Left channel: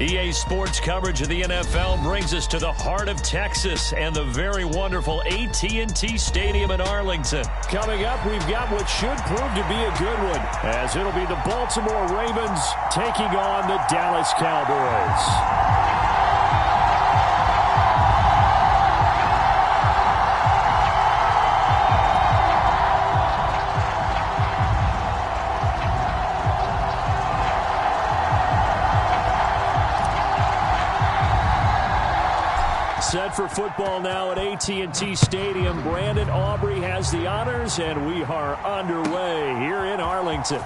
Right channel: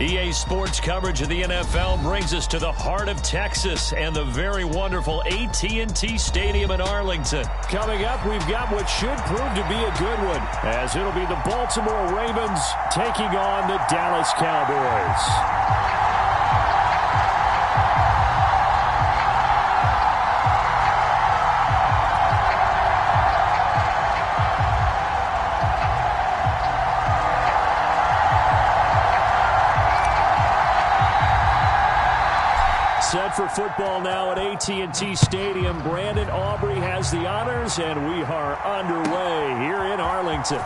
EA Sports coverage of the NFL brings us to the heart of Texas and the very wonderful AT&T Stadium in Arlington. Coming up, we've got what should prove to be a good one, as it'll be the Baltimore Ravens taking on the Dallas Cowboys. Set for football now at AT&T Stadium. Brandon Aubrey has the honors, and we are underway here in Arlington.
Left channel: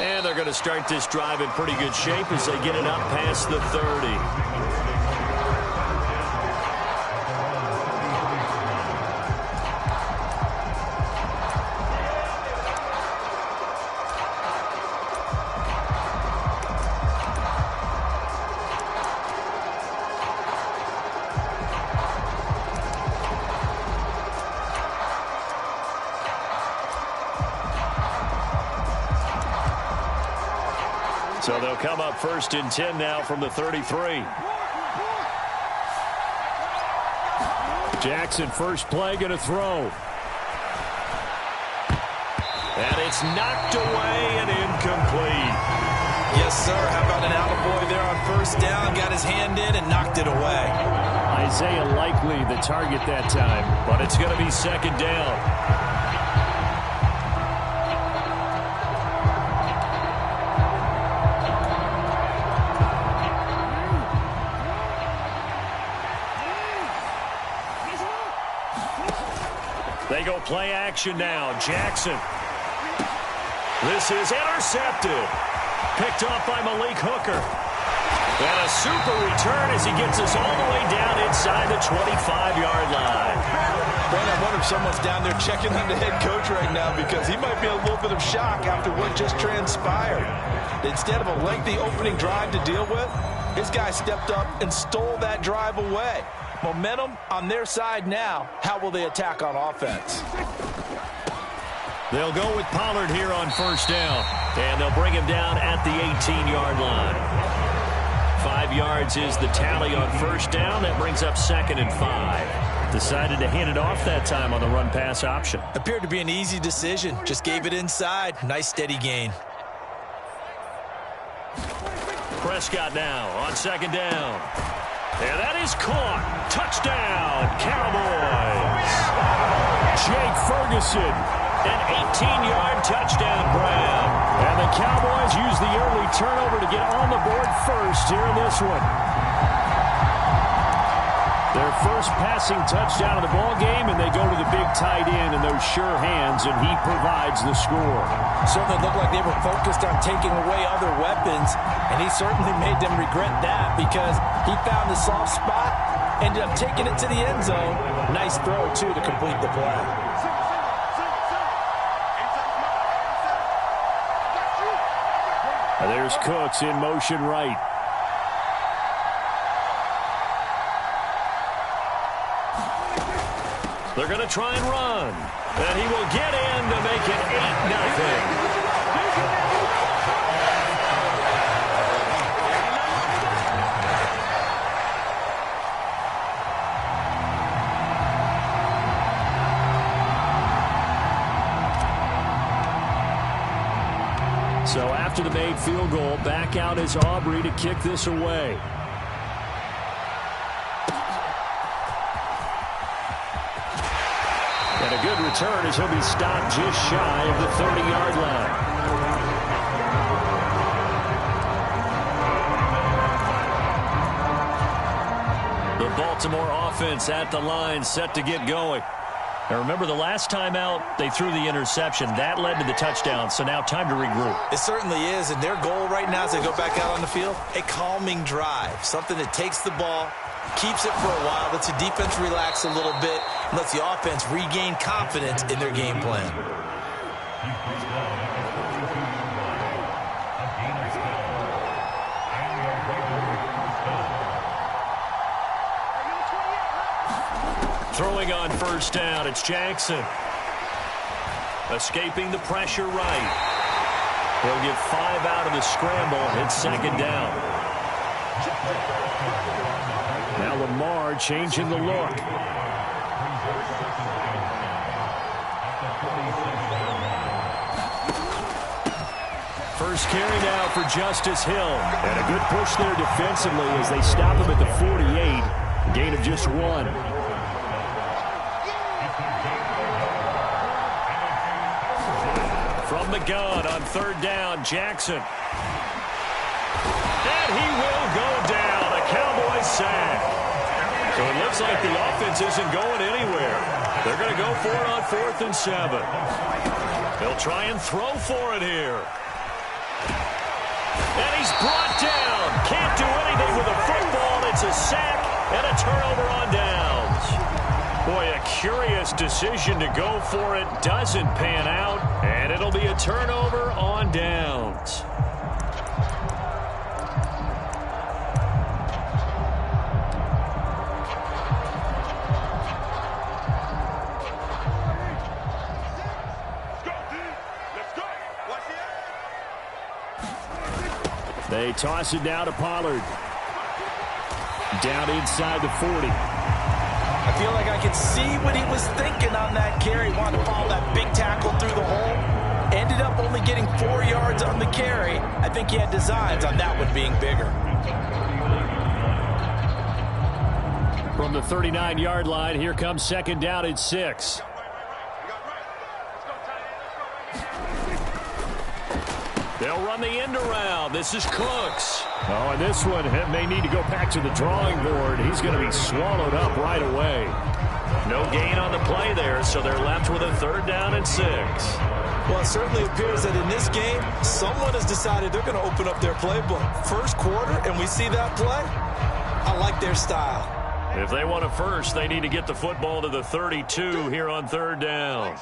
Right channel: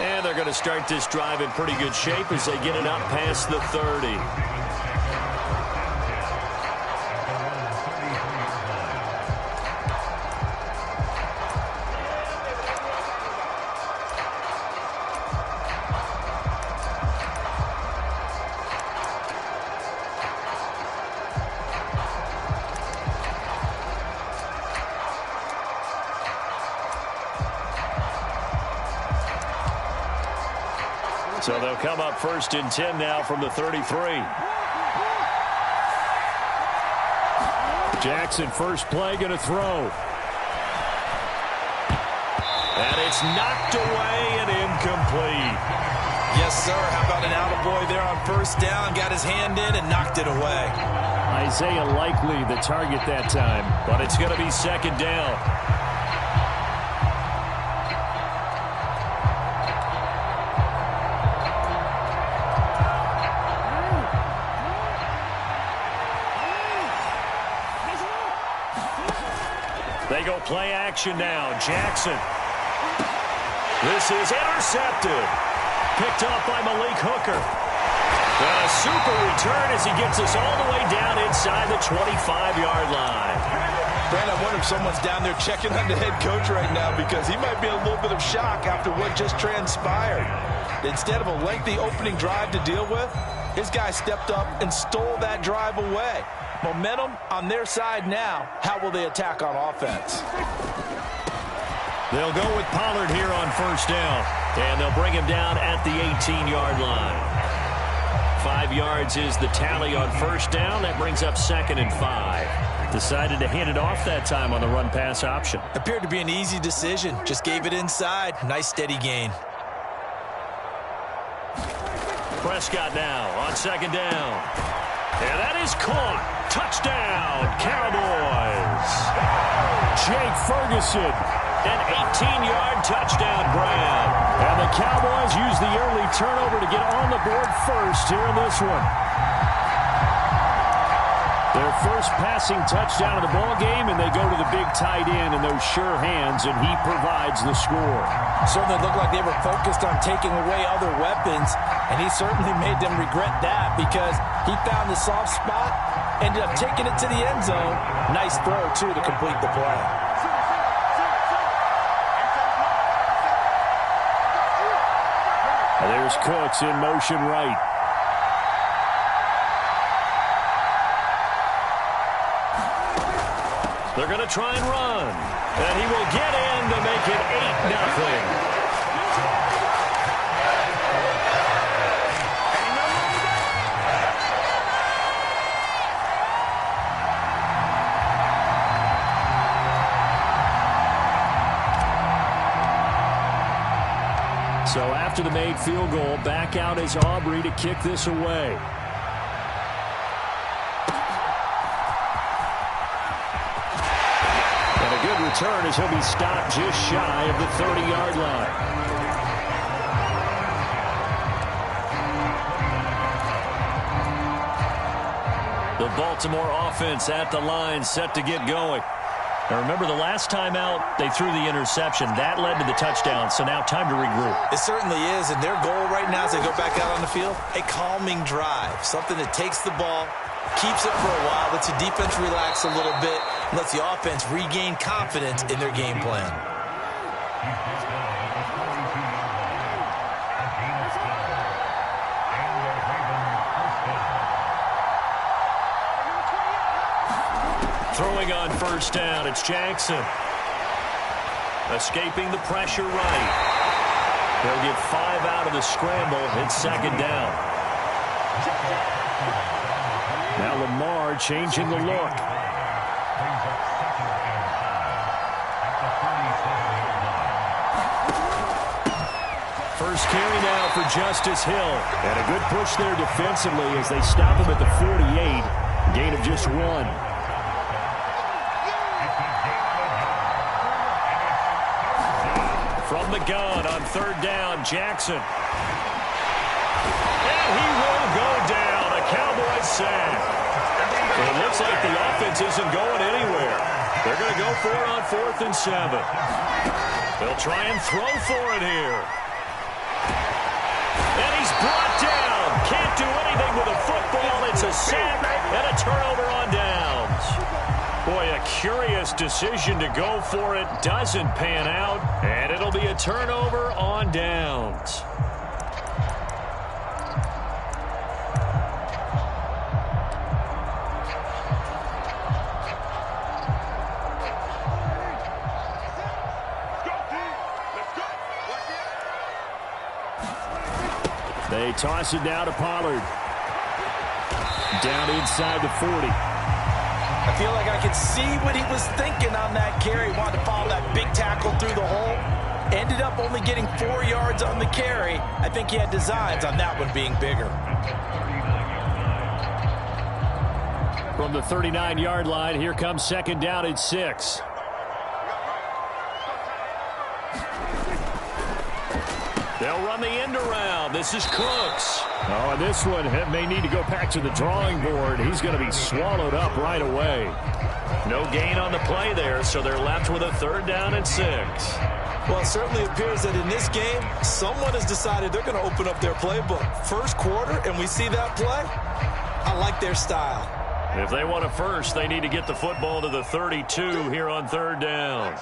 And they're going to start this drive in pretty good shape as they get it up past the 30. So they'll come up 1st and 10 now from the 33. Jackson, first play, going to throw. And it's knocked away and incomplete. Yes, sir. How about an attaboy there on 1st down? Got his hand in and knocked it away. Isaiah Likely the target that time, but it's going to be 2nd down. They go play action now. Jackson. This is intercepted. Picked off by Malik Hooker. And a super return as he gets us all the way down inside the 25-yard line. Brandon, I wonder if someone's down there checking on the head coach right now, because he might be in a little bit of shock after what just transpired. Instead of a lengthy opening drive to deal with, his guy stepped up and stole that drive away. Momentum on their side now. How will they attack on offense? They'll go with Pollard here on 1st down. And they'll bring him down at the 18-yard line. 5 yards is the tally on 1st down. That brings up 2nd and 5. Decided to hand it off that time on the run-pass option. Appeared to be an easy decision. Just gave it inside. Nice steady gain. Prescott now on 2nd down. And that is caught. Touchdown, Cowboys. Jake Ferguson, an 18-yard touchdown grab. And the Cowboys use the early turnover to get on the board first here in this one. Their first passing touchdown of the ball game, and they go to the big tight end in those sure hands, and he provides the score. Certainly looked like they were focused on taking away other weapons, and he certainly made them regret that, because he found the soft spot, ended up taking it to the end zone. Nice throw, too, to complete the play. There's Cooks in motion right. They're going to try and run. And he will get in to make it 8-0. So after the made field goal, back out is Aubrey to kick this away. And a good return as he'll be stopped just shy of the 30-yard line. The Baltimore offense at the line, set to get going. Now remember, the last time out, they threw the interception. That led to the touchdown, so now time to regroup. It certainly is, and their goal right now as they go back out on the field, a calming drive, something that takes the ball, keeps it for a while, lets the defense relax a little bit, and lets the offense regain confidence in their game plan. Throwing on 1st down, it's Jackson. Escaping the pressure right. He'll get 5 out of the scramble. It's second down. Now Lamar changing the look. First carry now for Justice Hill. And a good push there defensively as they stop him at the 48. Gain of just 1. From the gun on third down, Jackson. And he will go down. A Cowboys sack. So it looks like the offense isn't going anywhere. They're going to go for it on 4th and 7. They'll try and throw for it here. And he's brought down. Can't do anything with a football. It's a sack and a turnover on downs. Boy, a curious decision to go for it. Doesn't pan out. And it'll be a turnover on downs. They toss it down to Pollard. Down inside the 40. I feel like I could see what he was thinking on that carry. Wanted to follow that big tackle through the hole. Ended up only getting 4 yards on the carry. I think he had designs on that one being bigger. From the 39-yard line, here comes second down at 6. They'll run the end around. This is Cooks. Oh, and this one may need to go back to the drawing board. He's going to be swallowed up right away. No gain on the play there, so they're left with a third down and 6. Well, it certainly appears that in this game, someone has decided they're going to open up their playbook. First quarter, and we see that play. I like their style. If they want a first, they need to get the football to the 32 here on third down.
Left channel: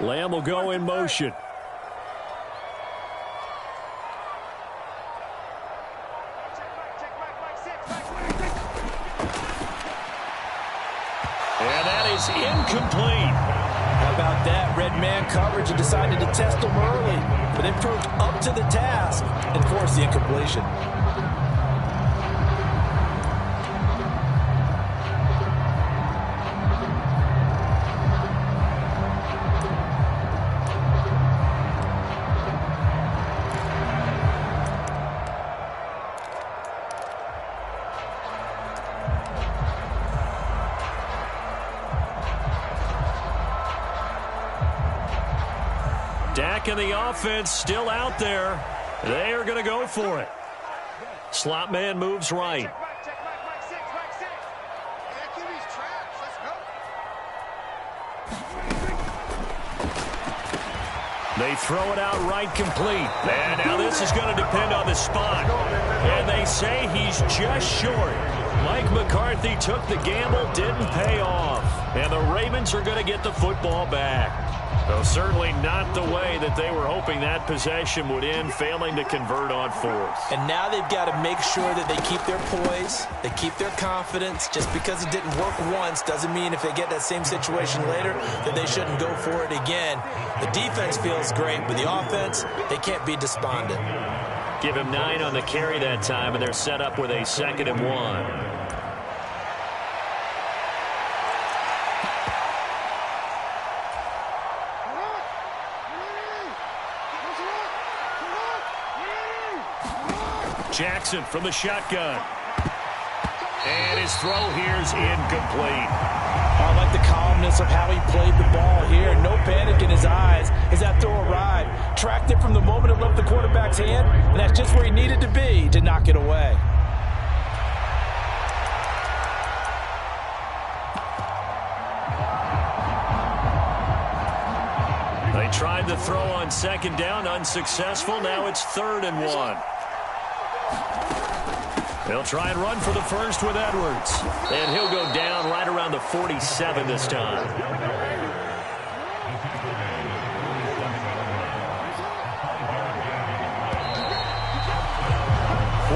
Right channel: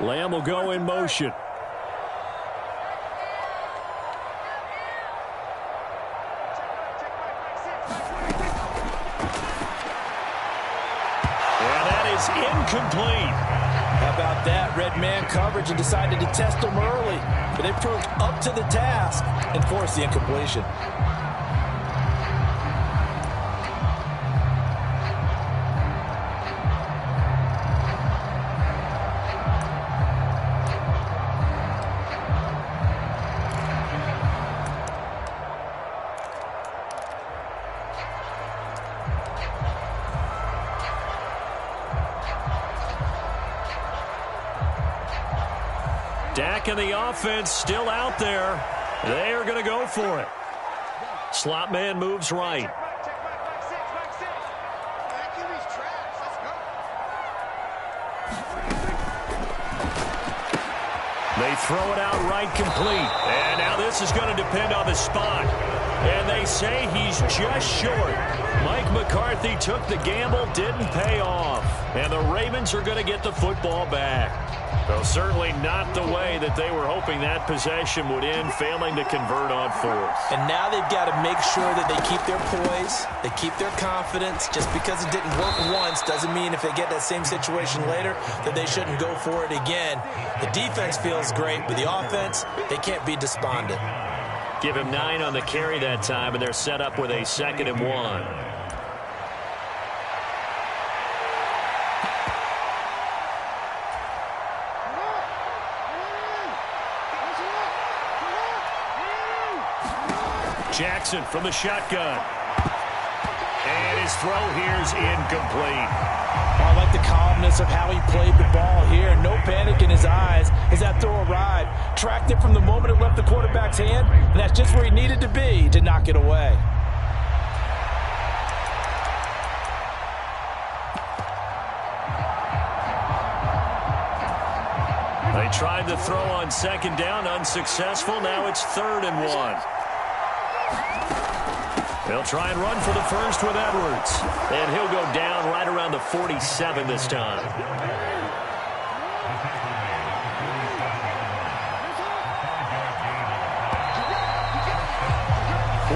Lamb will go in motion. And that is incomplete. How about that? Red man coverage and decided to test them early. But they proved up to the task and forced the incompletion. Dak and the offense still out there. They are going to go for it. Slot man moves right. They throw it out right complete. And now this is going to depend on the spot. And they say he's just short. Mike McCarthy took the gamble, didn't pay off. And the Ravens are going to get the football back. Though certainly not the way that they were hoping that possession would end, failing to convert on 4th. And now they've got to make sure that they keep their poise, they keep their confidence. Just because it didn't work once doesn't mean if they get that same situation later that they shouldn't go for it again. The defense feels great, but the offense, they can't be despondent. Give him 9 on the carry that time, and they're set up with a 2nd and 1. Jackson from the shotgun. And his throw here is incomplete. I like the calmness of how he played the ball here. No panic in his eyes as that throw arrived. Tracked it from the moment it left the quarterback's hand, and that's just where he needed to be to knock it away. They tried to throw on 2nd down, unsuccessful. Now it's 3rd and 1. They'll try and run for the first with Edwards. And he'll go down right around the 47 this time.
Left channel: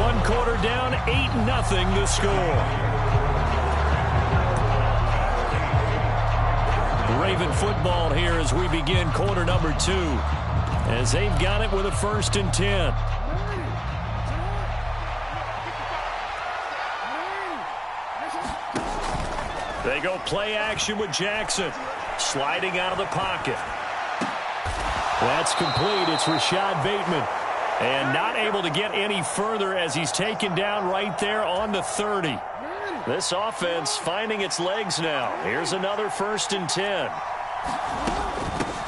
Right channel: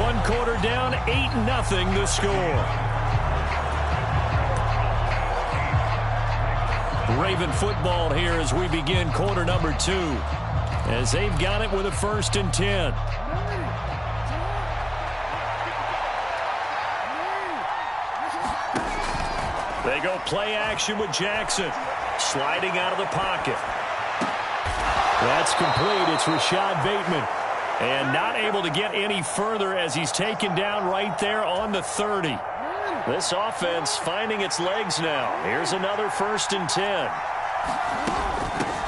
One quarter down, 8-0 the score. Raven football here as we begin quarter number 2. As they've got it with a 1st and 10. They go play action with Jackson. Sliding out of the pocket. That's complete. It's Rashad Bateman. And not able to get any further as he's taken down right there on the 30. This offense finding its legs now. Here's another 1st and 10.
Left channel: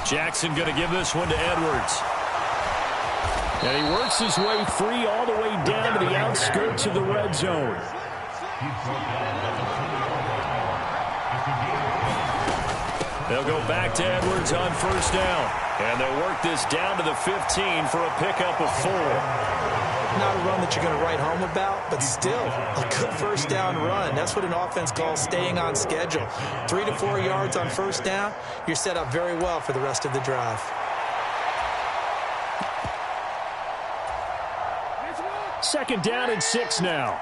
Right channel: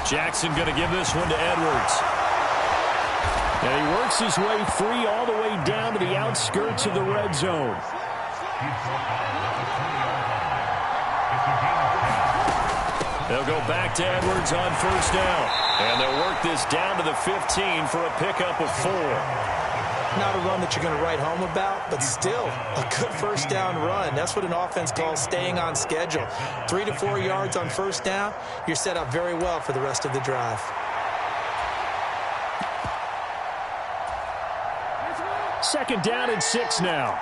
Jackson going to give this one to Edwards. And he works his way free all the way down to the outskirts of the red zone. They'll go back to Edwards on 1st down. And they'll work this down to the 15 for a pickup of 4. Not a run that you're going to write home about, but still a good 1st down run. That's what an offense calls staying on schedule. 3 to 4 yards on 1st down. You're set up very well for the rest of the drive. Second down and 6 now.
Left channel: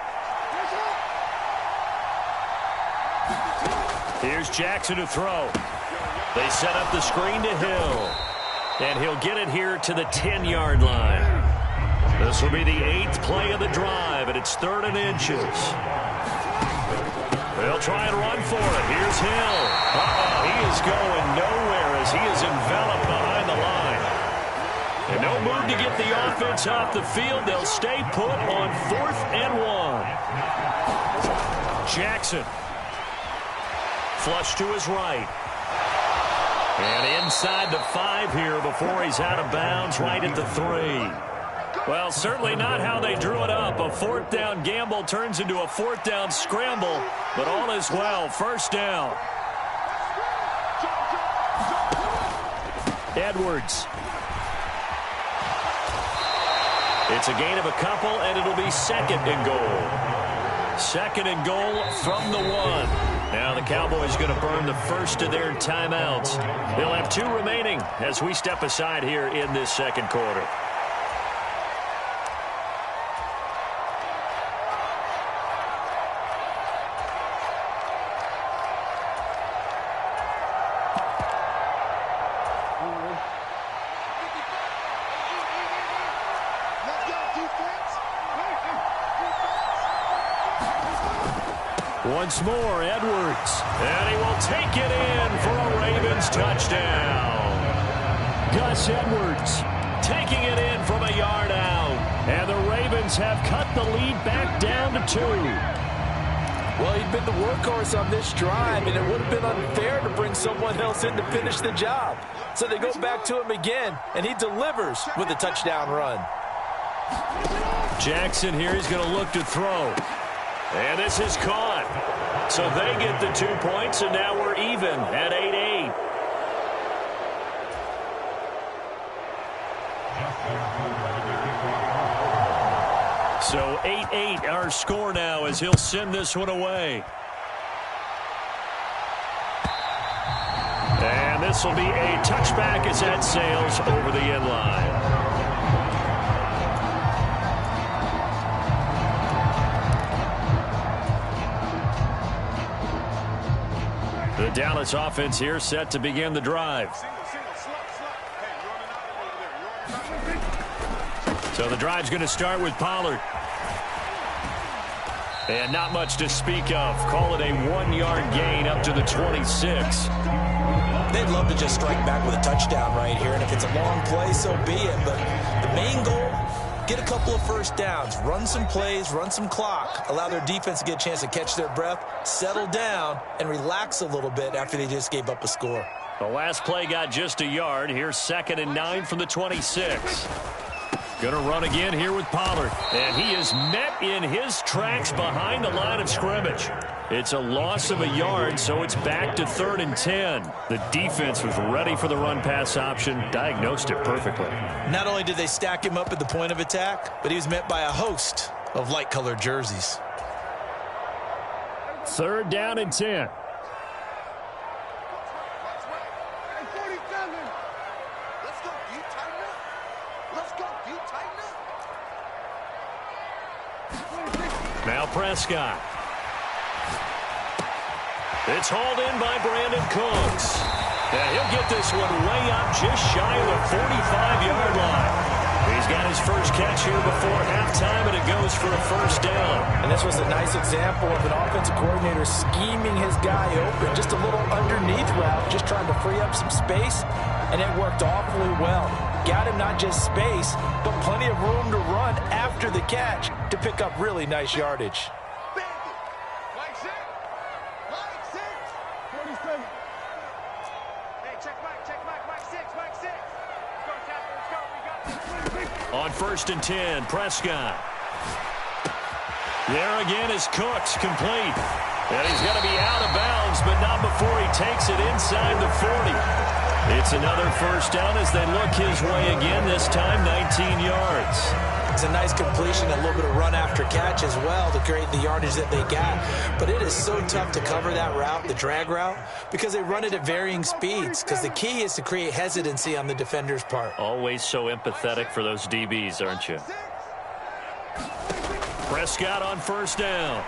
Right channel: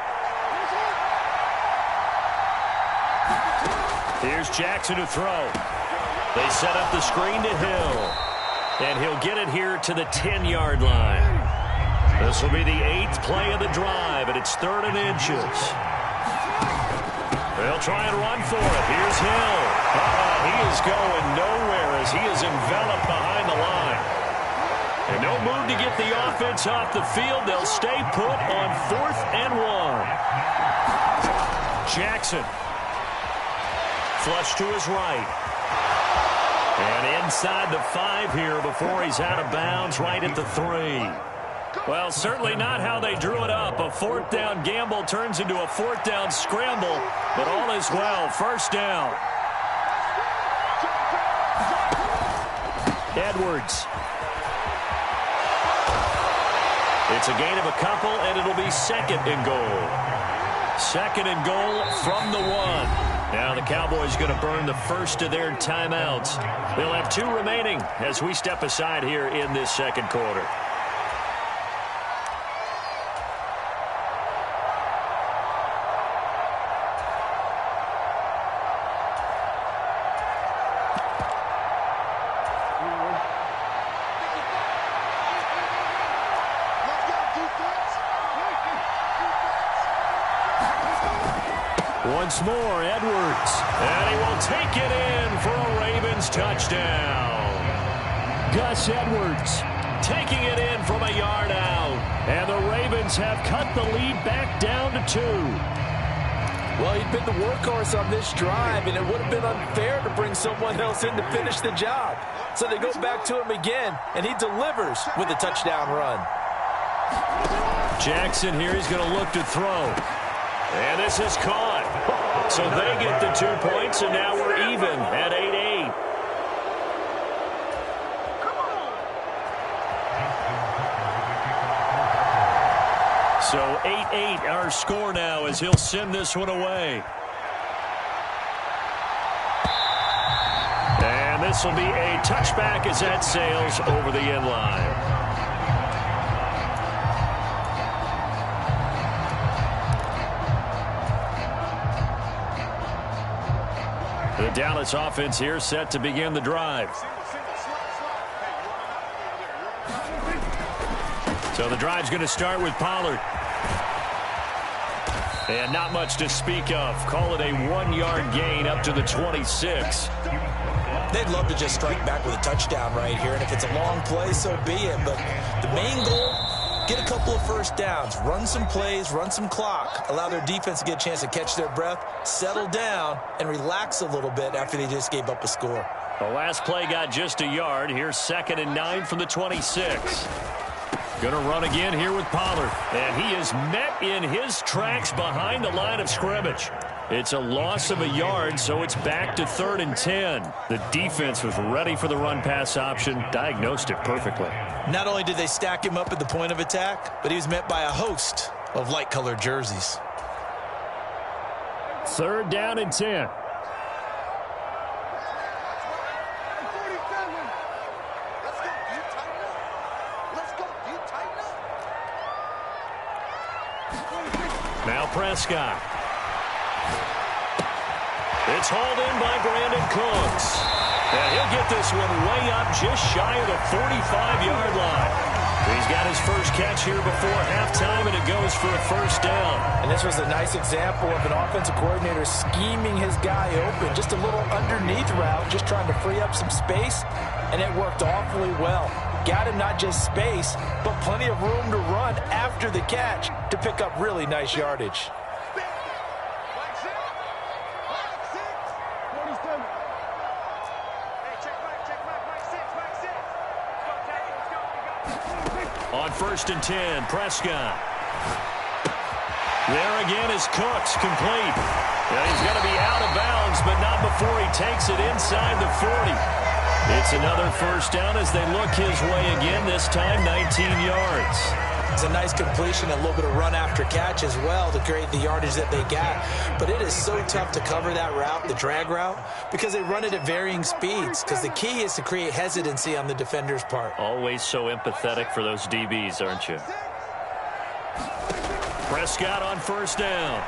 Here's Jackson to throw. They set up the screen to Hill. And he'll get it here to the 10-yard line. This will be the 8th play of the drive, and it's 3rd and inches. They'll try and run for it. Here's Hill. He is going nowhere as he is enveloped behind the line. And no move to get the offense off the field. They'll stay put on 4th and 1. Jackson. Flush to his right. And inside the 5 here before he's out of bounds right at the 3. Well, certainly not how they drew it up. A 4th down gamble turns into a 4th down scramble, but all is well. 1st down. Edwards. It's a gain of a couple, and it'll be 2nd and goal. 2nd and goal from the 1. Now the Cowboys going to burn the first of their timeouts. They'll have 2 remaining as we step aside here in this 2nd quarter. Once more, Edwards. And he will take it in for a Ravens touchdown. Gus Edwards taking it in from a yard out. And the Ravens have cut the lead back down to 2. Well, he'd been the workhorse on this drive, and it would have been unfair to bring someone else in to finish the job. So they go back to him again, and he delivers with a touchdown run. Jackson here is going to look to throw. And this is caught. So they get the 2 points, and now we're even at 8-8. So 8-8 our score now as he'll send this one away. And this will be a touchback as that sails over the end line. The Dallas offense here set to begin the drive. So the drive's going to start with Pollard. And not much to speak of. Call it a 1-yard gain up to the 26. They'd love to just strike back with a touchdown right here. And if it's a long play, so be it. But the main goal, get a couple of 1st downs, run some plays, run some clock, allow their defense to get a chance to catch their breath, settle down, and relax a little bit after they just gave up a score. The last play got just a yard. Here's 2nd and 9 from the 26. Going to run again here with Pollard. And he is met in his tracks behind the line of scrimmage. It's a loss of a yard, so it's back to 3rd and 10. The defense was ready for the run-pass option, diagnosed it perfectly. Not only did they stack him up at the point of attack, but he was met by a host of light-colored jerseys. 3rd down and 10. Now Prescott. It's hauled in by Brandon Cooks. And he'll get this one way up just shy of the 45-yard line. He's got his first catch here before halftime, and it goes for a first down. And this was a nice example of an offensive coordinator scheming his guy open. Just a little underneath route, just trying to free up some space, and it worked awfully well. Got him not just space, but plenty of room to run after the catch to pick up really nice yardage. On 1st and 10, Prescott. There again is Cooks, complete. And he's going to be out of bounds, but not before he takes it inside the 40. It's another first down as they look his way again, this time 19 yards. It's a nice completion, a little bit of run after catch as well to create the yardage that they got. But it is so tough to cover that route, the drag route, because they run it at varying speeds. Because the key is to create hesitancy on the defender's part. Always so empathetic for those DBs, aren't you? Prescott on first down.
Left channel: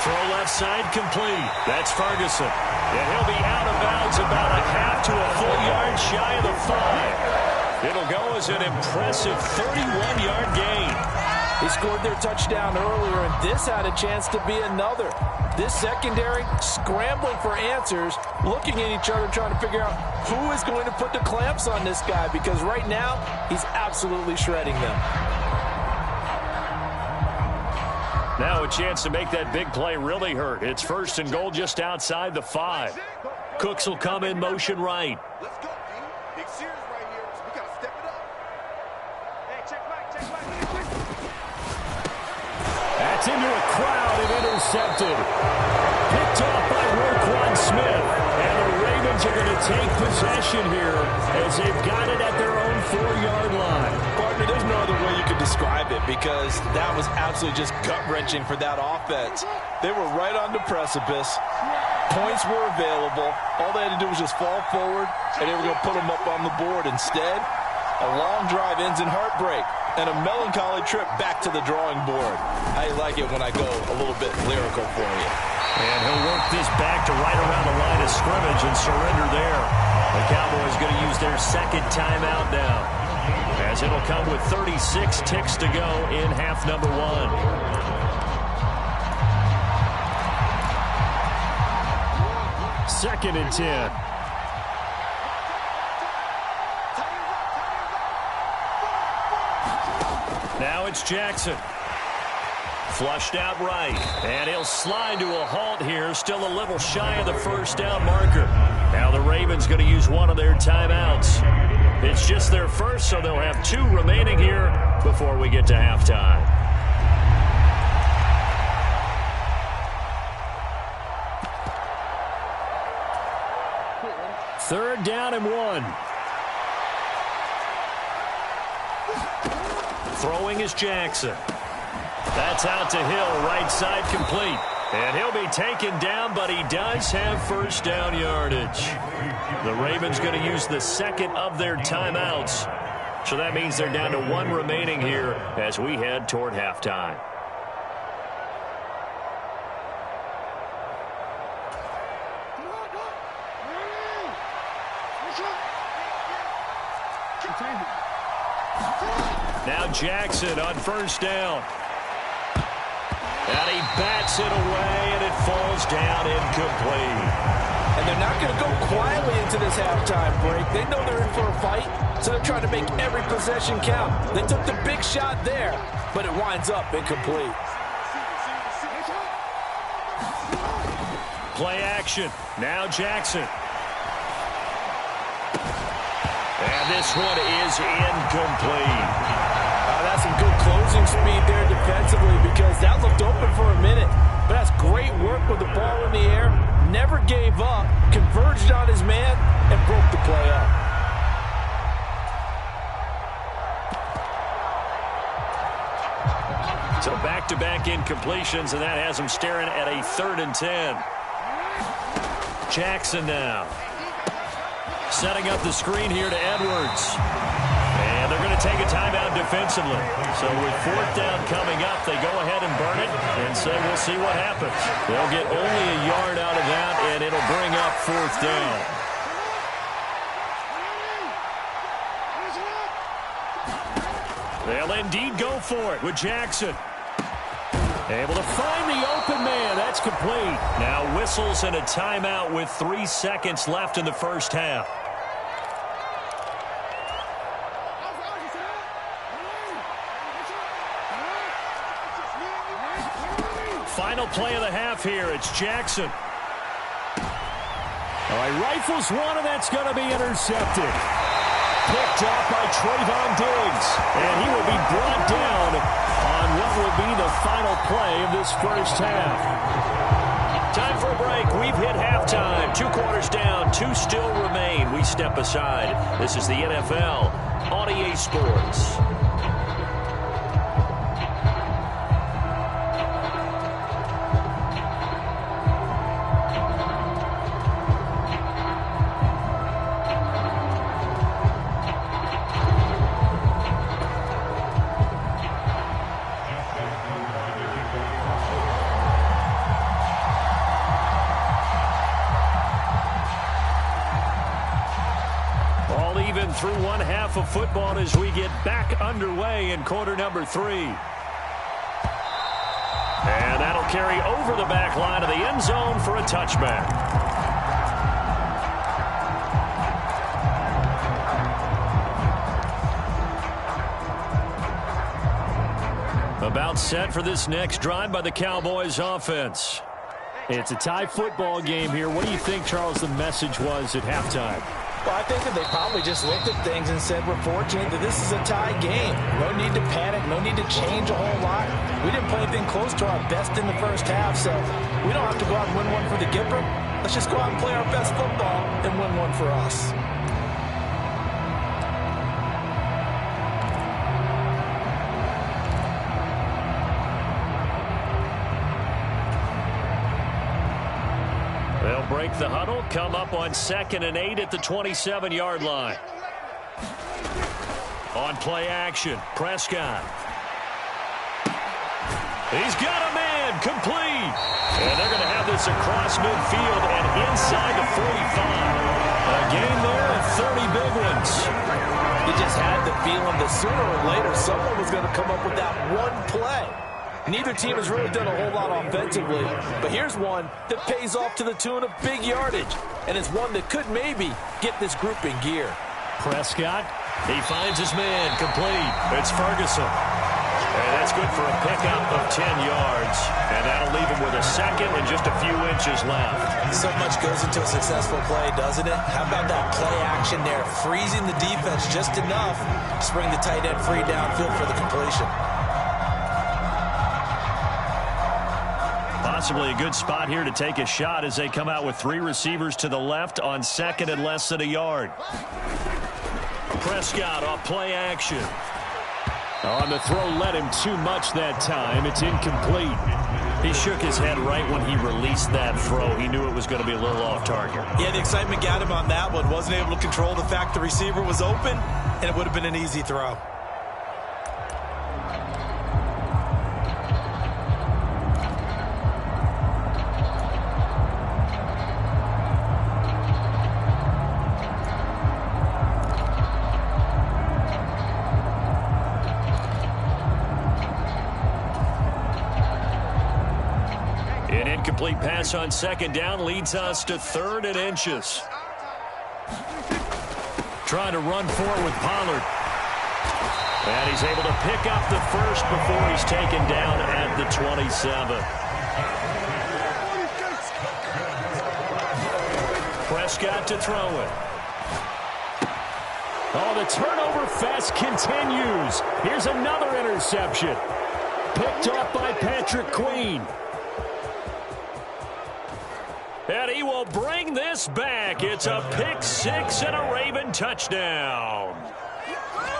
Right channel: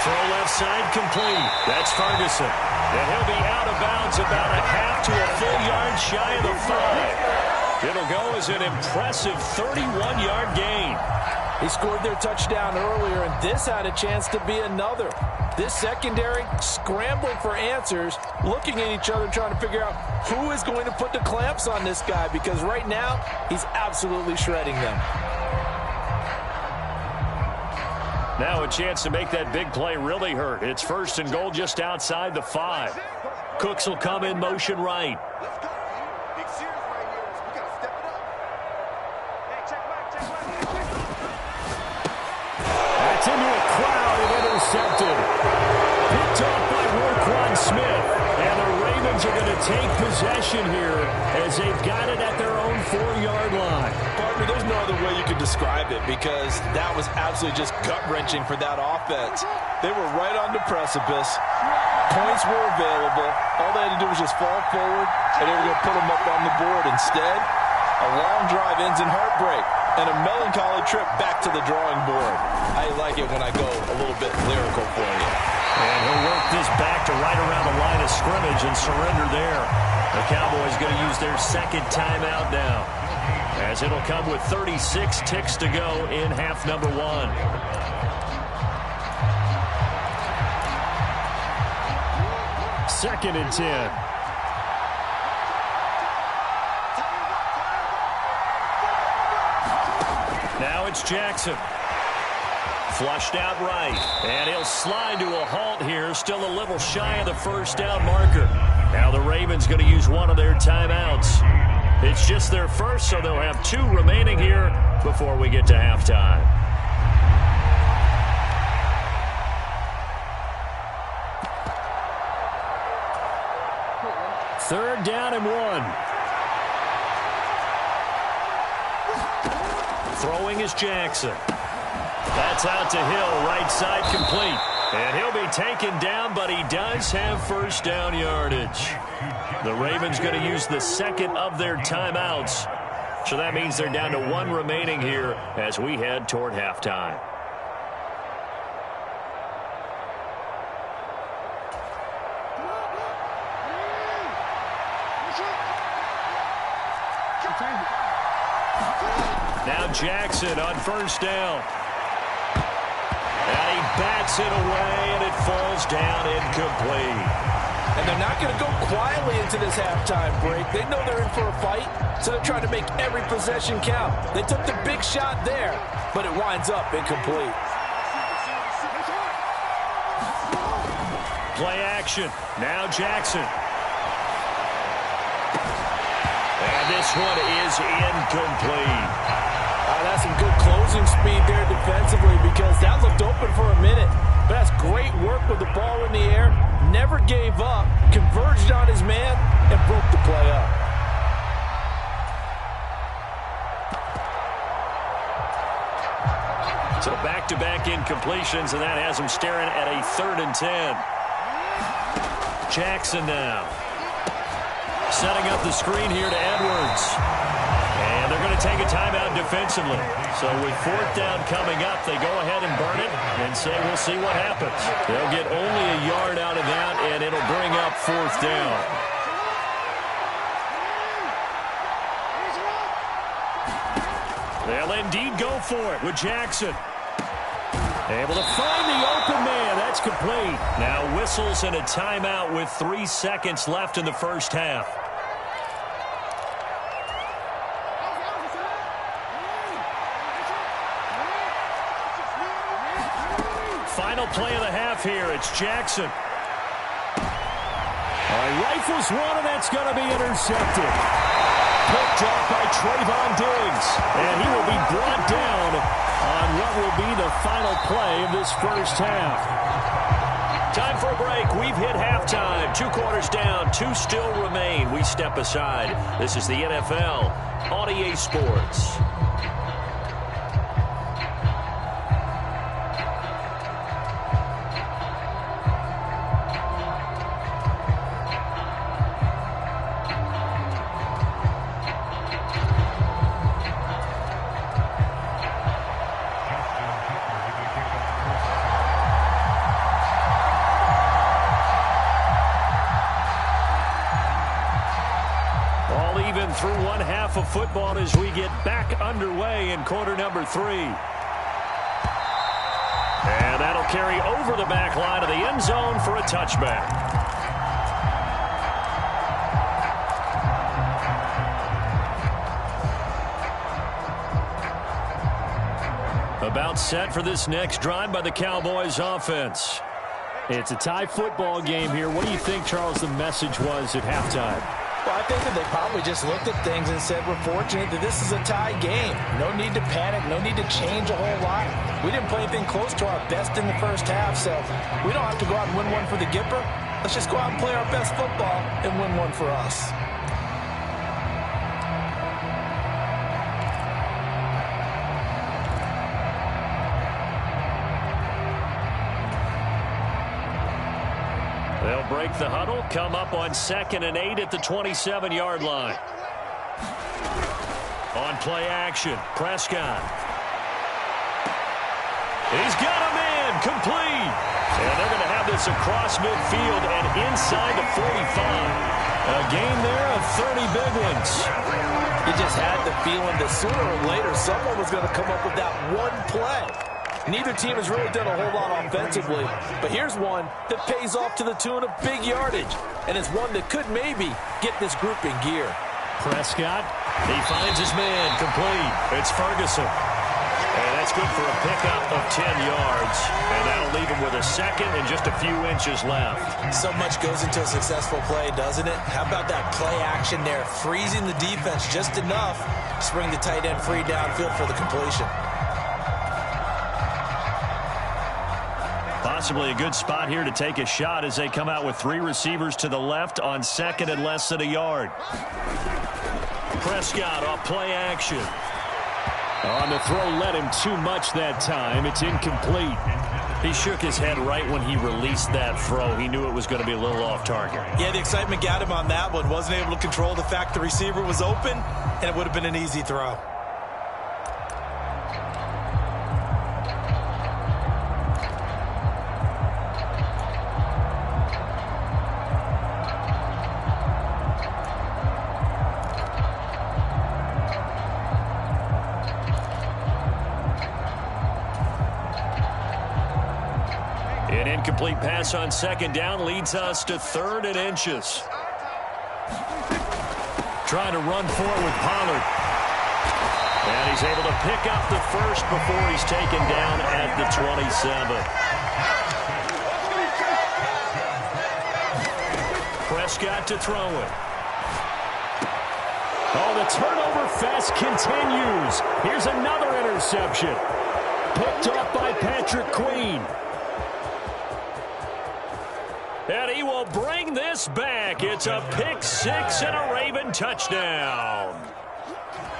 Throw left side complete. That's Ferguson. And he'll be out of bounds about a half to a full yard shy of the 5. It'll go as an impressive 31-yard gain. He scored their touchdown earlier, and this had a chance to be another. This secondary scrambling for answers, looking at each other, trying to figure out who is going to put the clamps on this guy, because right now he's absolutely shredding them. Now a chance to make that big play really hurt. It's 1st and goal just outside the 5. Cooks will come in motion right. Let's go, team. Big series right here. We got to step it up. Hey, check back. That's into a crowd and intercepted. Picked off by Roquan Smith. And the Ravens are going to take possession here as they've got it at their own 4-yard line. Partner, there's no other way you could describe it, because that was absolutely just gut-wrenching for that offense. They were right on the precipice. Points were available. All they had to do was just fall forward, and they were going to put them up on the board. Instead, a long drive ends in heartbreak and a melancholy trip back to the drawing board. I like it when I go a little bit lyrical for you. And he'll work this back to right around the line of scrimmage and surrender there. The Cowboys going to use their second timeout now, as it'll come with 36 ticks to go in half number 1. Second and 10. Now it's Jackson. Flushed out right. And he'll slide to a halt here. Still a little shy of the first down marker. Now the Ravens going to use one of their timeouts. It's just their first, so they'll have 2 remaining here before we get to halftime. Third down and 1. Throwing is Jackson. That's out to Hill, right side complete. And he'll be taken down, but he does have first down yardage. The Ravens going to use the second of their timeouts. So that means they're down to 1 remaining here as we head toward halftime. Now Jackson on first down. And he bats it away, and it falls down incomplete. And they're not going to go quietly into this halftime break. They know they're in for a fight, so they're trying to make every possession count. They took the big shot there, but it winds up incomplete. Play action. Now Jackson. And this one is incomplete. That's some good closing speed there defensively, because that looked open for a minute. But that's great work with the ball in the air. Never gave up, converged on his man, and broke the play up. So back-to-back incompletions, and that has him staring at a 3rd and 10. Jackson now. Setting up the screen here to Edwards. And And they're going to take a timeout defensively. So with fourth down coming up, they go ahead and burn it and say we'll see what happens. They'll get only a yard out of that, and it'll bring up fourth down. They'll indeed go for it with Jackson. Able to find the open man. That's complete. Now whistles and a timeout with 3 seconds left in the first half. Final play of the half here. It's Jackson. All right, rifles one, and that's going to be intercepted. Picked off by Trayvon Diggs. And he will be brought down on what will be the final play of this first half. Time for a break. We've hit halftime. 2 quarters down, 2 still remain. We step aside. This is the NFL on EA Sports. Even through one half of football as we get back underway in quarter number 3. And that'll carry over the back line of the end zone for a touchback. About set for this next drive by the Cowboys offense. It's a tie football game here. What do you think, Charles, the message was at halftime? Well, I think that they probably just looked at things and said, we're fortunate that this is a tie game. No need to panic. No need to change a whole lot. We didn't play anything close to our best in the first half, so we don't have to go out and win one for the Gipper. Let's just go out and play our best football and win one for us. They'll break the huddle, come up on 2nd and 8 at the 27-yard line. On play action, Prescott. He's got a man, complete. And they're going to have this across midfield and inside the 45. A gain there of 30 big ones. You just had the feeling that sooner or later someone was going to come up with that one play. Neither team has really done a whole lot offensively, but here's one that pays off to the tune of big yardage, and it's one that could maybe get this group in gear. Prescott, he finds his man, complete. It's Ferguson. And that's good for a pickup of 10 yards, and that'll leave him with a second and just a few inches left. So much goes into a successful play, doesn't it? How about that play action there, freezing the defense just enough to bring the tight end free downfield for the completion. Possibly a good spot here to take a shot as they come out with 3 receivers to the left on 2nd and less than a yard. Prescott off play action. On the throw, led him too much that time. It's incomplete. He shook his head right when he released that throw. He knew it was going to be a little off target. Yeah, the excitement got him on that one. Wasn't able to control the fact the receiver was open, and it would have been an easy throw. An incomplete pass on 2nd down leads us to 3rd and inches. Trying to run for it with Pollard. And he's able to pick up the first before he's taken down at the 27. Prescott to throw it. Oh, the turnover fest continues. Here's another interception. Picked up by Patrick Queen. And he will bring this back. It's a pick 6 and a Raven touchdown.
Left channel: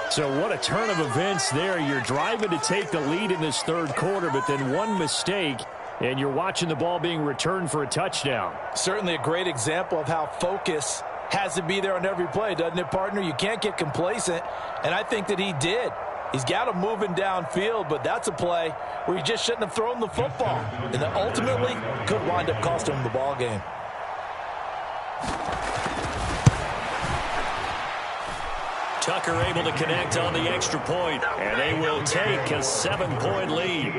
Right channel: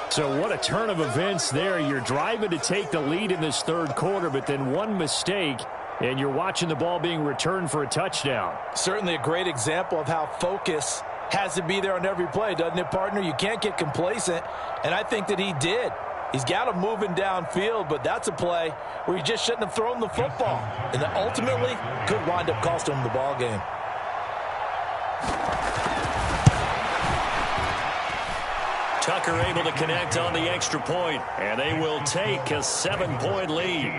So what a turn of events there. You're driving to take the lead in this 3rd quarter, but then one mistake, and you're watching the ball being returned for a touchdown. Certainly a great example of how focus has to be there on every play, doesn't it, partner? You can't get complacent, and I think that he did. He's got him moving downfield, but that's a play where he just shouldn't have thrown the football. And that ultimately could wind up costing him the ball game. Tucker able to connect on the extra point, and they will take a 7-point lead.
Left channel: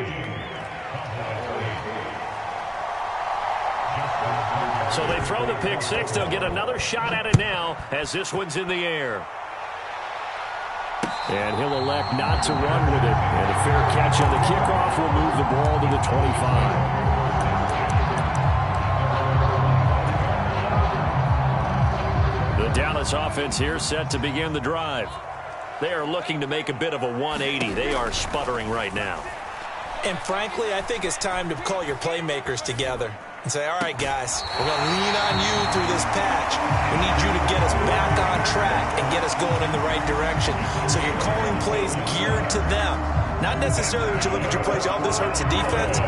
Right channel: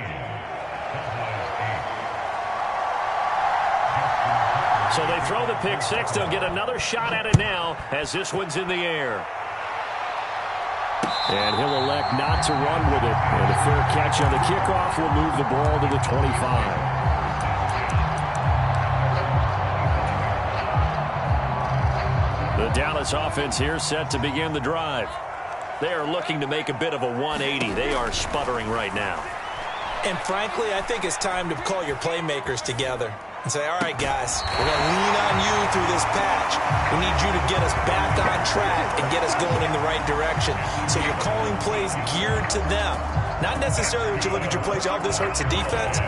So they throw the pick six. They'll get another shot at it now as this one's in the air. And he'll elect not to run with it. And a fair catch on the kickoff will move the ball to the 25. The Dallas offense here set to begin the drive. They are looking to make a bit of a 180. They are sputtering right now. And frankly, I think it's time to call your playmakers together and say, all right, guys, we're going to lean on you through this patch. We need you to get us back on track and get us going in the right direction. So you're calling plays geared to them. Not necessarily when you look at your plays, oh, this hurts the defense.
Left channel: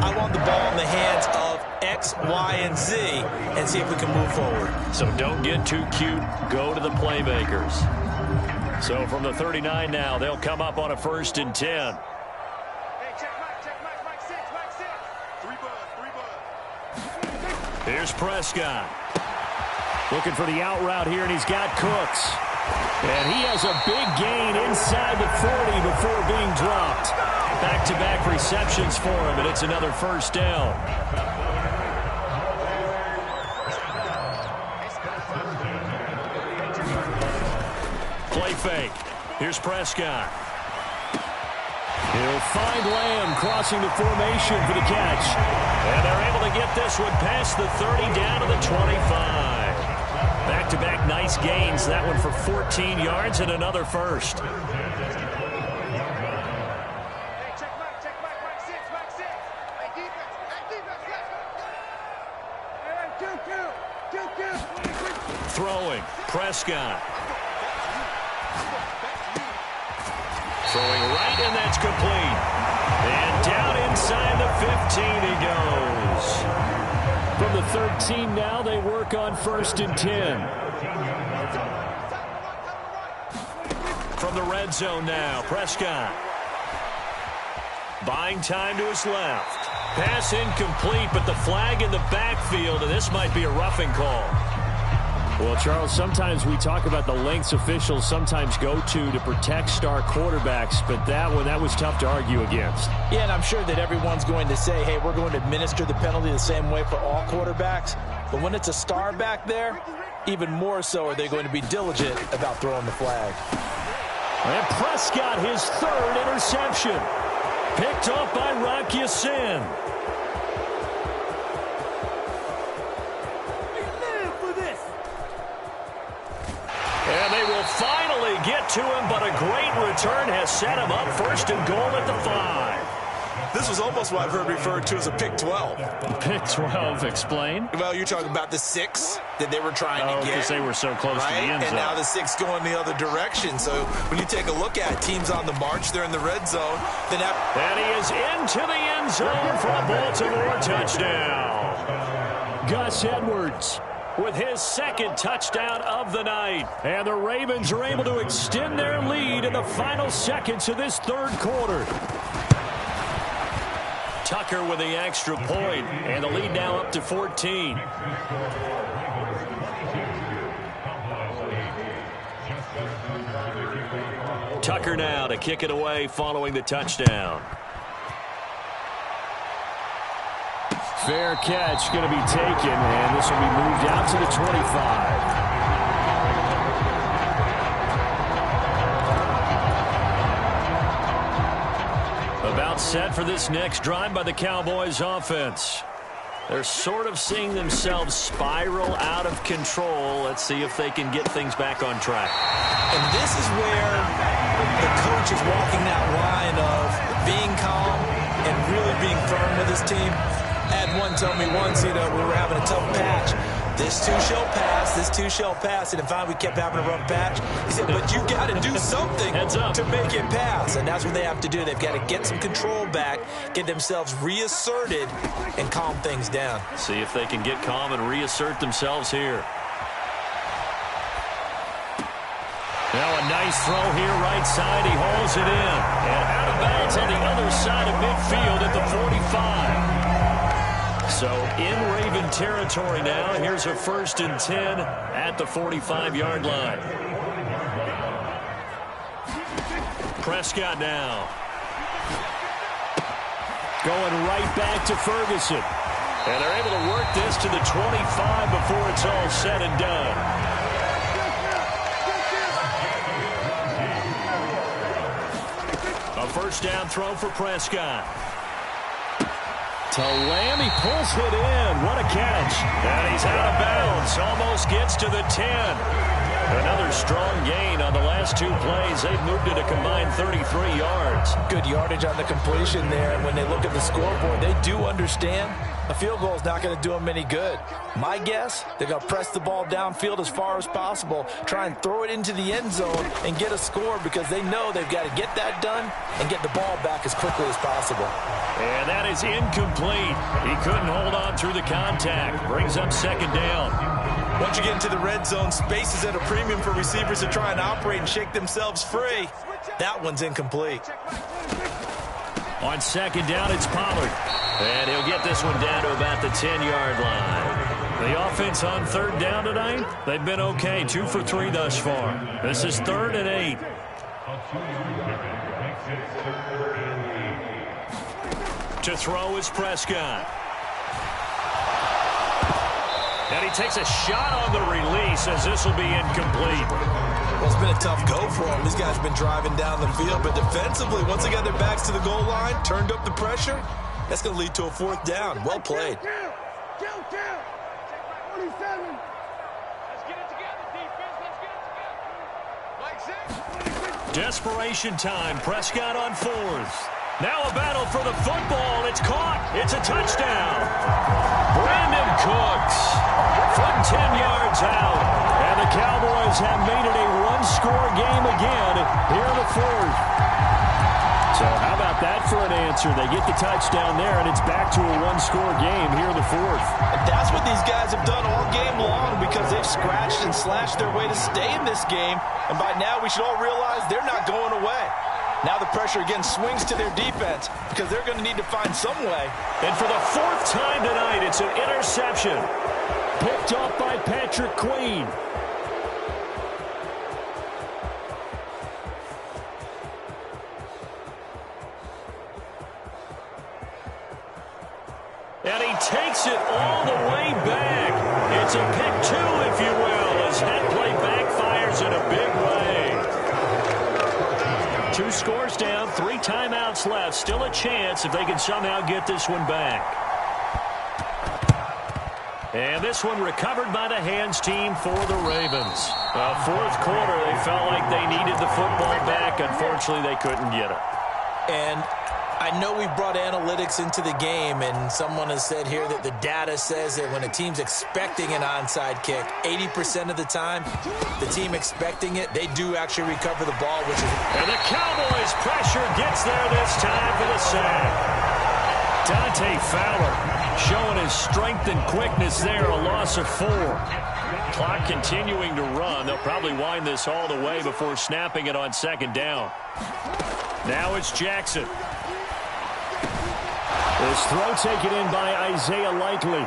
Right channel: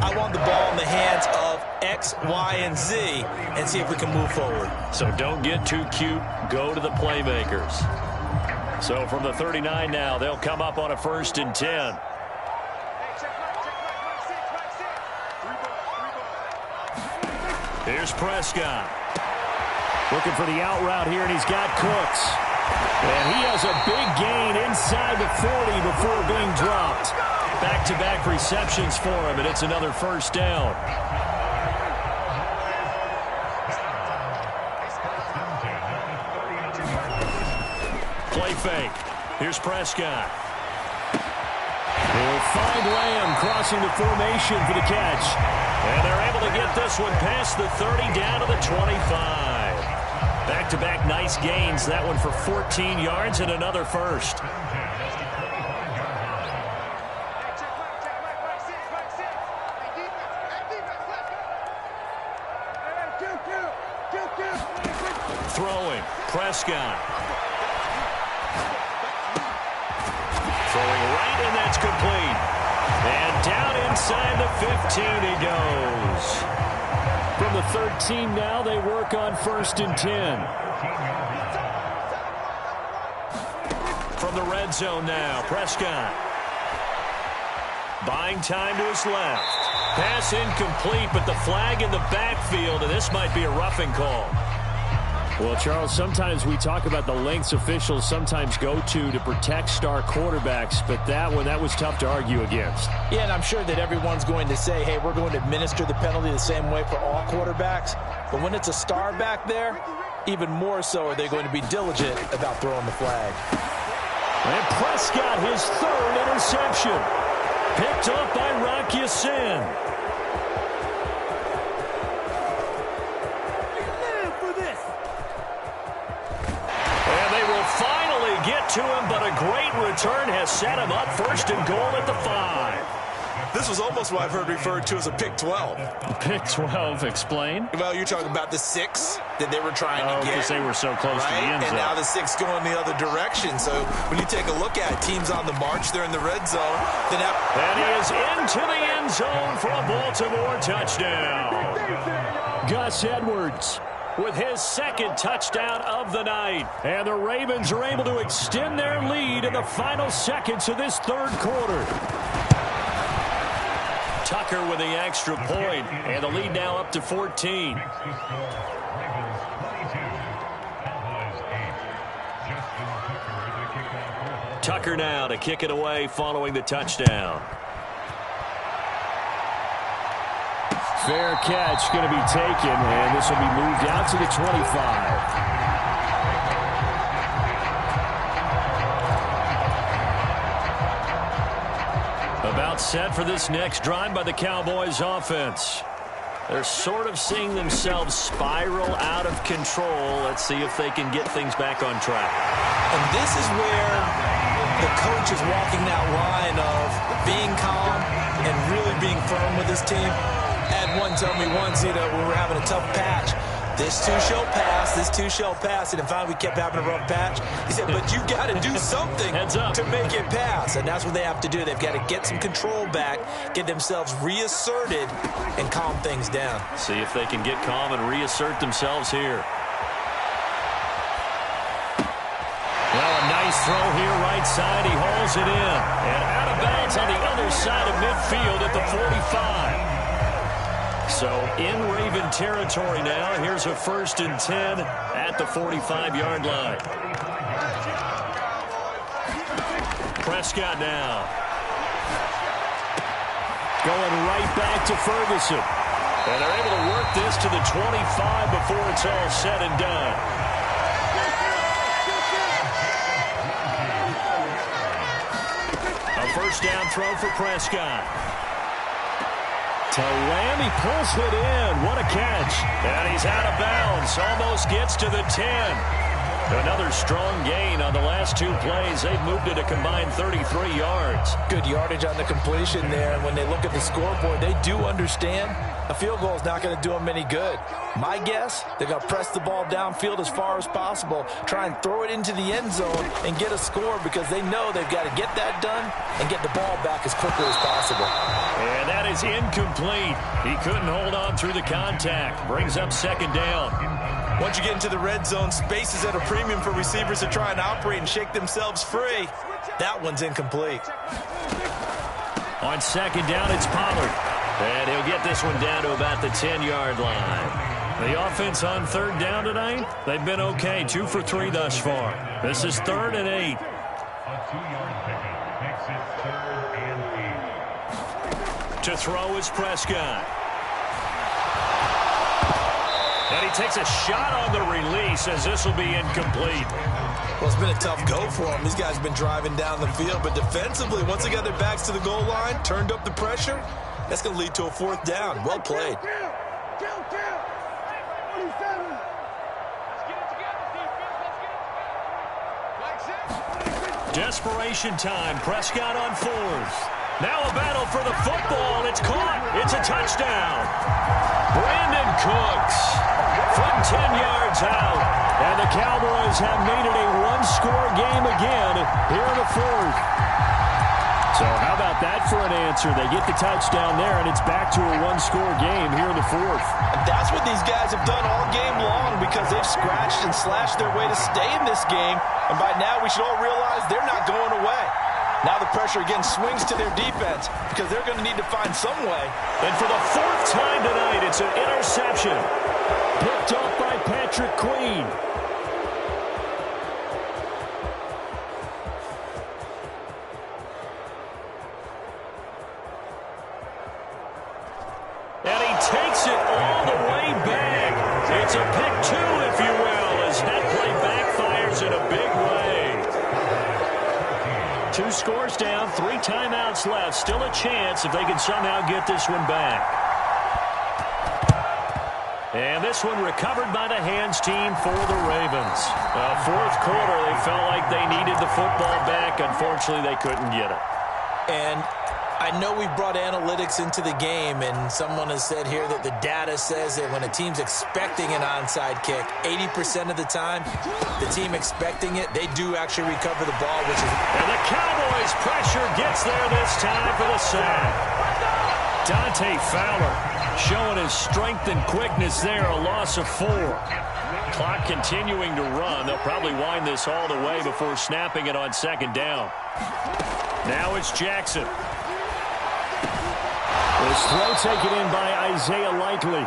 I want the ball in the hands of X, Y, and Z and see if we can move forward. So don't get too cute. Go to the playmakers. So from the 39 now, they'll come up on a 1st and 10. Hey, check Mike, six. 3 bud. Here's Prescott. Looking for the out route here, and he's got Cooks. And he has a big gain inside the 40 before being dropped. Back-to-back receptions for him, and it's another 1st down. Play fake. Here's Prescott. He'll find Lamb crossing the formation for the catch. And they're able to get this one past the 30 down to the 25. Back-to-back nice gains. That one for 14 yards and another 1st. Hey, check Mike, Mike 6. Hey, defense, let's go. Hey, Q. Throwing. Prescott. Throwing right, and that's complete. And down inside the 15 he goes. From the 13 now, they work on 1st and 10. From the red zone now, Prescott. Buying time to his left. Pass incomplete, but the flag in the backfield, and this might be a roughing call. Well, Charles, sometimes we talk about the lengths officials sometimes go to protect star quarterbacks, but that was tough to argue against. Yeah, and I'm sure that everyone's going to say, hey, we're going to administer the penalty the same way for all quarterbacks. But when it's a star back there, even more so are they going to be diligent about throwing the flag. And Prescott, his 3rd interception. Picked up by Rocky Sin. And they will finally get to him, but a great return has set him up 1st and goal at the 5. This was almost what I've heard referred to as a pick 12. Pick 12, explain. Well, you're talking about the 6 that they were trying to get. Because they were so close to the end zone. And now the 6 going the other direction. So when you take a look at it, teams on the march, they're in the red zone. And he is into the end zone for a Baltimore touchdown. Gus Edwards with his 2nd touchdown of the night. And the Ravens are able to extend their lead in the final seconds of this 3rd quarter. Tucker with the extra point, and the lead now up to 14. Tucker now to kick it away following the touchdown. Fair catch going to be taken, and this will be moved out to the 25. About set for this next drive by the Cowboys offense. They're sort of seeing themselves spiral out of control. Let's see if they can get things back on track. And this is where the coach is walking that line of being calm and really being firm with his team. I had one tell me once, we were having a tough patch. This too shall pass, this too shall pass. And finally, we kept having a rough patch. He said, but you got to do something to make it pass. And that's what they have to do. They've got to get some control back, get themselves reasserted, and calm things down. See if they can get calm and reassert themselves here. Now a nice throw here right side. He hauls it in. And out of bounds on the other side of midfield at the 45. So in Raven territory now. Here's a 1st and 10 at the 45-yard line. Prescott now. Going right back to Ferguson. And they're able to work this to the 25 before it's all said and done. A 1st down throw for Prescott. To Lamb, he pulls it in. What a catch. And he's out of bounds. Almost gets to the 10. Another strong gain on the last 2 plays. They've moved it a combined 33 yards. Good yardage on the completion there. And when they look at the scoreboard, they do understand a field goal is not going to do them any good. My guess, they're going to press the ball downfield as far as possible, try and throw it into the end zone and get a score because they know they've got to get that done and get the ball back as quickly as possible. And that is incomplete. He couldn't hold on through the contact. Brings up 2nd down. Once you get into the red zone, space is at a premium for receivers to try and operate and shake themselves free. That one's incomplete. On 2nd down, it's Pollard. And he'll get this one down to about the 10-yard line. The offense on 3rd down tonight, they've been okay. 2 for 3 thus far. This is 3rd and 8. A 2-yard pickup makes it 3rd and 8. To throw is Prescott. And he takes a shot on the release as this will be incomplete. Well, it's been a tough go for them. These guys have been driving down the field, but defensively, once they got their backs to the goal line, turned up the pressure, that's going to lead to a 4th down. Well played. Count. 47. Let's get it together, defense. Let's get it together. Like 6. Desperation time. Prescott on 4th. Now a battle for the football. It's caught. It's a touchdown. Brandon Cooks from 10 yards out. And the Cowboys have made it a 1-score game again here in the 4th. So how about that for an answer? They get the touchdown there, and it's back to a 1-score game here in the 4th. And that's what these guys have done all game long because they've scratched and slashed their way to stay in this game. And by now, we should all realize they're not going away. Now the pressure again swings to their defense because they're going to need to find some way. And for the 4th time tonight, it's an interception. Picked off by Patrick Queen. And he takes it all the way back. It's a pick 2, if you will, as that play backfires in a big way. 2 scores down, 3 timeouts left. Still a chance if they can somehow get this one back. And this one recovered by the hands team for the Ravens. Well, 4th quarter, they felt like they needed the football back. Unfortunately, they couldn't get it. And I know we brought analytics into the game, and someone has said here that the data says that when a team's expecting an onside kick, 80% of the time, the team expecting it, they do actually recover the ball, which is... And the Cowboys' pressure gets there this time for the sack. Dante Fowler showing his strength and quickness there, a loss of 4. Clock continuing to run. They'll probably wind this all the way before snapping it on 2nd down. Now it's Jackson. This throw taken in by Isaiah Likely.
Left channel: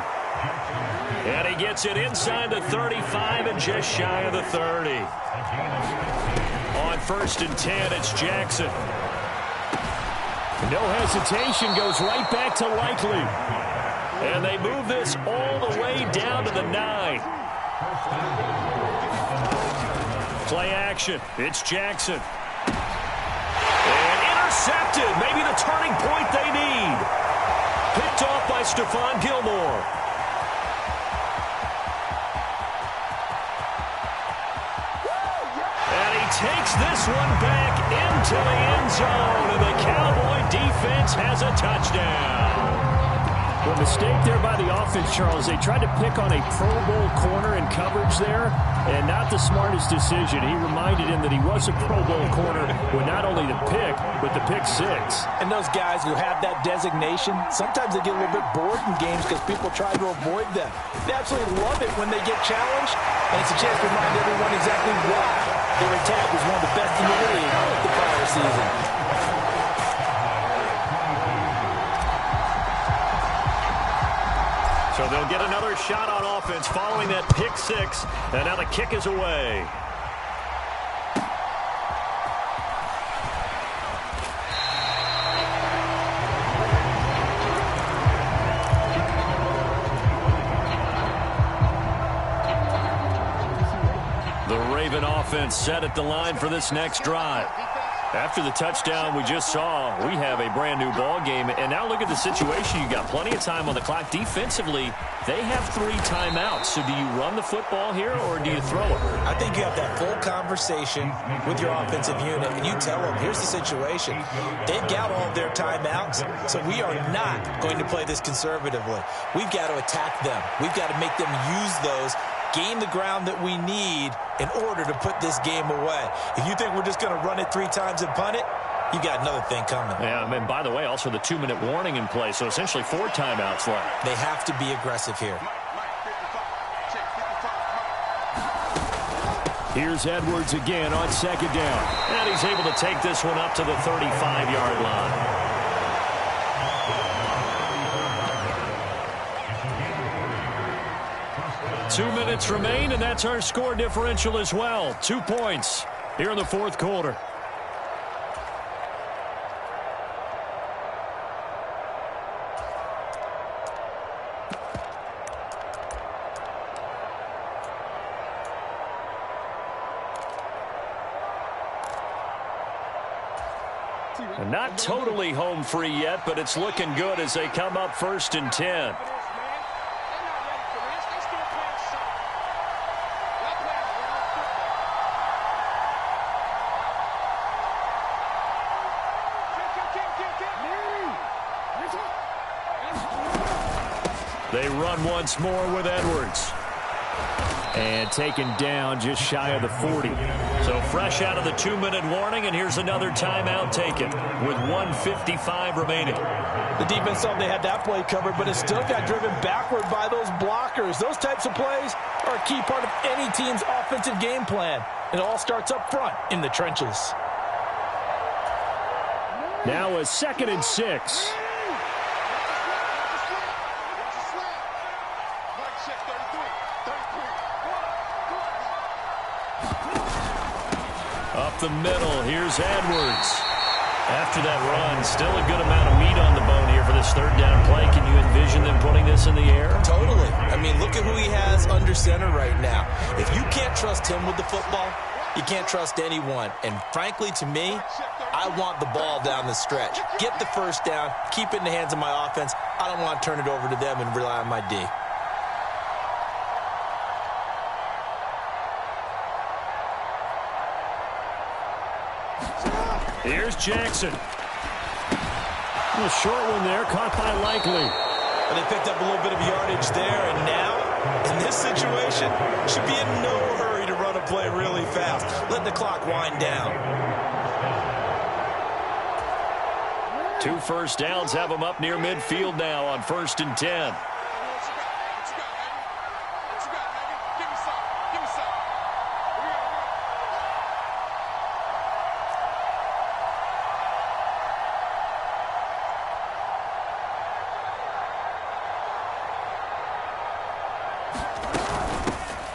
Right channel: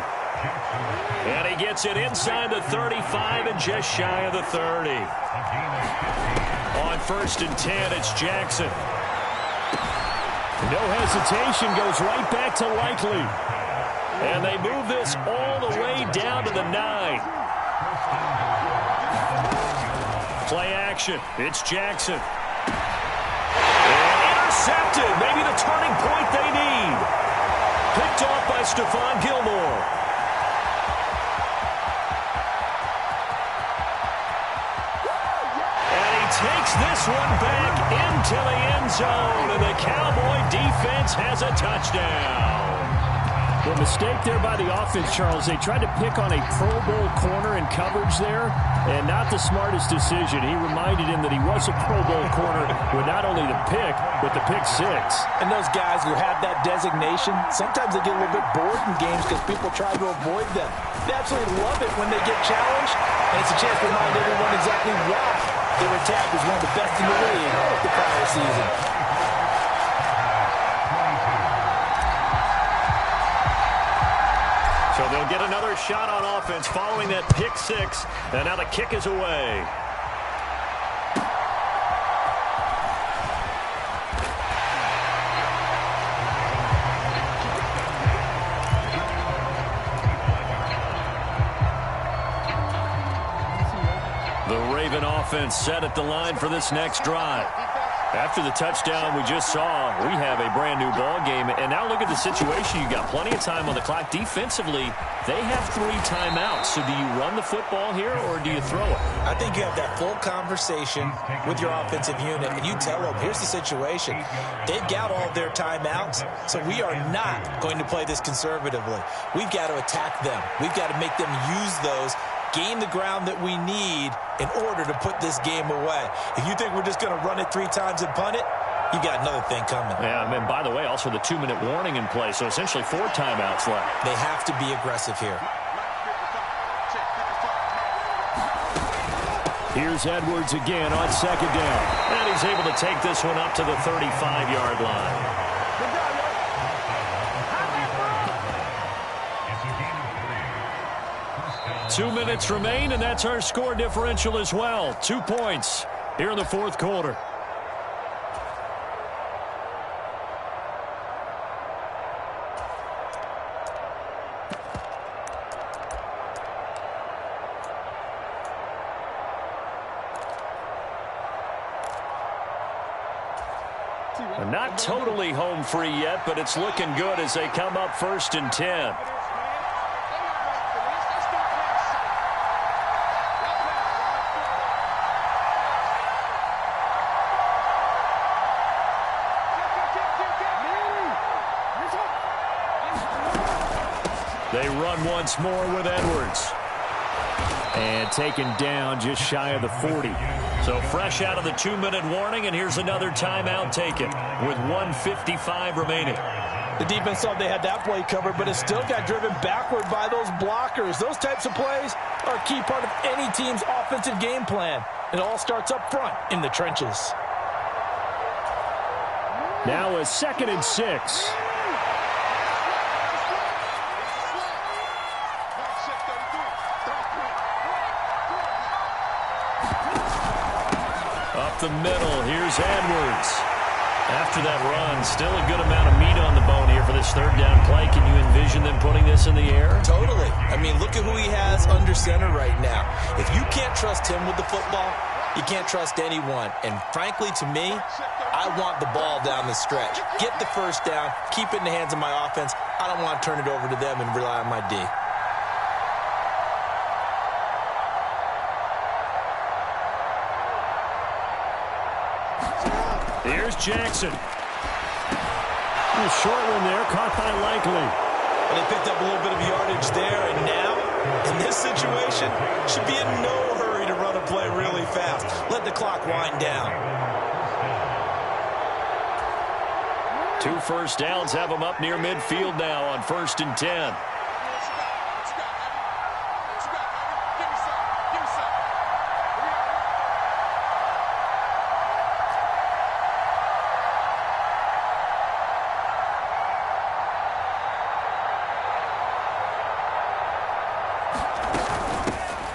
And he gets it inside the 35 and just shy of the 30. On 1st and 10, it's Jackson. No hesitation, goes right back to Likely. And they move this all the way down to the 9. Play action. It's Jackson. And intercepted. Maybe the turning point they need. Picked off by Stephon Gilmore. And he takes this one back into the end zone. And the Cowboy defense has a touchdown. The mistake there by the offense, Charles, they tried to pick on a Pro Bowl corner in coverage there, and not the smartest decision. He reminded him that he was a Pro Bowl corner with not only the pick, but the pick 6. And those guys who have that designation, sometimes they get a little bit bored in games because people try to avoid them. They absolutely love it when they get challenged, and it's a chance to remind everyone exactly why they were tagged as one of the best in the league the prior season. So they'll get another shot on offense following that pick six, and now the kick is away. The Raven offense set at the line for this next drive. After the touchdown we just saw, we have a brand new ball game. And now look at the situation. You got plenty of time on the clock. Defensively, they have 3 timeouts. So do you run the football here or do you throw it? I think you have that full conversation with your offensive unit, and you tell them, here's the situation. They've got all of their timeouts, so we are not going to play this conservatively. We've got to attack them. We've got to make them use those, gain the ground that we need in order to put this game away. If you think we're just going to run it 3 times and punt it, you've got another thing coming. Yeah, and by the way, also the 2-minute warning in play, so essentially 4 timeouts left. They have to be aggressive here. Here's Edwards again on 2nd down. And he's able to take this one up to the 35-yard line. It's 2 minutes remain, and that's our score differential as well. 2 points here in the 4th quarter. And not totally home free yet, but it's looking good as they come up 1st and 10. They run once more with Edwards. And taken down just shy of the 40. So fresh out of the 2-minute warning, and here's another timeout taken with 1:55 remaining. The defense thought they had that play covered, but it still got driven backward by those blockers. Those types of plays are a key part of any team's offensive game plan. It all starts up front in the trenches. Now a 2nd and 6. Up the middle, here's Edwards. After that run, still a good amount of meat on the bone here for this 3rd down play. Can you envision them putting this in the air? Totally. I mean, look at who he has under center right now. If you can't trust him with the football, you can't trust anyone. And frankly, to me, I want the ball down the stretch. Get the 1st down, keep it in the hands of my offense. I don't want to turn it over to them and rely on my D. Here's Jackson. A short one there, caught by Likely. Well, they picked up a little bit of yardage there, and now, in this situation, should be in no hurry to run a play really fast. Let the clock wind down. 2 first downs have them up near midfield now on 1st and 10.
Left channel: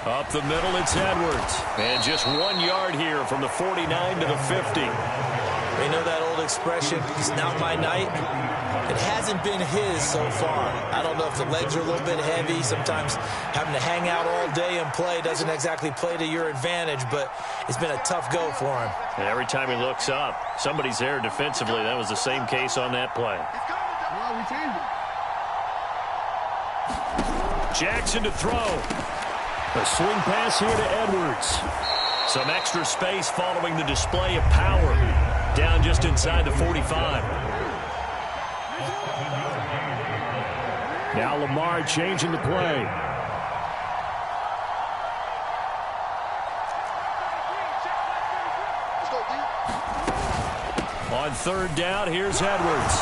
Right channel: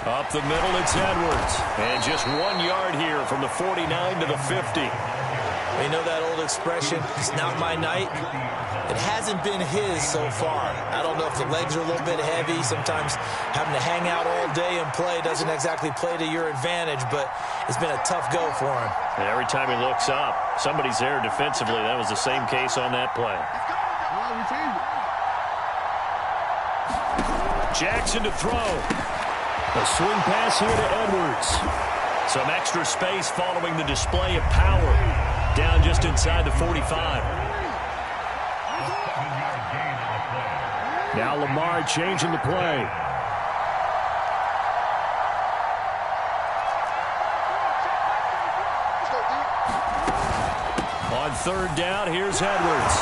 Up the middle, it's Edwards. And just 1 yard here from the 49 to the 50. You know that old expression, it's not my night? It hasn't been his so far. I don't know if the legs are a little bit heavy. Sometimes having to hang out all day and play doesn't exactly play to your advantage, but it's been a tough go for him. And every time he looks up, somebody's there defensively. That was the same case on that play. Jackson to throw. A swing pass here to Edwards. Some extra space following the display of power. Down just inside the 45. Now Lamar changing the play. On 3rd down, here's Edwards.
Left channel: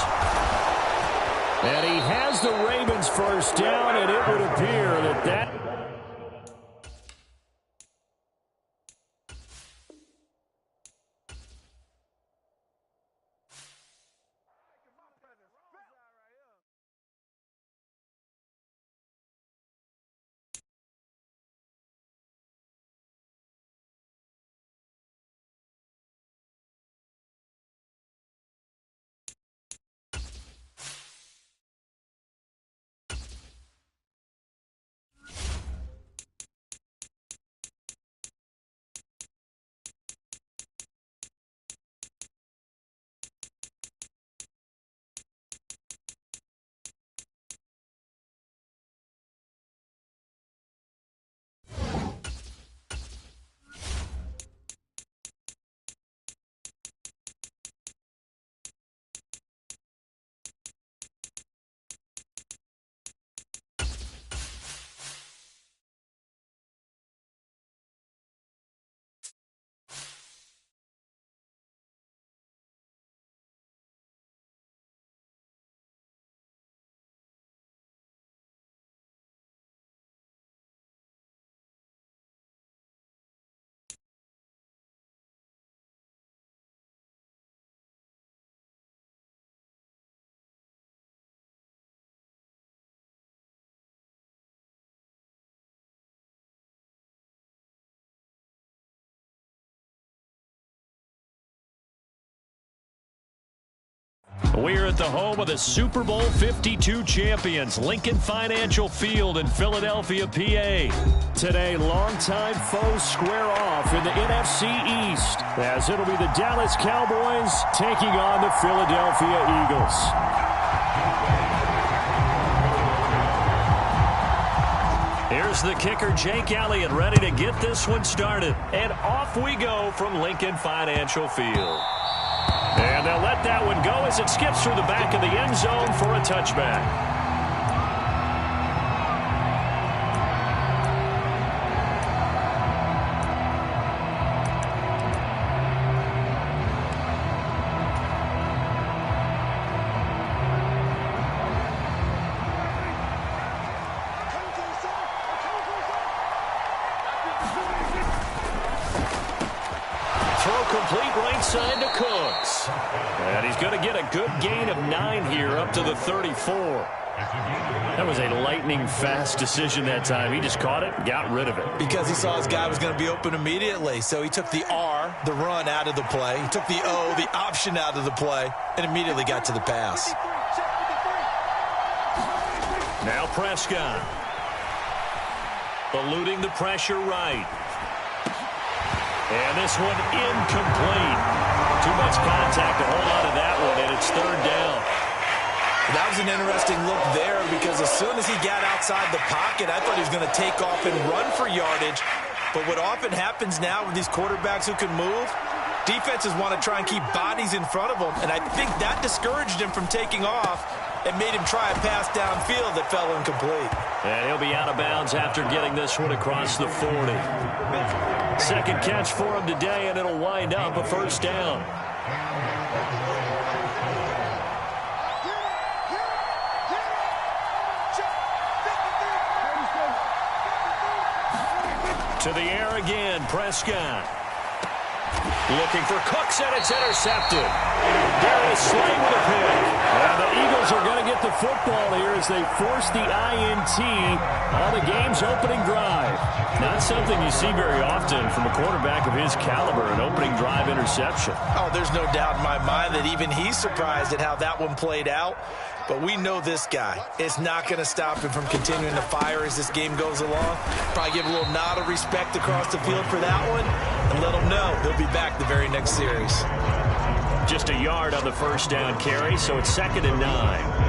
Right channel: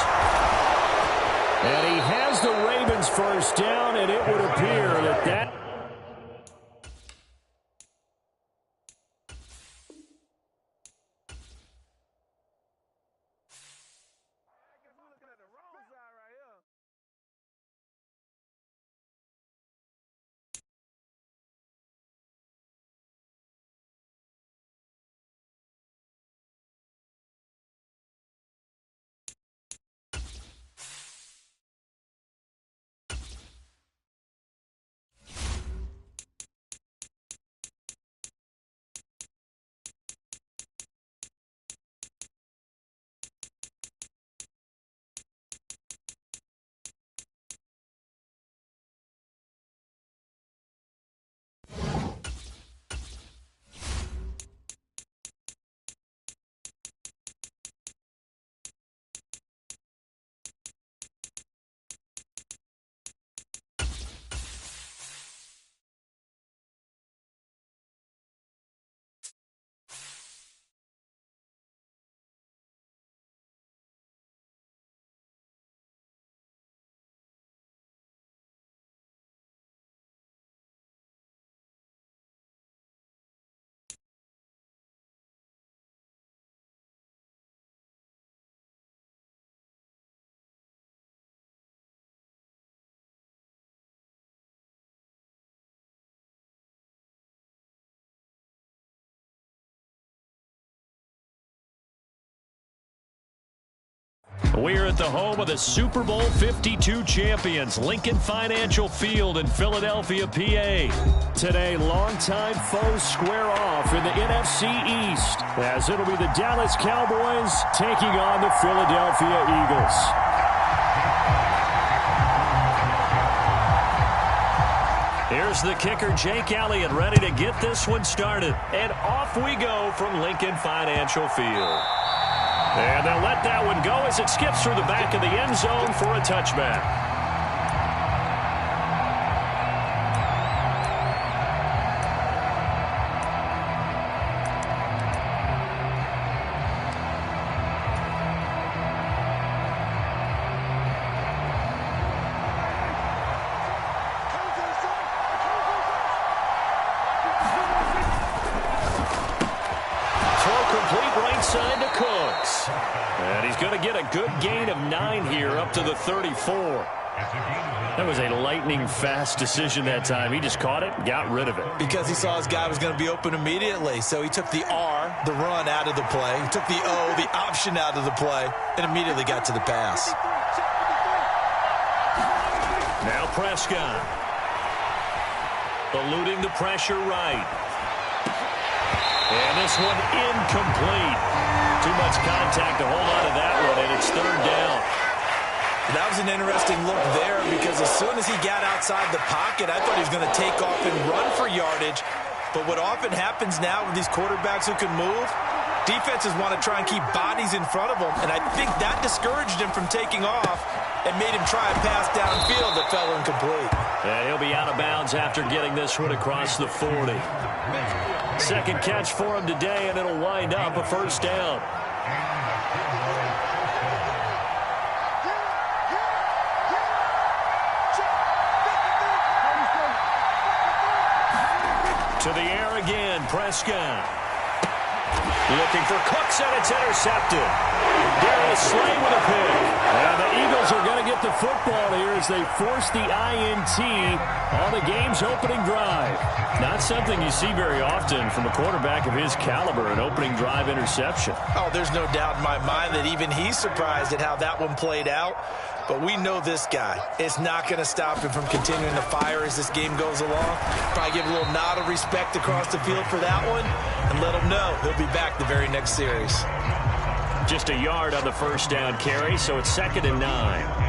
And he has the Ravens 1st down, and it would appear that We're at the home of the Super Bowl 52 champions, Lincoln Financial Field in Philadelphia, PA. Today, longtime foes square off in the NFC East, as it'll be the Dallas Cowboys taking on the Philadelphia Eagles. Here's the kicker, Jake Elliott, ready to get this one started. And off we go from Lincoln Financial Field. And they'll let that one go as it skips through the back of the end zone for a touchback. Complete right side to Cooks. And he's going to get a good gain of 9 here up to the 34. That was a lightning-fast decision that time. He just caught it and got rid of it. Because he saw his guy was going to be open immediately. So he took the R, the run, out of the play. He took the O, the option, out of the play, and immediately got to the pass. Now Prescott. Eluding the pressure right. And this one incomplete. Too much contact to hold on to that one, and it's third down. That was an interesting look there because as soon as he got outside the pocket, I thought he was going to take off and run for yardage. But what often happens now with these quarterbacks who can move, defenses want to try and keep bodies in front of them, and I think that discouraged him from taking off and made him try a pass downfield that fell incomplete. And he'll be out of bounds after getting this one across the 40. Second catch for him today, and it'll wind up a first down. To the air again, Prescott. Looking for Cooks, and it's intercepted. Darius Slay with a pick. And the Eagles are going to get the football here as they force the INT on the game's opening drive. Not something you see very often from a quarterback of his caliber, an opening drive interception. Oh, there's no doubt in my mind that even he's surprised at how that one played out. But we know this guy. It's not going to stop him from continuing to fire as this game goes along. Probably give a little nod of respect across the field for that one and let him know he'll be back the very next series. Just a yard on the first down carry, so it's 2nd and 9.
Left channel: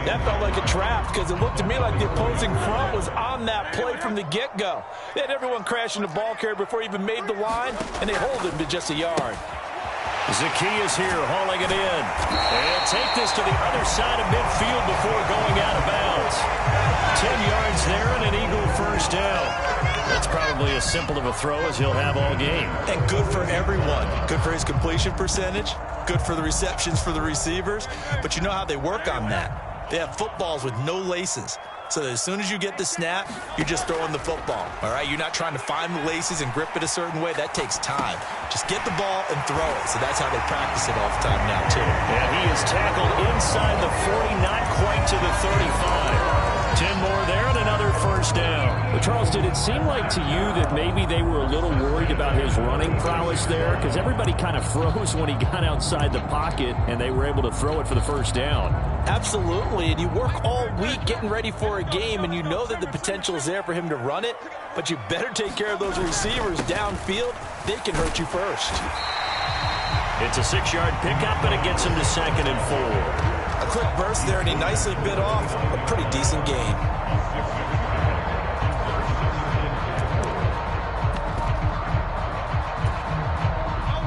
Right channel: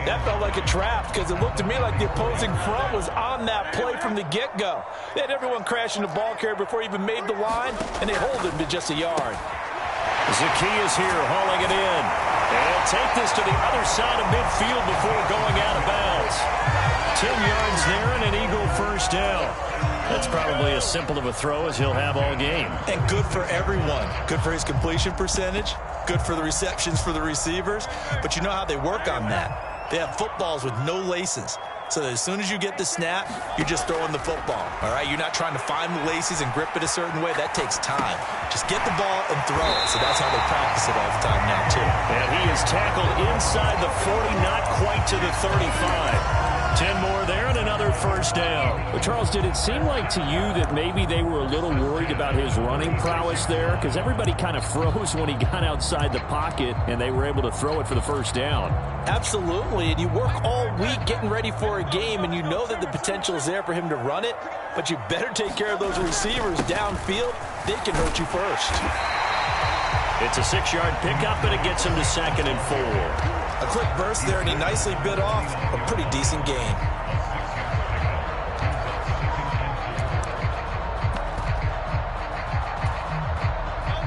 That felt like a trap because it looked to me like the opposing front was on that play from the get-go. They had everyone crashing the ball carrier before he even made the line, and they hold him to just a yard. Zacchaeus here hauling it in. And he'll take this to the other side of midfield before going out of bounds. 10 yards there and an Eagle first down. That's probably as simple of a throw as he'll have all game. And good for everyone. Good for his completion percentage. Good for the receptions for the receivers. But you know how they work on that. They have footballs with no laces. So that as soon as you get the snap, you're just throwing the football. All right, you're not trying to find the laces and grip it a certain way. That takes time. Just get the ball and throw it. So that's how they practice it all the time now, too. And he is tackled inside the 40, not quite to the 35. 10 more there and another first down. But Charles, did it seem like to you that maybe they were a little worried about his running prowess there? Because everybody kind of froze when he got outside the pocket and they were able to throw it for the first down. Absolutely, and you work all week getting ready for a game, and you know that the potential is there for him to run it, but you better take care of those receivers downfield. They can hurt you first. It's a 6-yard pickup, and it gets him to 2nd and 4. A quick burst there, and he nicely bit off a pretty decent gain.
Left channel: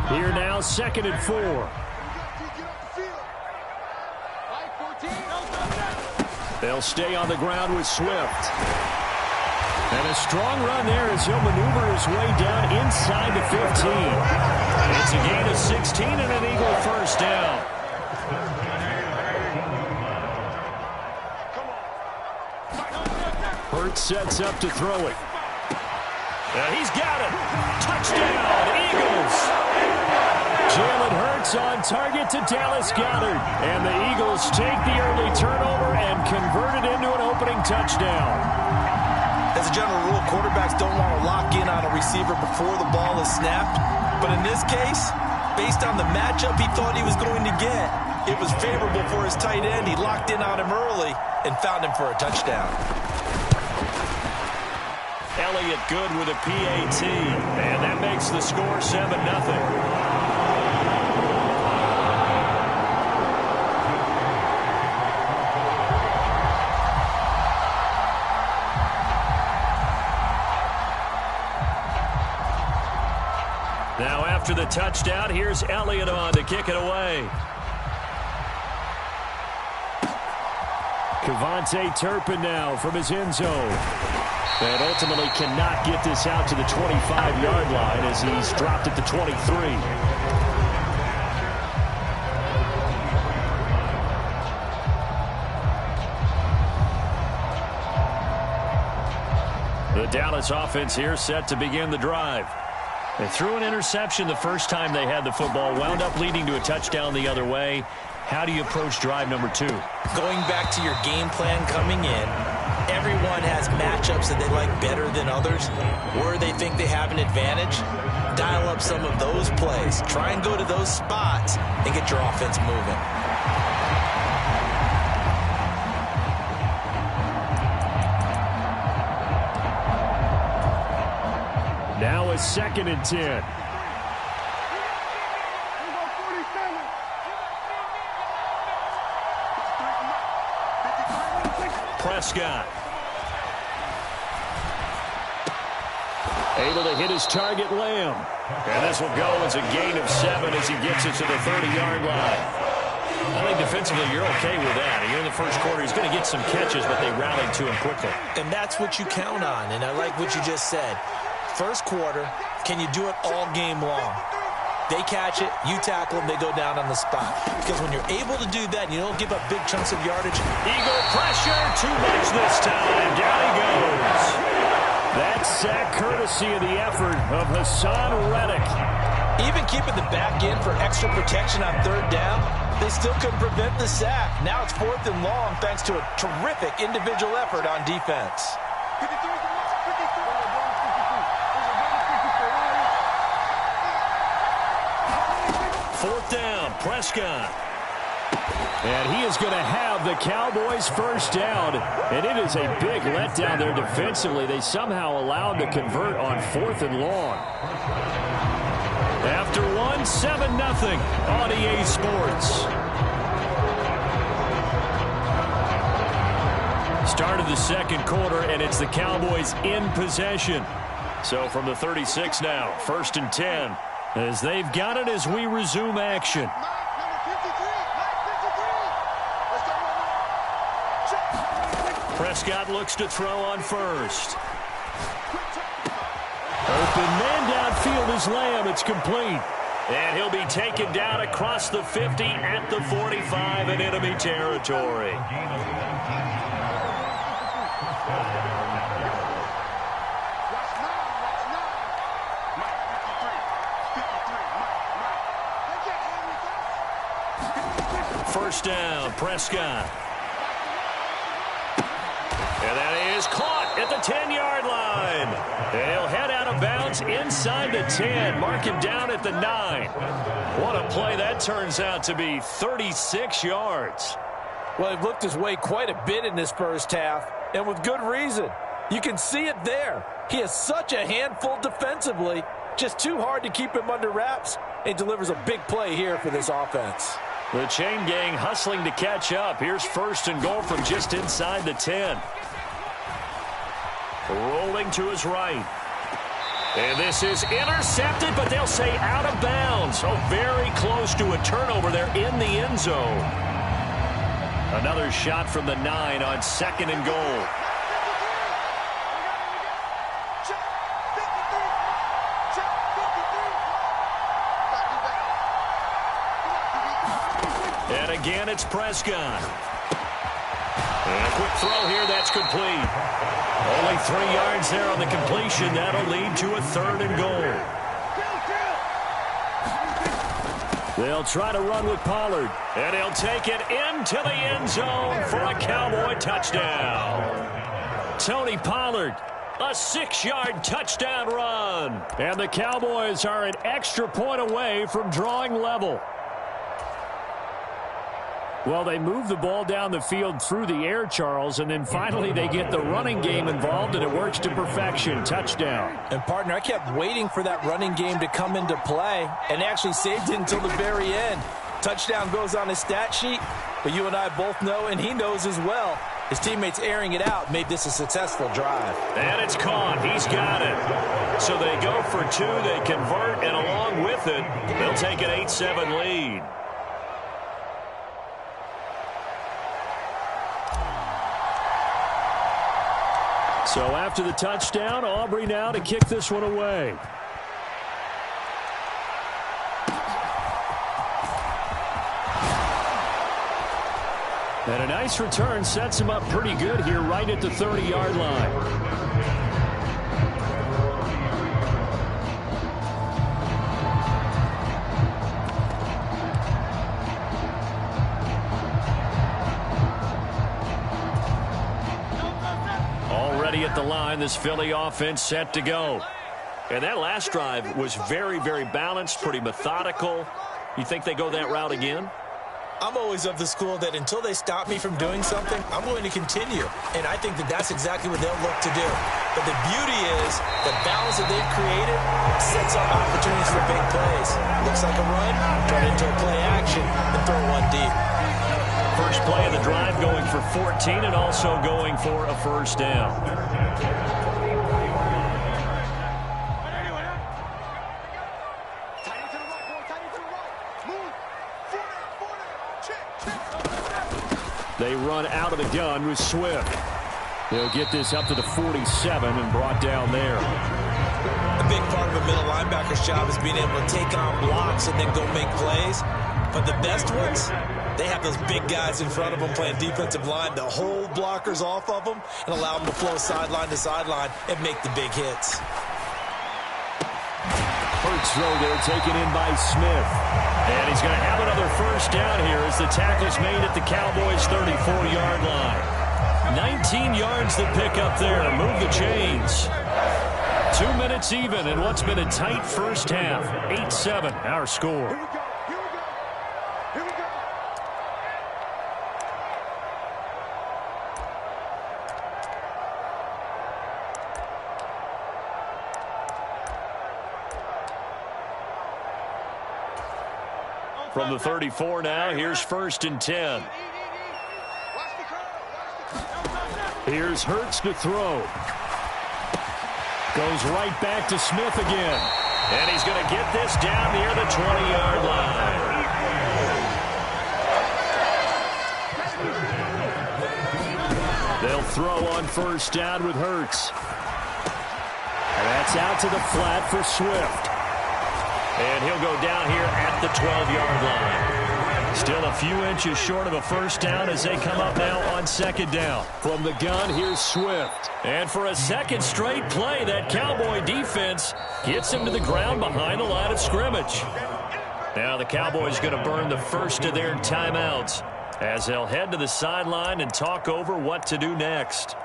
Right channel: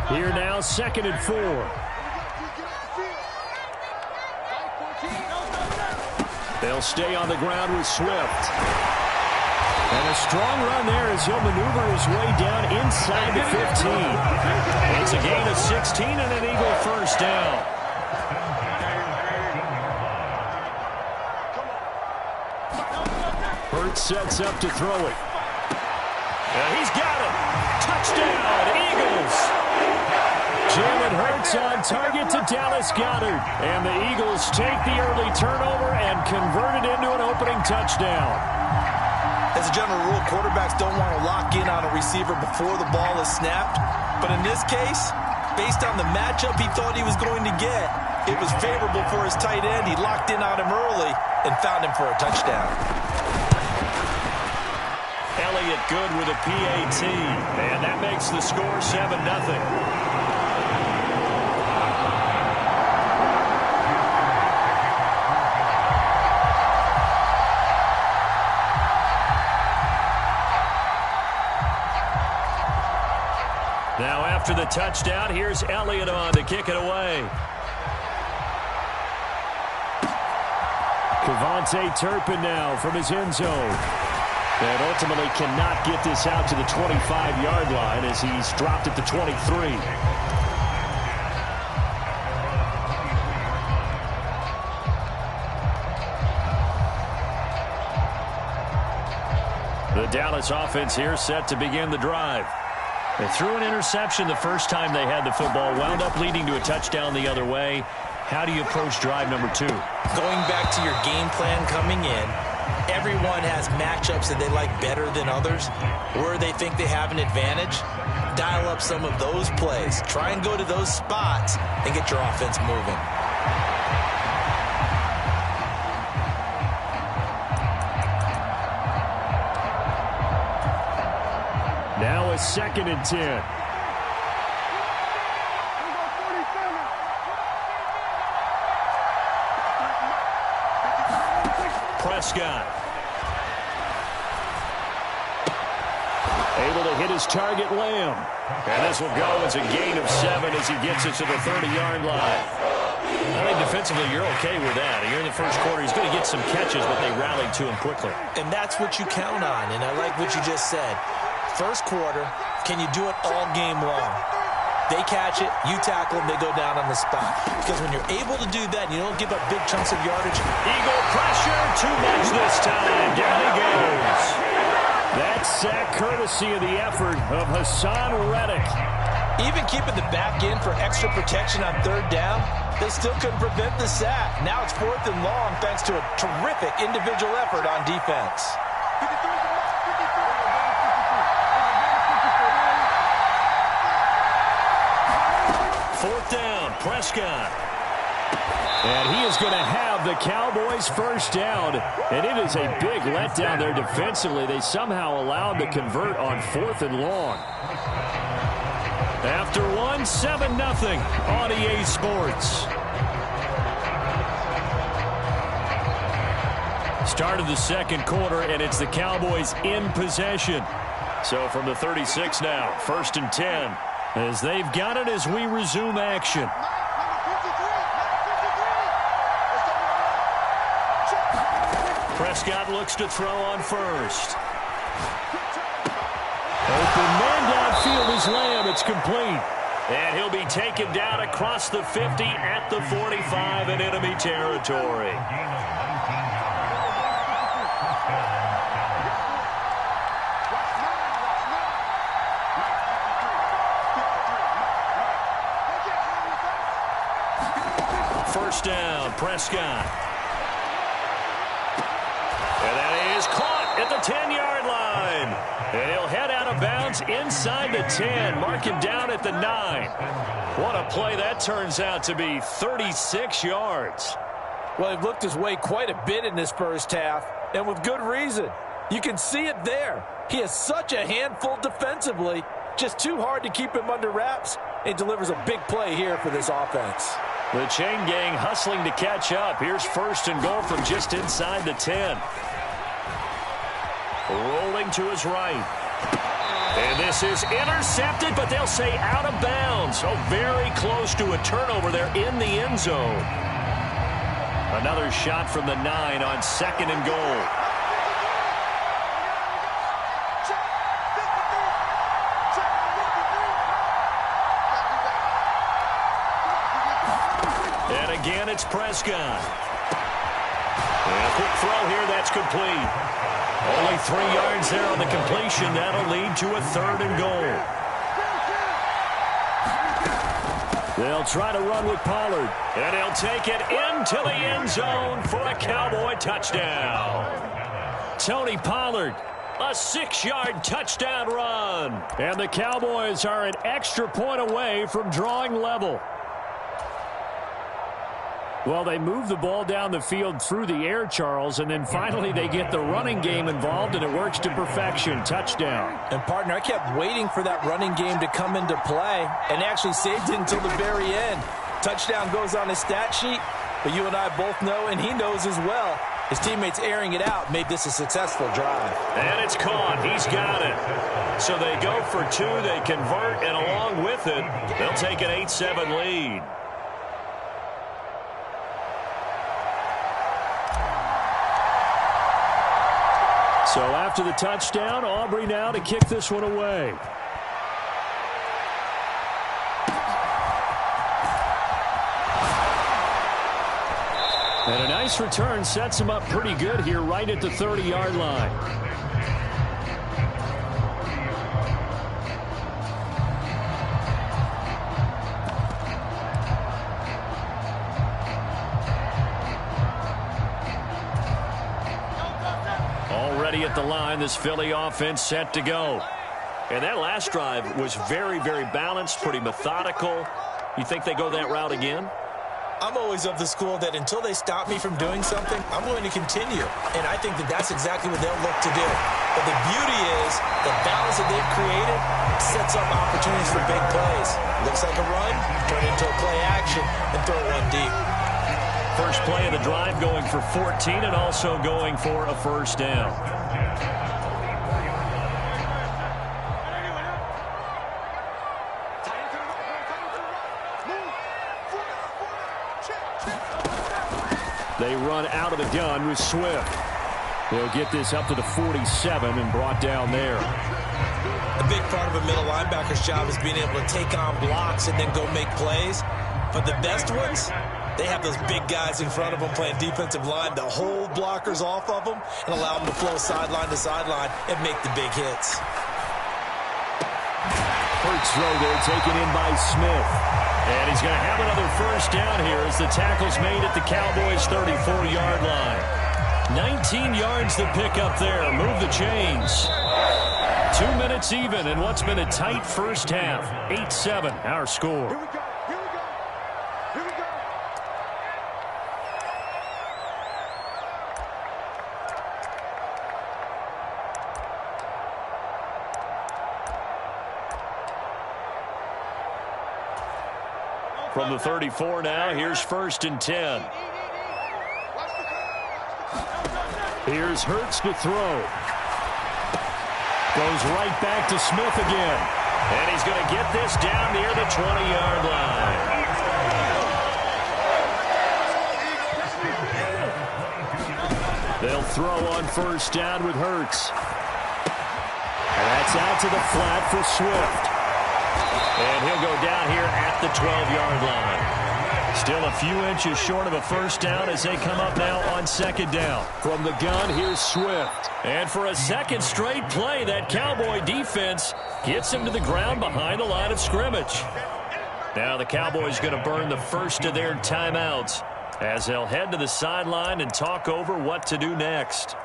Here now, 2nd and 4. They'll stay on the ground with Swift. And a strong run there as he'll maneuver his way down inside the 15. It's a gain of 16 and an Eagle first down. Hurts sets up to throw it. He's got it. Touchdown, Eagles. Jalen Hurts on target to Dallas Goedert. And the Eagles take the early turnover and convert it into an opening touchdown. As a general rule, quarterbacks don't want to lock in on a receiver before the ball is snapped. But in this case, based on the matchup he thought he was going to get, It was favorable for his tight end. He locked in on him early and found him for a touchdown. Elliott good with a PAT, and that makes the score 7-0. Now after the touchdown, here's Elliott on to kick it away. Kevontae Turpin now from his end zone. And ultimately cannot get this out to the 25-yard line as he's dropped at the 23. The Dallas offense here set to begin the drive. They threw an interception the first time they had the football, wound up leading to a touchdown the other way. How do you approach drive number 2? Going back to your game plan coming in, everyone has matchups that they like better than others. Where they think they have an advantage, dial up some of those plays. Try and go to those spots and get your offense moving. Now a 2nd and 10. Prescott. Able to hit his target, Lamb. And this will go as a gain of 7 as he gets it to the 30-yard line. I think defensively you're okay with that. Here in the first quarter, he's going to get some catches, but they rallied to him quickly. And that's what you count on, and I like what you just said. First quarter, can you do it all game long? They catch it, you tackle them, they go down on the spot. Because when you're able to do that, and you don't give up big chunks of yardage. Eagle pressure, too much this time. Down he goes. That sack courtesy of the effort of Hassan Reddick. Even keeping the back end for extra protection on 3rd down, they still couldn't prevent the sack. Now it's 4th and long thanks to a terrific individual effort on defense. 4th down, Prescott. And he is going to have the Cowboys' first down. And it is a big letdown there defensively. They somehow allowed to convert on 4th and long. After 1, 7-0 on EA Sports. Start of the second quarter, and it's the Cowboys in possession. So from the 36 now, 1st and 10. As they've got it as we resume action. Prescott looks to throw on first. Open man downfield is Lamb. It's complete. And he'll be taken down across the 50 at the 45 in enemy territory. First down, Prescott. And that is caught at the 10-yard line. And he'll head out of bounds inside the 10. Mark him down at the 9. What a play that turns out to be, 36 yards. Well, he looked his way quite a bit in this first half, and with good reason. You can see it there. He is such a handful defensively. Just too hard to keep him under wraps. He delivers a big play here for this offense. The chain gang hustling to catch up. Here's 1st and goal from just inside the 10. Rolling to his right. And this is intercepted, but they'll say out of bounds. Oh, very close to a turnover there in the end zone. Another shot from the 9 on 2nd and goal. And again, it's Prescott. And a quick throw here, that's complete. Only 3 yards there on the completion. That'll lead to a 3rd and goal. They'll try to run with Pollard. And he'll take it into the end zone for a Cowboy touchdown. Tony Pollard, a 6-yard touchdown run. And the Cowboys are an extra point away from drawing level. Well, they move the ball down the field through the air, Charles, and then finally they get the running game involved, and it works to perfection. Touchdown. And, partner, I kept waiting for that running game to come into play and actually saved it until the very end. Touchdown goes on his stat sheet, but you and I both know, and he knows as well, his teammates airing it out made this a successful drive. And it's caught. He's got it. So they go for two. They convert, and along with it, they'll take an 8-7 lead. So after the touchdown, Aubrey now to kick this one away. And a nice return sets him up pretty good here right at the 30-yard line. Already at the line, this Philly offense set to go. And that last drive was very, very balanced, pretty methodical. You think they go that route again? I'm always of the school that until they stop me from doing something, I'm going to continue. And I think that that's exactly what they'll look to do. But the beauty is the balance that they've created sets up opportunities for big plays. Looks like a run, turn it into a play action, and throw one deep. First play of the drive going for 14 and also going for a first down. They run out of the gun with Swift. They'll get this up to the 47 and brought down there. A big part of a middle linebacker's job is being able to take on blocks and then go make plays. But the best ones, they have those big guys in front of them playing defensive line to hold blockers off of them and allow them to flow sideline to sideline and make the big hits. First throw there taken in by Smith. And he's going to have another first down here as the tackle's made at the Cowboys' 34-yard line. 19 yards to pick up there. Move the chains. 2 minutes even in what's been a tight first half. 8-7, our score. Here we go. Here we go. Here we go. From the 34 now, here's 1st and 10. Here's Hurts to throw. Goes right back to Smith again. And he's going to get this down near the 20-yard line. They'll throw on first down with Hurts. And that's out to the flat for Swift. And he'll go down here at the 12-yard line. Still a few inches short of a first down as they come up now on second down. From the gun, here's Swift. And for a second straight play, that Cowboy defense gets him to the ground behind the line of scrimmage. Now the Cowboys going to burn the first of their timeouts as they'll head to the sideline and talk over what to do next.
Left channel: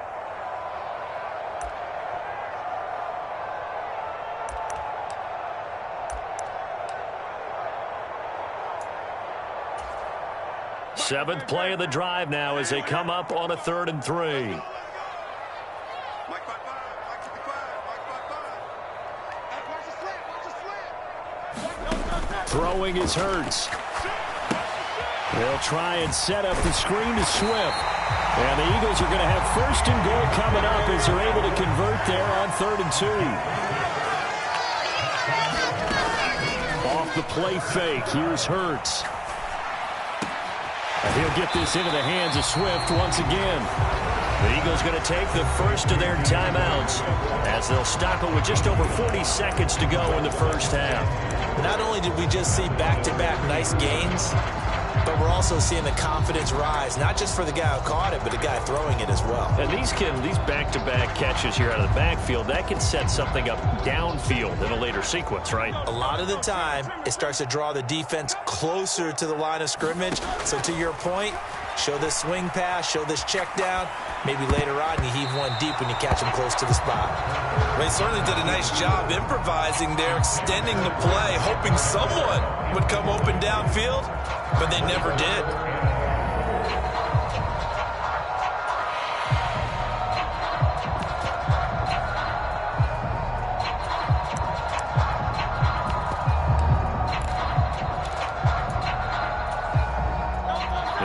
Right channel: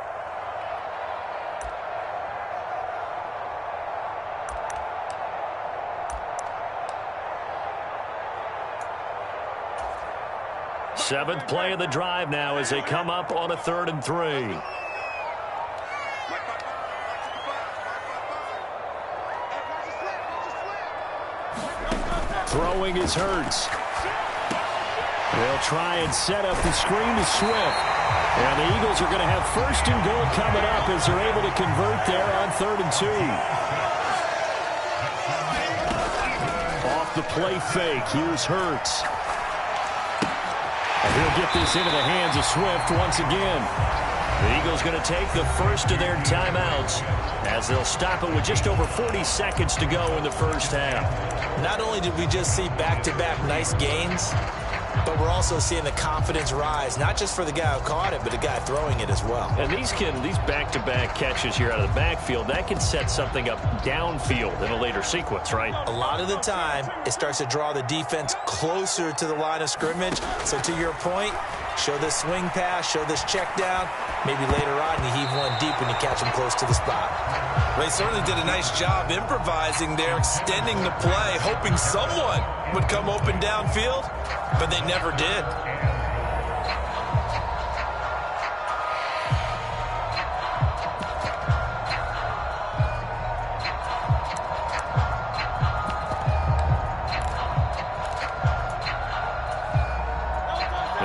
Seventh play of the drive now as they come up on a 3rd and 3. Throwing is Hurts. They'll try and set up the screen to Swift. And the Eagles are going to have 1st and goal coming up as they're able to convert there on 3rd and 2. Off the play fake, here's Hurts. And he'll get this into the hands of Swift once again. The Eagles going to take the first of their timeouts as they'll stop it with just over 40 seconds to go in the first half. Not only did we just see back-to-back nice gains, but we're also seeing the confidence rise, not just for the guy who caught it, but the guy throwing it as well. And these back-to-back catches here out of the backfield, that can set something up downfield in a later sequence, right? A lot of the time, it starts to draw the defense closer to the line of scrimmage. So to your point, show this swing pass, show this check down. Maybe later on you heave one deep when you catch them close to the spot. They certainly did a nice job improvising there, extending the play, hoping someone would come open downfield, but they never did.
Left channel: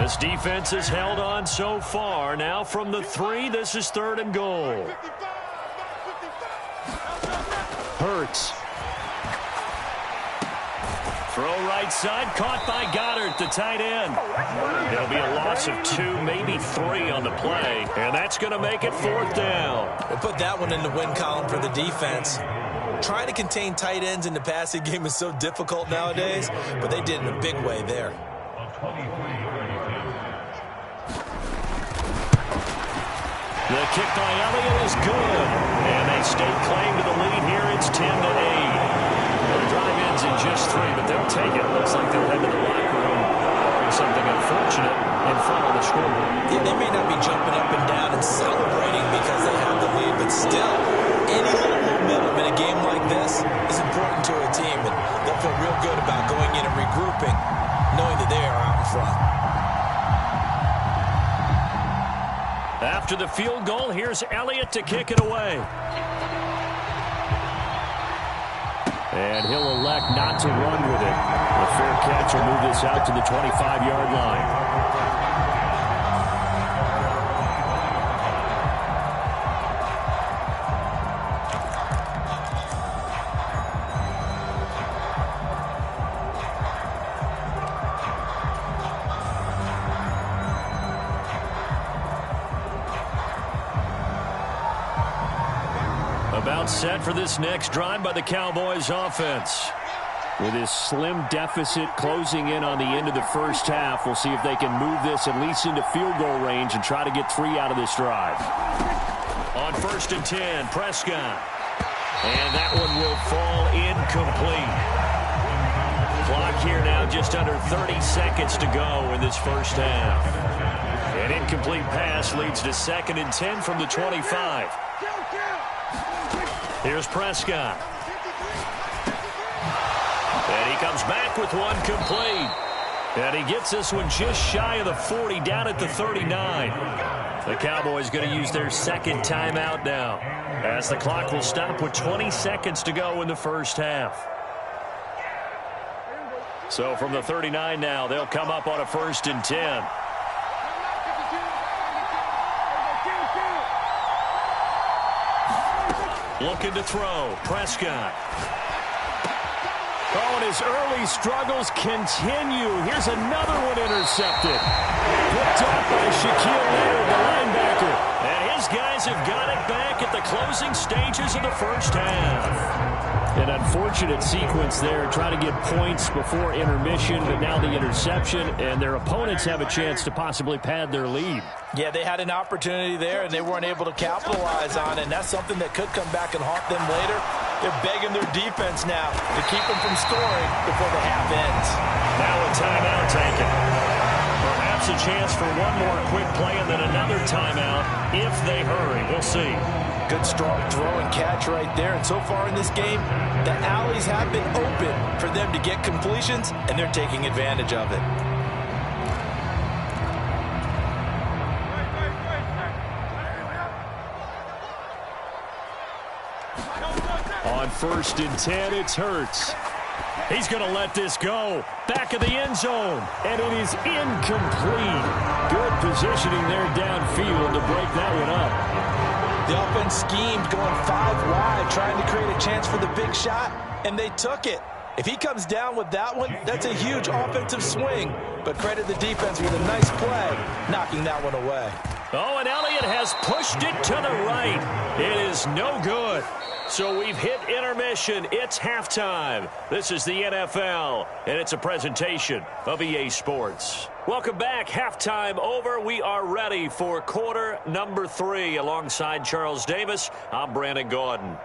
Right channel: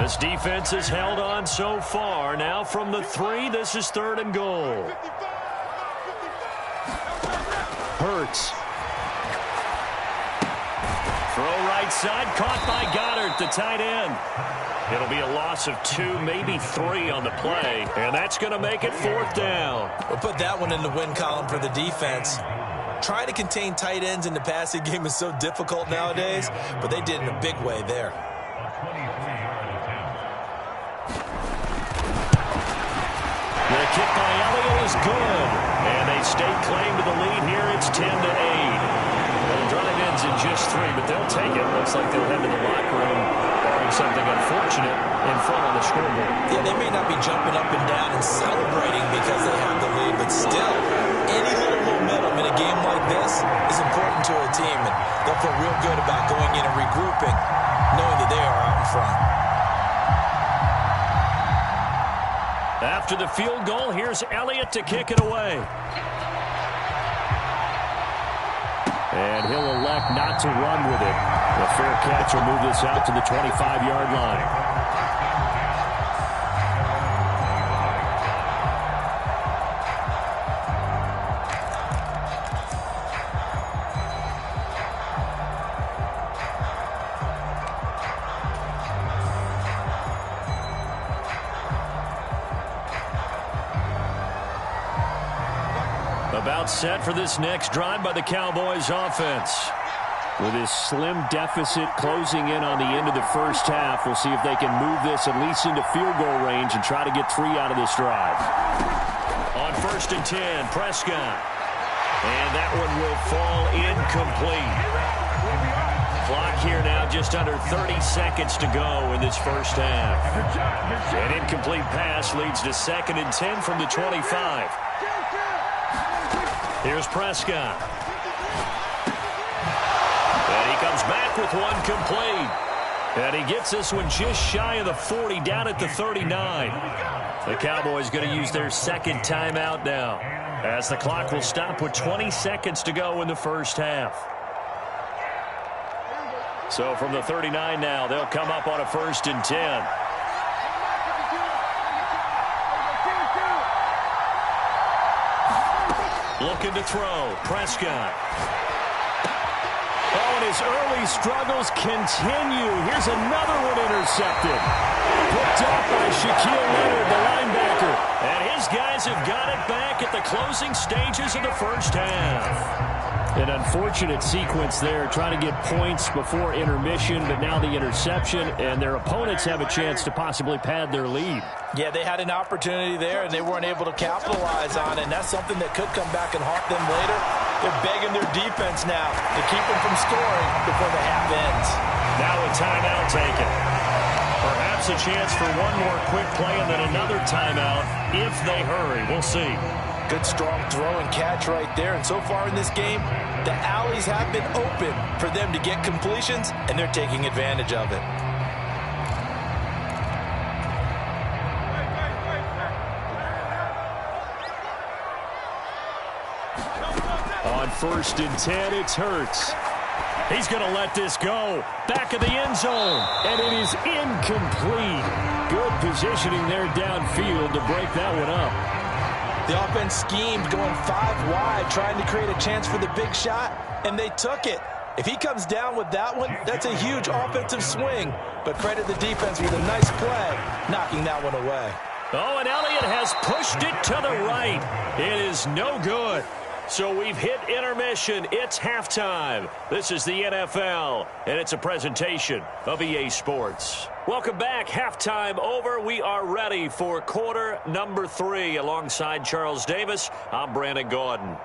This defense has held on so far. Now from the 3, this is 3rd and goal. Hurts. Throw right side, caught by Goddard, the tight end. It'll be a loss of 2, maybe 3 on the play, and that's going to make it 4th down. We'll put that one in the win column for the defense. Trying to contain tight ends in the passing game is so difficult nowadays, but they did in a big way there. A 23-yard attempt. The kick by Elliott is good, and they stake claim to the lead here. It's 10-8. Well, the drive ends in just 3, but they'll take it. Looks like they'll head to the locker room, barring something unfortunate, in front on the scoreboard. Yeah, they may not be jumping up and down and celebrating because they have the lead, but still, any little momentum in a game like this is important to a team, and they'll feel real good about going in and regrouping, knowing that they are out in front. After the field goal, here's Elliott to kick it away. And he'll elect not to run with it. A fair catch will move this out to the 25-yard line. About set for this next drive by the Cowboys offense. With this slim deficit closing in on the end of the first half, we'll see if they can move this at least into field goal range and try to get 3 out of this drive. On 1st and 10, Prescott. And that one will fall incomplete. Clock here now just under 30 seconds to go in this first half. An incomplete pass leads to 2nd and 10 from the 25. Here's Prescott. And he comes back with one complete. And he gets this one just shy of the 40, down at the 39. The Cowboys going to use their 2nd timeout now, as the clock will stop with 20 seconds to go in the first half. So from the 39 now, they'll come up on a 1st and 10. Looking to throw. Prescott. Oh, and his early struggles continue. Here's another one intercepted. Picked off by Shaquille Leonard, the linebacker. And his guys have got it back at the closing stages of the first half. An unfortunate sequence there, trying to get points before intermission, but now the interception, and their opponents have a chance to possibly pad their lead. Yeah, they had an opportunity there, and they weren't able to capitalize on it, and that's something that could come back and haunt them later. They're begging their defense now to keep them from scoring before the half ends. Now a timeout taken. Perhaps a chance for one more quick play and then another timeout if they hurry. We'll see. Good, strong throw and catch right there. And so far in this game, the alleys have been open for them to get completions, and they're taking advantage of it. On 1st and 10, it's Hurts. He's going to let this go. Back of the end zone. And it is incomplete. Good positioning there downfield to break that one up. The offense schemed, going 5 wide, trying to create a chance for the big shot, and they took it. If he comes down with that one, that's a huge offensive swing. But credit the defense with a nice play, knocking that one away. Oh, and Elliott has pushed it to the right. It is no good. So we've hit intermission. It's halftime. This is the NFL, and it's a presentation of EA Sports. Welcome back. Halftime over. We are ready for quarter number 3. Alongside Charles Davis, I'm Brandon Gordon.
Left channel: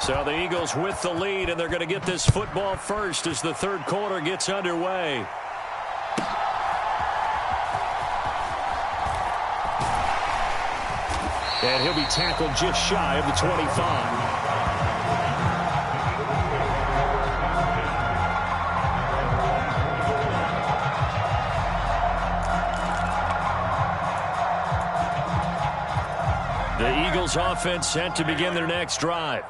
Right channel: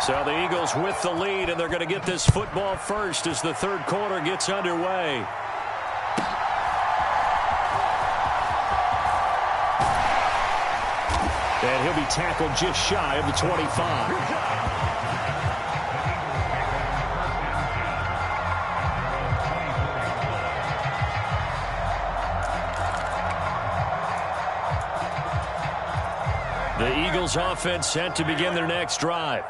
So the Eagles with the lead, and they're going to get this football first as the third quarter gets underway. And he'll be tackled just shy of the 25. The Eagles offense set to begin their next drive.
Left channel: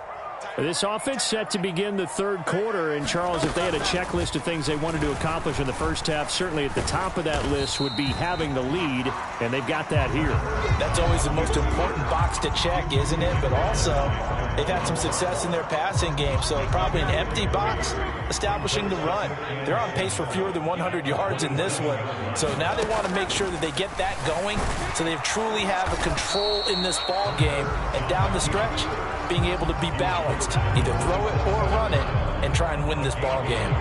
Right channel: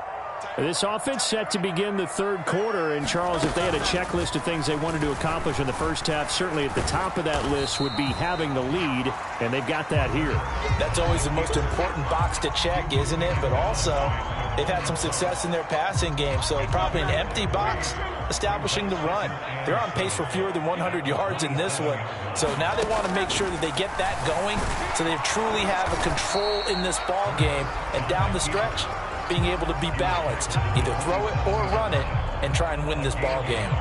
This offense set to begin the third quarter. And, Charles, if they had a checklist of things they wanted to accomplish in the first half, certainly at the top of that list would be having the lead, and they've got that here. That's always the most important box to check, isn't it? But also, they've had some success in their passing game, so probably an empty box establishing the run. They're on pace for fewer than 100 yards in this one, so now they want to make sure that they get that going so they truly have a control in this ball game, and down the stretch, being able to be balanced, either throw it or run it, and try and win this ball game.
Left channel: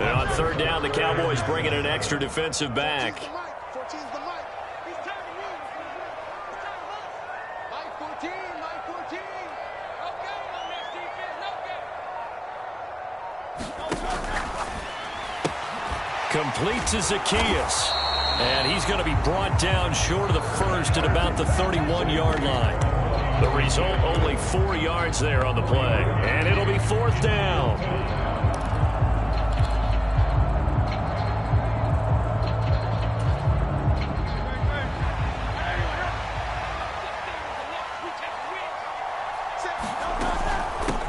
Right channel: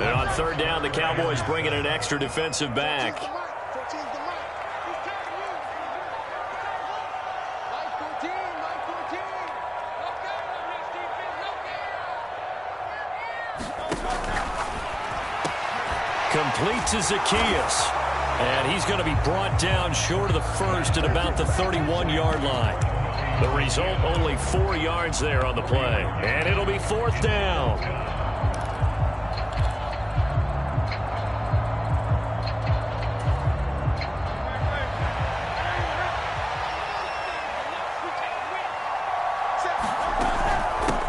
And on third down, the Cowboys bring in an extra defensive back. Complete to Zacchaeus. And he's going to be brought down short of the first at about the 31-yard line. The result, only 4 yards there on the play. And it'll be fourth down.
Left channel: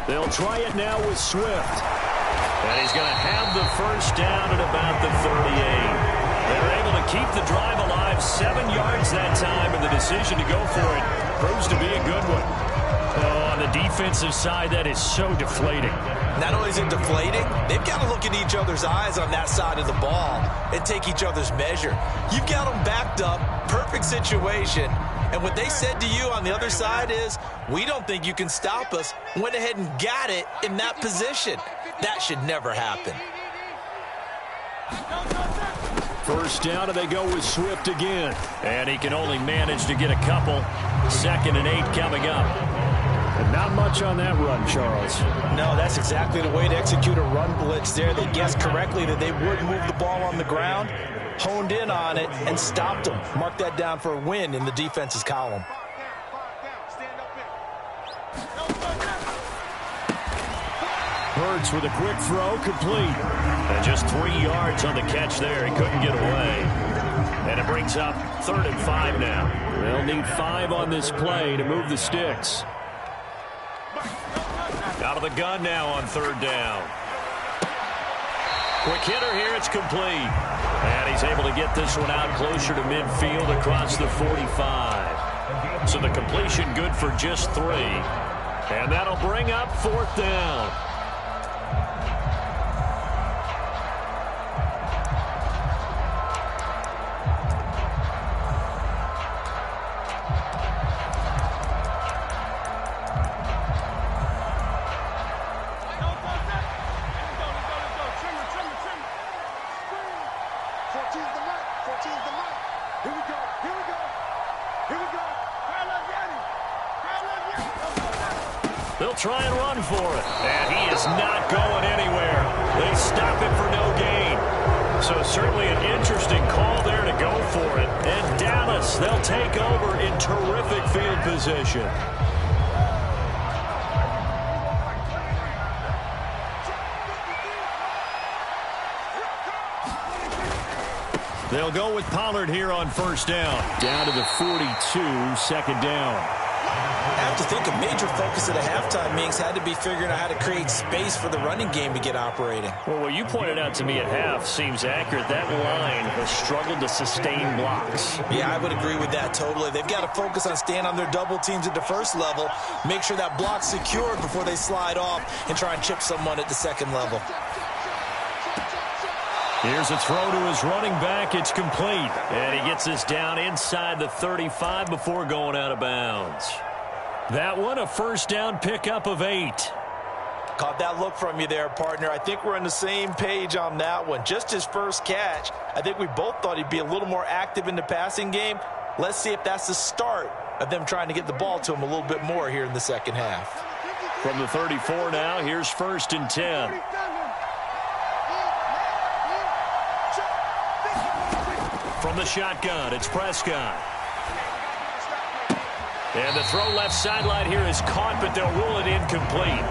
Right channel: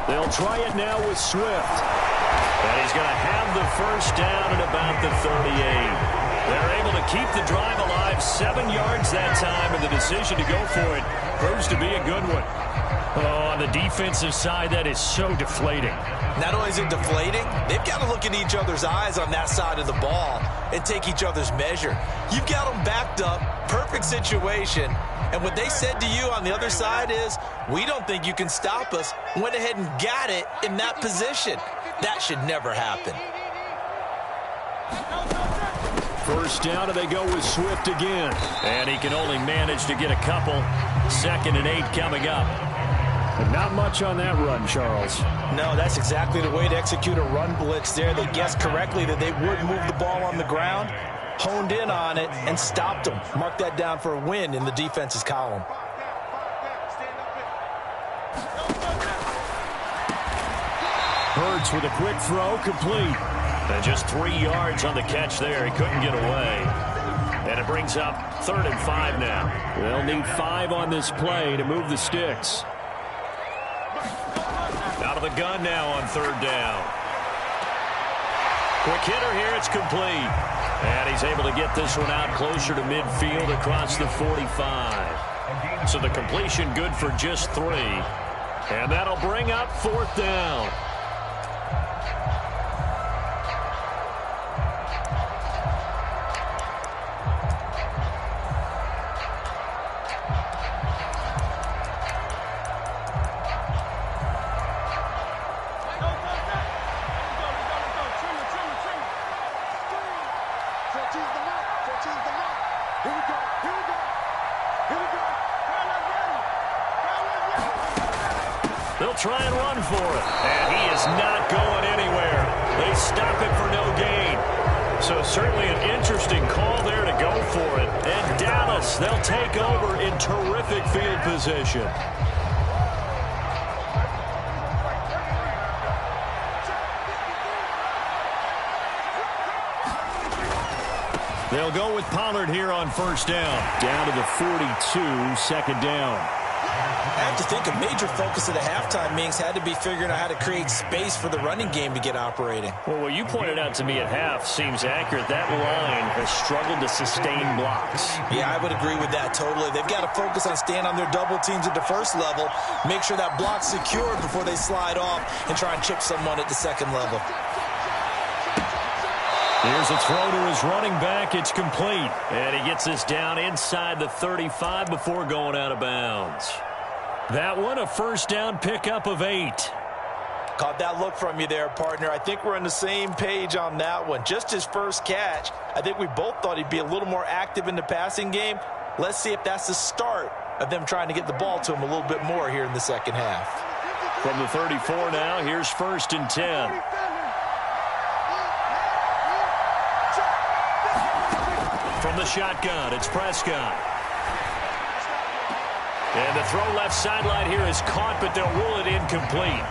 They'll try it now with Swift. And he's going to have the first down at about the 38. They're able to keep the drive alive, 7 yards that time, and the decision to go for it proves to be a good one. Oh, on the defensive side, that is so deflating. Not only is it deflating, they've got to look in each other's eyes on that side of the ball and take each other's measure. You've got them backed up, perfect situation, and what they said to you on the other side is, we don't think you can stop us. Went ahead and got it in that position. That should never happen. First down, and they go with Swift again. And he can only manage to get a couple. 2nd and 8 coming up. And not much on that run, Charles. No, that's exactly the way to execute a run blitz there. They guessed correctly that they would move the ball on the ground, honed in on it, and stopped them. Mark that down for a win in the defense's column. Hurts with a quick throw, complete. And just 3 yards on the catch there. He couldn't get away. And it brings up 3rd and 5 now. They'll need 5 on this play to move the sticks. Out of the gun now on 3rd down. Quick hitter here, it's complete. And he's able to get this one out closer to midfield across the 45. So the completion good for just 3. And that'll bring up 4th down. They'll try and run for it. And he is not going anywhere. They stop it for no gain. So certainly an interesting call there to go for it. And Dallas, they'll take over in terrific field position. They'll go with Pollard here on 1st down. Down to the 42, 2nd down. I have to think a major focus of the halftime meetings had to be figuring out how to create space for the running game to get operating. Well, what you pointed out to me at half seems accurate. That line has struggled to sustain blocks. Yeah, I would agree with that totally. They've got to focus on staying on their double teams at the first level, make sure that block's secured before they slide off and try and chip someone at the second level. Here's a throw to his running back. It's complete. And he gets this down inside the 35 before going out of bounds. That one, a 1st down pickup of 8. Caught that look from you there, partner. I think we're on the same page on that one. Just his first catch. I think we both thought he'd be a little more active in the passing game. Let's see if that's the start of them trying to get the ball to him a little bit more here in the second half. From the 34 now, here's 1st and 10. From the shotgun, it's Prescott. And the throw left sideline here is caught, but they'll rule it incomplete.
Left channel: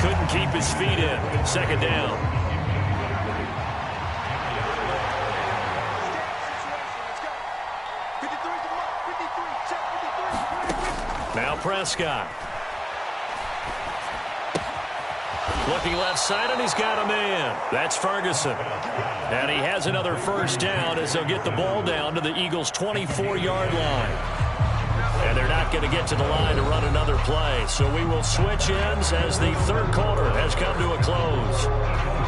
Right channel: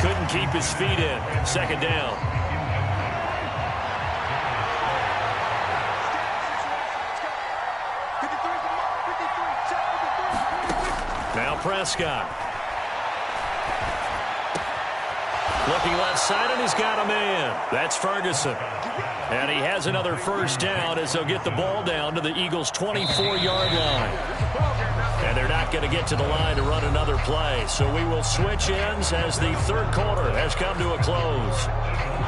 Couldn't keep his feet in. 2nd down. Now Prescott. Looking left side, and he's got a man. That's Ferguson. And he has another first down as they'll get the ball down to the Eagles' 24-yard line. And they're not going to get to the line to run another play. So we will switch ends as the third quarter has come to a close.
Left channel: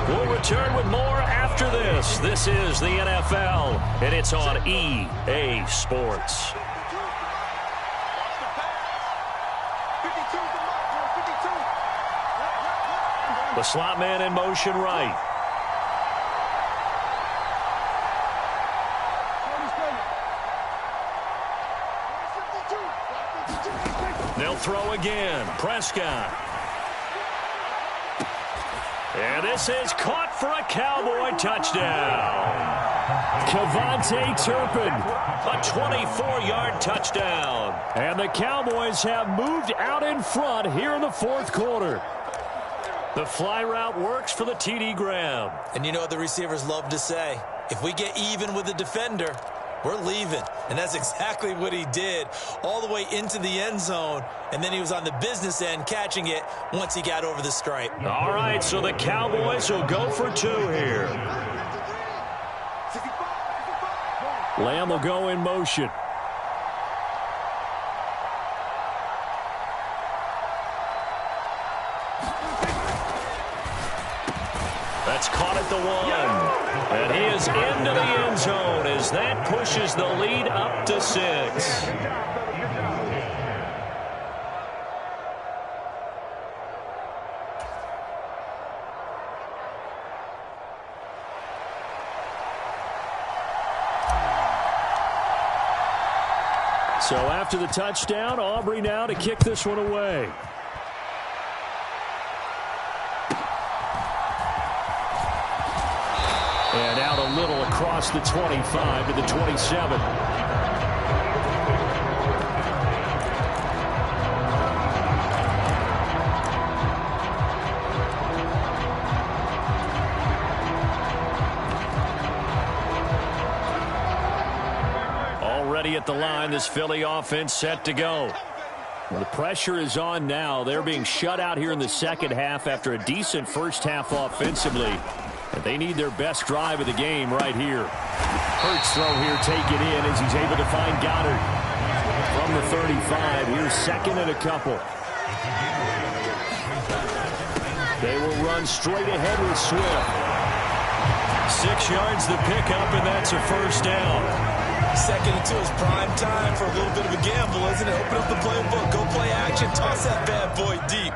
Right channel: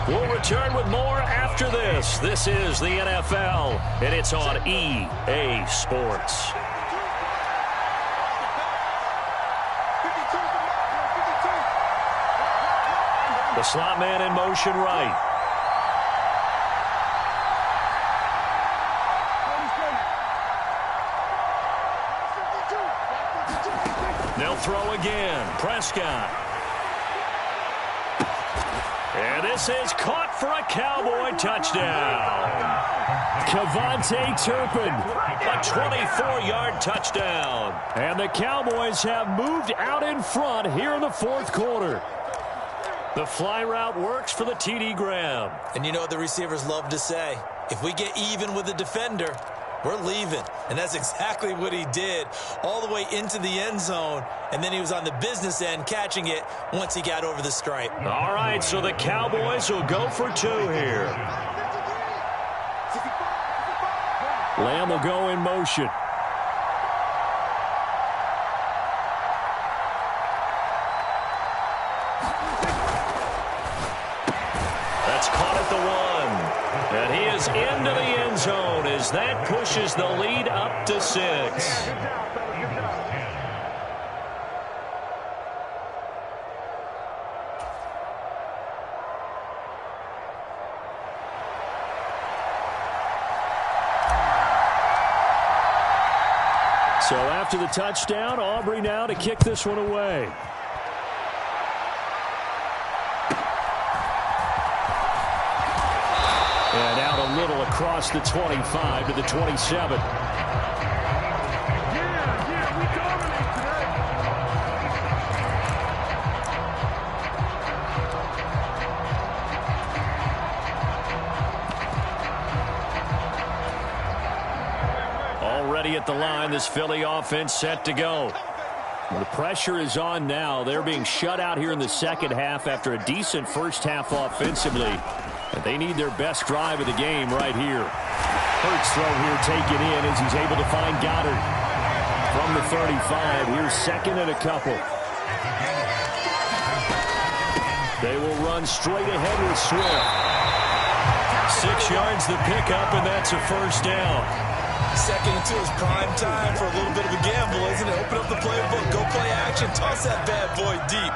We'll return with more after this. This is the NFL, and it's on EA Sports. The slot man in motion right. They'll throw again. Prescott. And this is caught for a Cowboy touchdown. Kevontae Turpin, a 24-yard touchdown. And the Cowboys have moved out in front here in the fourth quarter. The fly route works for the TD grab. And you know what the receivers love to say? If we get even with the defender, we're leaving. And that's exactly what he did, all the way into the end zone. And then he was on the business end catching it once he got over the stripe. All right, so the Cowboys will go for two here. Lamb will go in motion. That's caught at the one. And he is into the end zone as that pushes the lead up to 6. So after the touchdown, Aubrey now to kick this one away. And out a little across the 25 to the 27. Already at the line, this Philly offense set to go. The pressure is on now. They're being shut out here in the second half after a decent first half offensively. And they need their best drive of the game right here. Hurts throw here taken in as he's able to find Goddard. From the 35, here's second and a couple. They will run straight ahead with Swift. 6 yards the pickup, and that's a first down. Second and 2 is prime time for a little bit of a gamble, isn't it? Open up the playbook, go play action, toss that bad boy deep.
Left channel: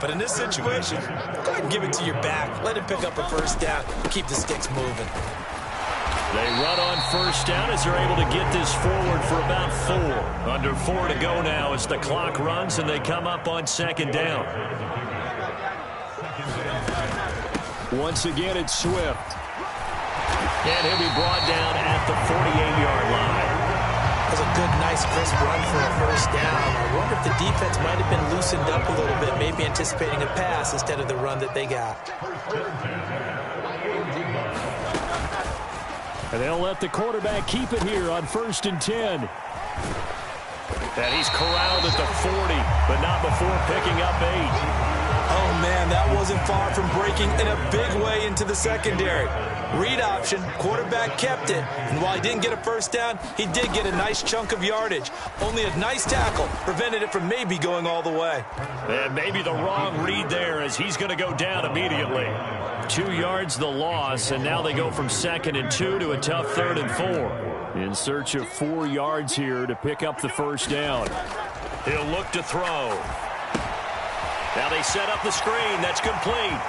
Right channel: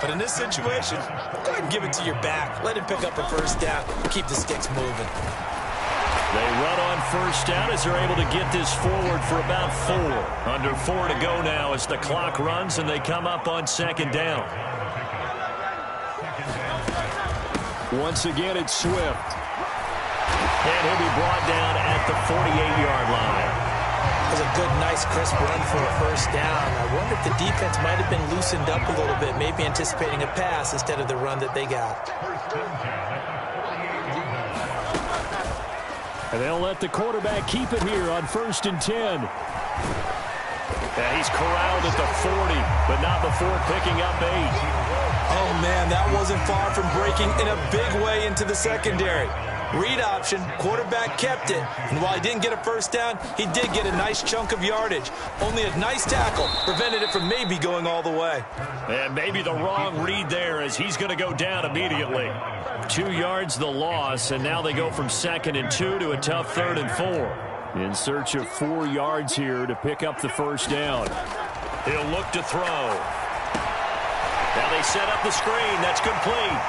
But in this situation, go ahead and give it to your back. Let him pick up a first down. Keep the sticks moving. They run on first down as they're able to get this forward for about 4. Under 4 to go now as the clock runs and they come up on second down. Once again, it's Swift. And he'll be brought down at the 48-yard line. That was a good, nice, crisp run for a first down. I wonder if the defense might have been loosened up a little bit, maybe anticipating a pass instead of the run that they got. And they'll let the quarterback keep it here on 1st and 10. And he's corralled at the 40, but not before picking up 8. Oh, man, that wasn't far from breaking in a big way into the secondary. Read option, quarterback kept it, and while he didn't get a first down, he did get a nice chunk of yardage. Only a nice tackle prevented it from maybe going all the way. And maybe the wrong read there as he's going to go down immediately. 2 yards the loss, and now they go from 2nd and 2 to a tough 3rd and 4. In search of 4 yards here to pick up the first down. He'll look to throw. Now they set up the screen. That's complete.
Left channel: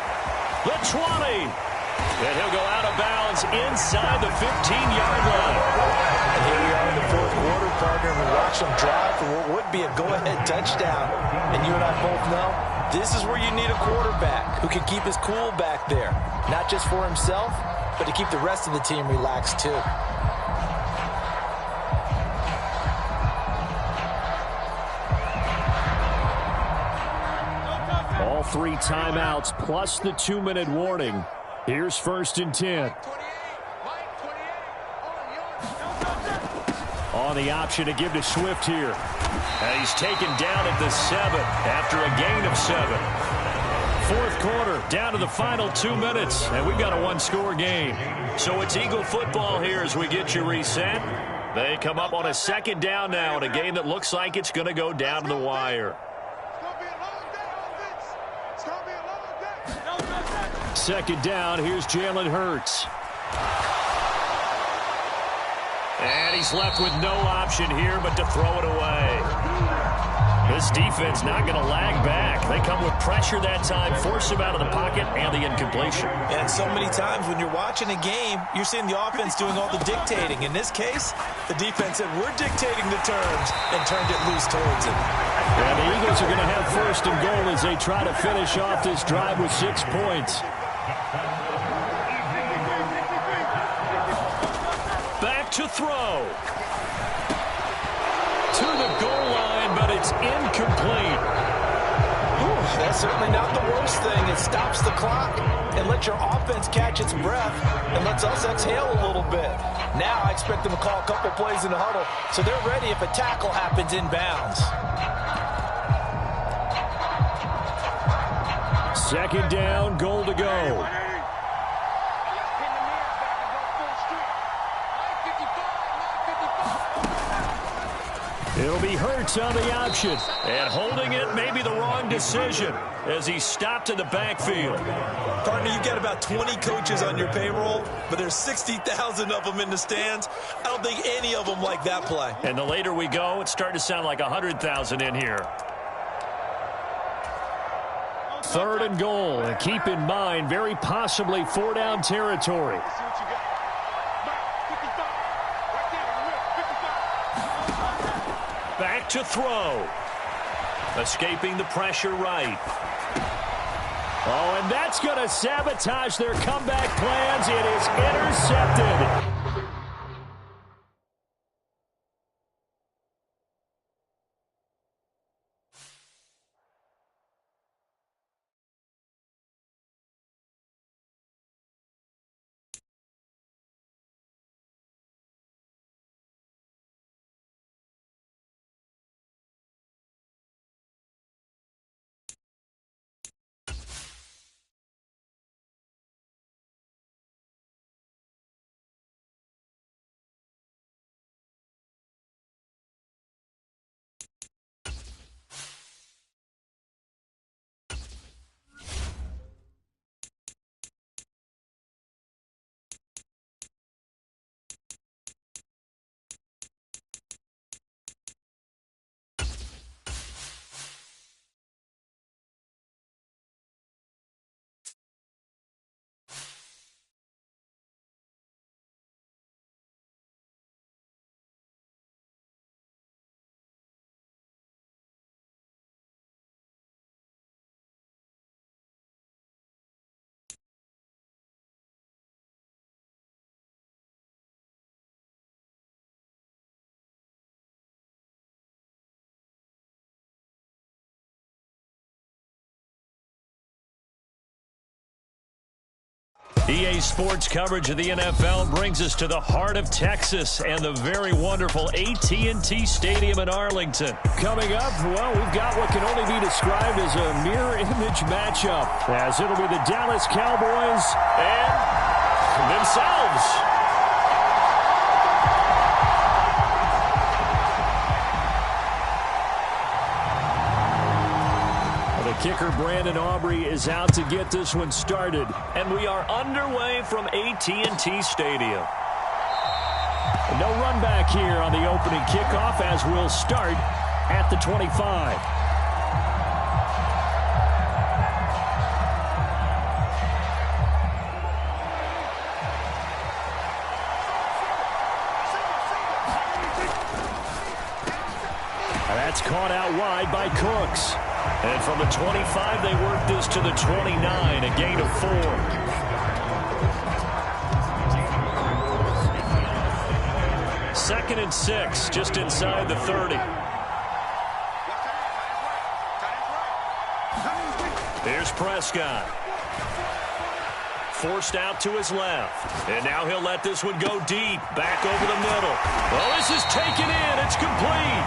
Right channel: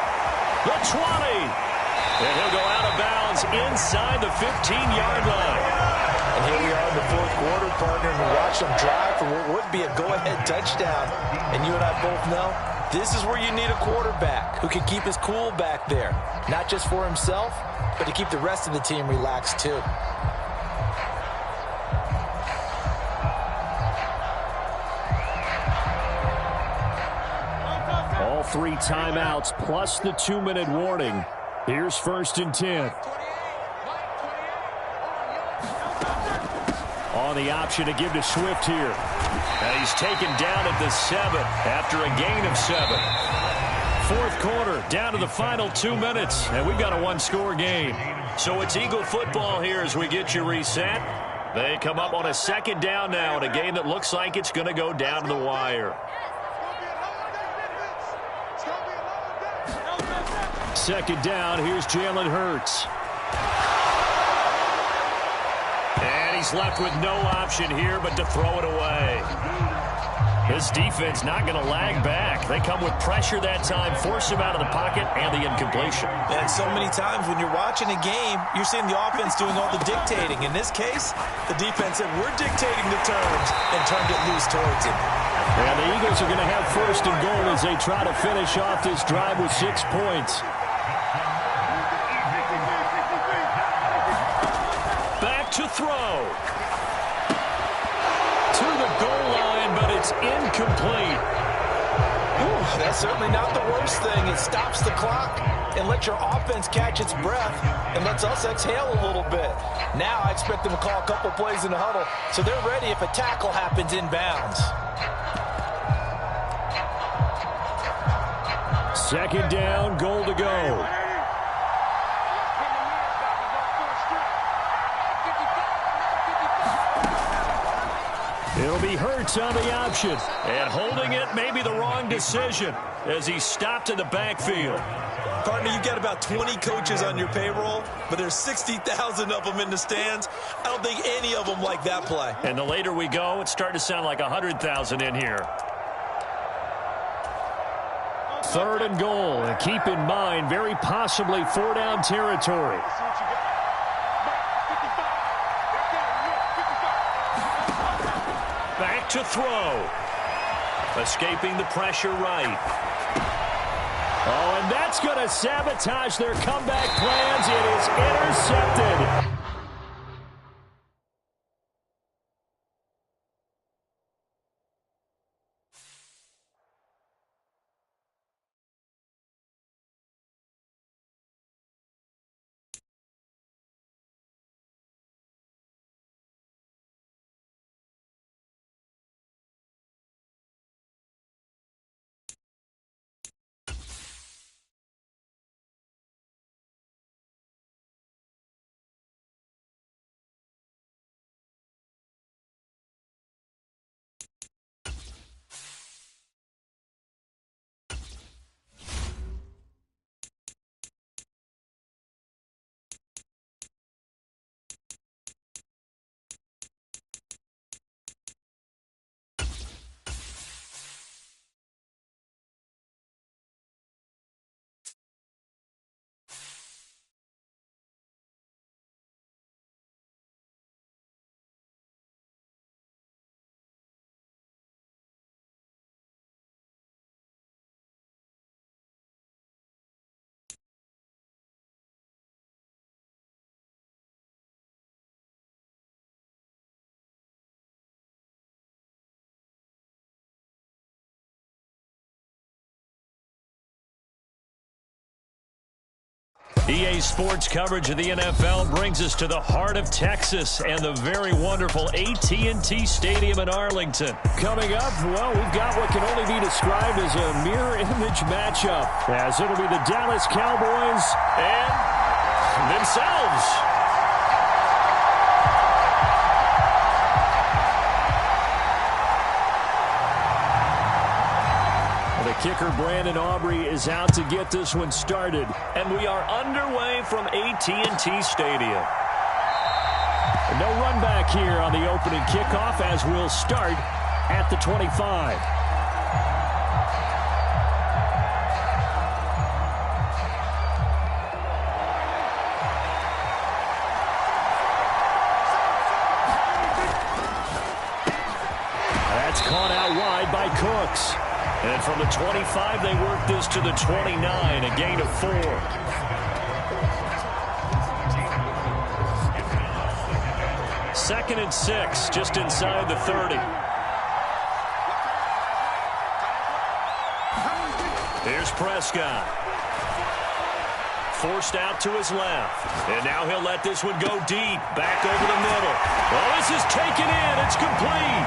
The 20. And he'll go out of bounds inside the 15-yard line. And here we are in the fourth quarter, partner, and we watch them drive for what would be a go-ahead touchdown. And you and I both know this is where you need a quarterback who can keep his cool back there. Not just for himself, but to keep the rest of the team relaxed too. All 3 timeouts plus the 2-minute warning. Here's 1st and 10. On the option to give to Swift here. And he's taken down at the 7 after a gain of 7. Fourth quarter, down to the final 2 minutes, and we've got a one-score game. So it's Eagle football here as we get you reset. They come up on a second down now in a game that looks like it's going to go down to the wire. Second down, here's Jalen Hurts. And he's left with no option here but to throw it away. This defense not going to lag back. They come with pressure that time, force him out of the pocket, and the incompletion. And so many times when you're watching a game, you're seeing the offense doing all the dictating. In this case, the defense said, we're dictating the terms, and turned it loose towards him. And the Eagles are going to have first and goal as they try to finish off this drive with 6 points. Back to throw. To the goal line, but it's incomplete. Whew, that's certainly not the worst thing. It stops the clock and lets your offense catch its breath and lets us exhale a little bit. Now I expect them to call a couple plays in the huddle so they're ready if a tackle happens inbounds. Second down, goal to go. It'll be Hurts on the option. And holding it may be the wrong decision as he stopped in the backfield. Partner, you've got about 20 coaches on your payroll, but there's 60,000 of them in the stands. I don't think any of them like that play. And the later we go, it's starting to sound like 100,000 in here. Third and goal. And keep in mind, very possibly 4-down territory. Back to throw. Escaping the pressure right. Oh, and that's going to sabotage their comeback plans. It is intercepted. EA Sports coverage of the NFL brings us to the heart of Texas and the very wonderful AT&T Stadium in Arlington. Coming up, well, we've got what can only be described as a mirror image matchup, as it'll be the Dallas Cowboys and themselves. The kicker, Brandon Aubrey, is out to get this one started. And we are underway from AT&T Stadium. No run back here on the opening kickoff as we'll start at the 25. That's caught out wide by Cooks. And from the 25, they work this to the 29, a gain of 4. Second and 6, just inside the 30. Here's Prescott. forced out to his left. And now he'll let this one go deep, back over the middle. Well, this is taken in. It's complete.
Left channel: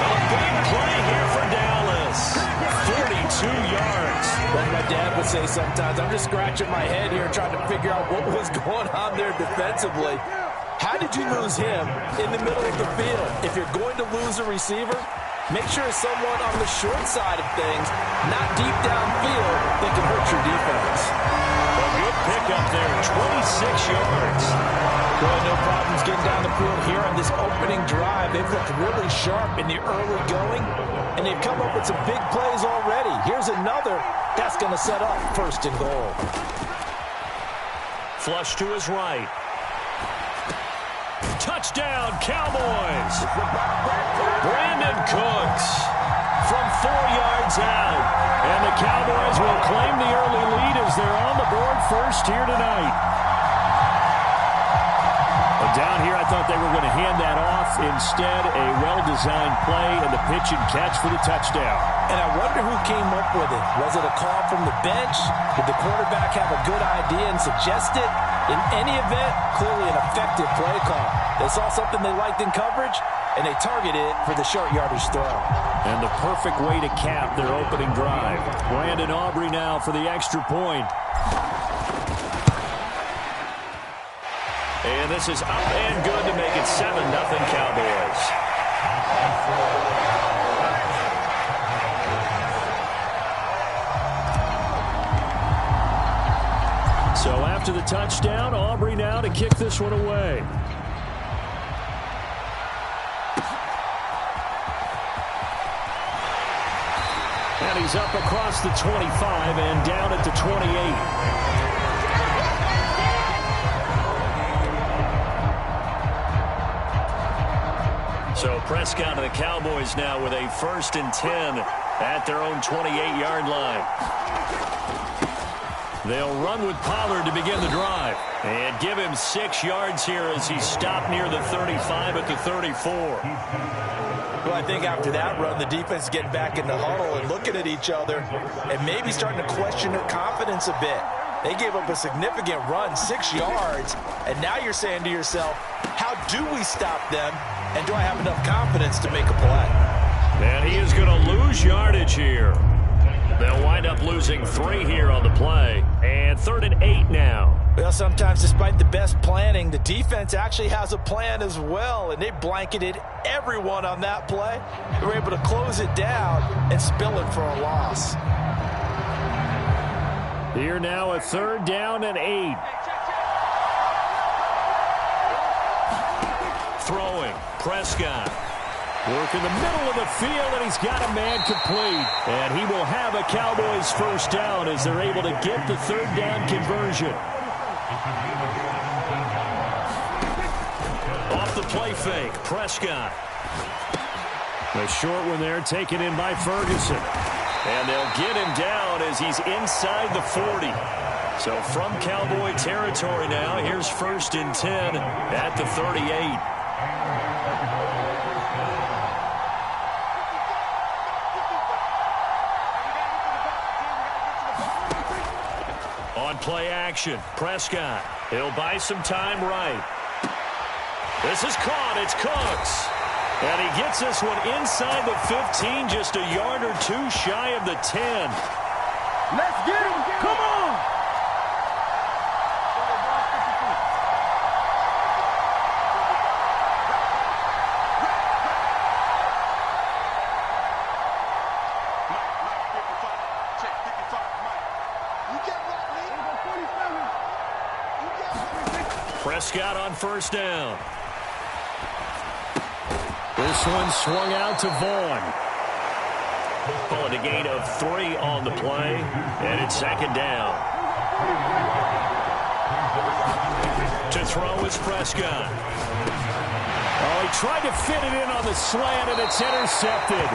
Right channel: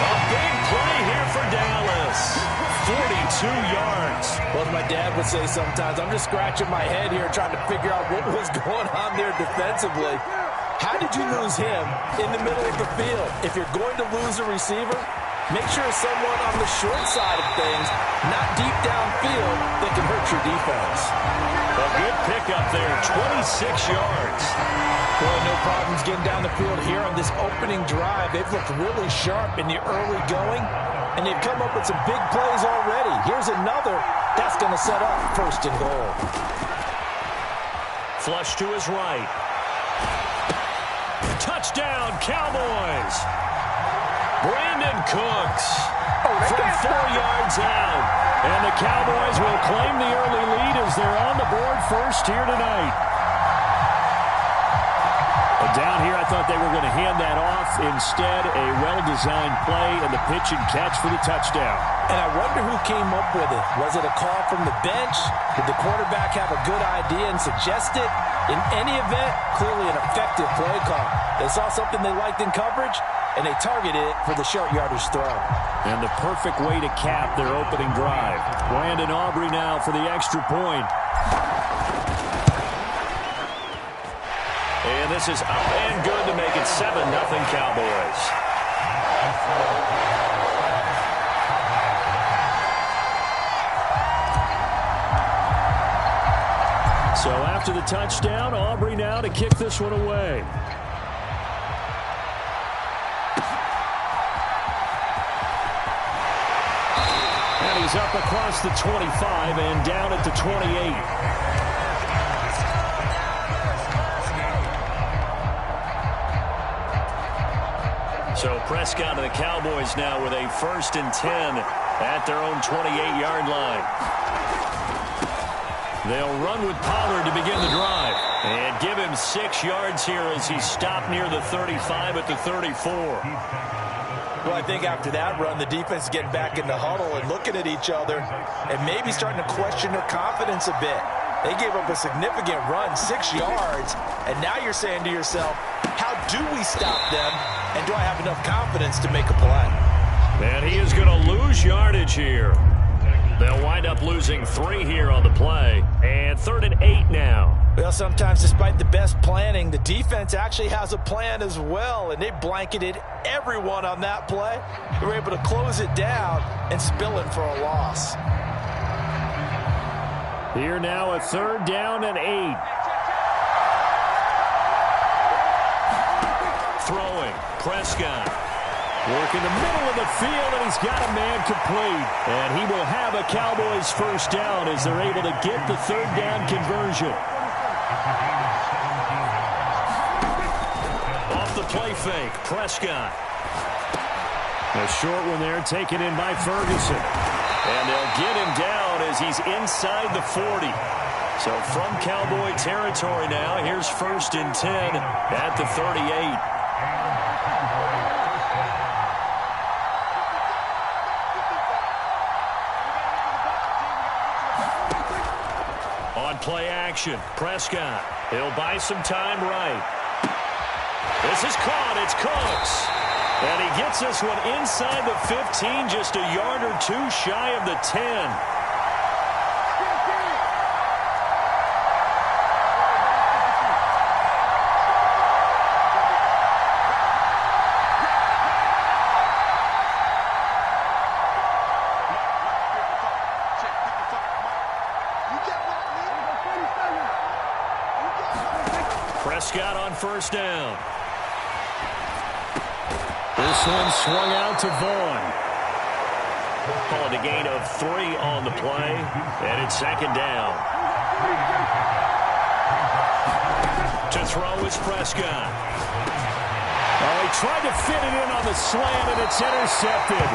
A big play here for Dallas. 42 yards. Well, as my dad would say sometimes, I'm just scratching my head here trying to figure out what was going on there defensively. How did you lose him in the middle of the field? If you're going to lose a receiver, make sure it's someone on the short side of things, not deep downfield, that can hurt your defense. A good pickup there, 26 yards. Well, no problems getting down the field here on this opening drive. They've looked really sharp in the early going, and they've come up with some big plays already. Here's another that's going to set up 1st and goal. Flush to his right. Touchdown, Cowboys. Brandon Cooks from 4 yards out. And the Cowboys will claim the early lead as they're on the board first here tonight. Well, down here, I thought they were going to hand that off. Instead, a well-designed play and the pitch and catch for the touchdown. And I wonder who came up with it. Was it a call from the bench? Did the quarterback have a good idea and suggest it? In any event, clearly an effective play call. They saw something they liked in coverage, and they targeted it for the short yardage throw. And the perfect way to cap their opening drive. Brandon Aubrey now for the extra point. And this is up and good to make it 7-0 Cowboys. So after the touchdown, Aubrey now to kick this one away. And he's up across the 25 and down at the 28. So Prescott and the Cowboys now with a 1st and 10 at their own 28-yard line. They'll run with Pollard to begin the drive. And give him 6 yards here as he stopped near the 35 at the 34. Well, I think after that run, the defense is getting back in the huddle and looking at each other and maybe starting to question their confidence a bit. They gave up a significant run, 6 yards, and now you're saying to yourself, how do we stop them, and do I have enough confidence to make a play? And he is going to lose yardage here. They'll wind up losing 3 here on the play, and 3rd and 8 now. Well, sometimes despite the best planning, the defense actually has a plan as well, and they blanketed everyone on that play. They were able to close it down and spill it for a loss. Here now a 3rd down and 8. Throwing, Prescott. Work in the middle of the field, and he's got a man complete. And he will have a Cowboys 1st down as they're able to get the 3rd down conversion. Off the play fake, Prescott. A short one there taken in by Ferguson. And they'll get him down as he's inside the 40. So from Cowboy territory now, here's 1st and 10 at the 38. On play action, Prescott. He'll buy some time right. This is caught. It's Cooks. And he gets this one inside the 15, just a yard or 2 shy of the 10. Let's get him. Come on. Check 55. Mike. You get what I mean? 47. Prescott on 1st down. This one swung out to Vaughn. Call it a gain of 3 on the play, and it's 2nd down. To throw is Prescott. Oh, he tried to fit it in on the slant, and it's intercepted.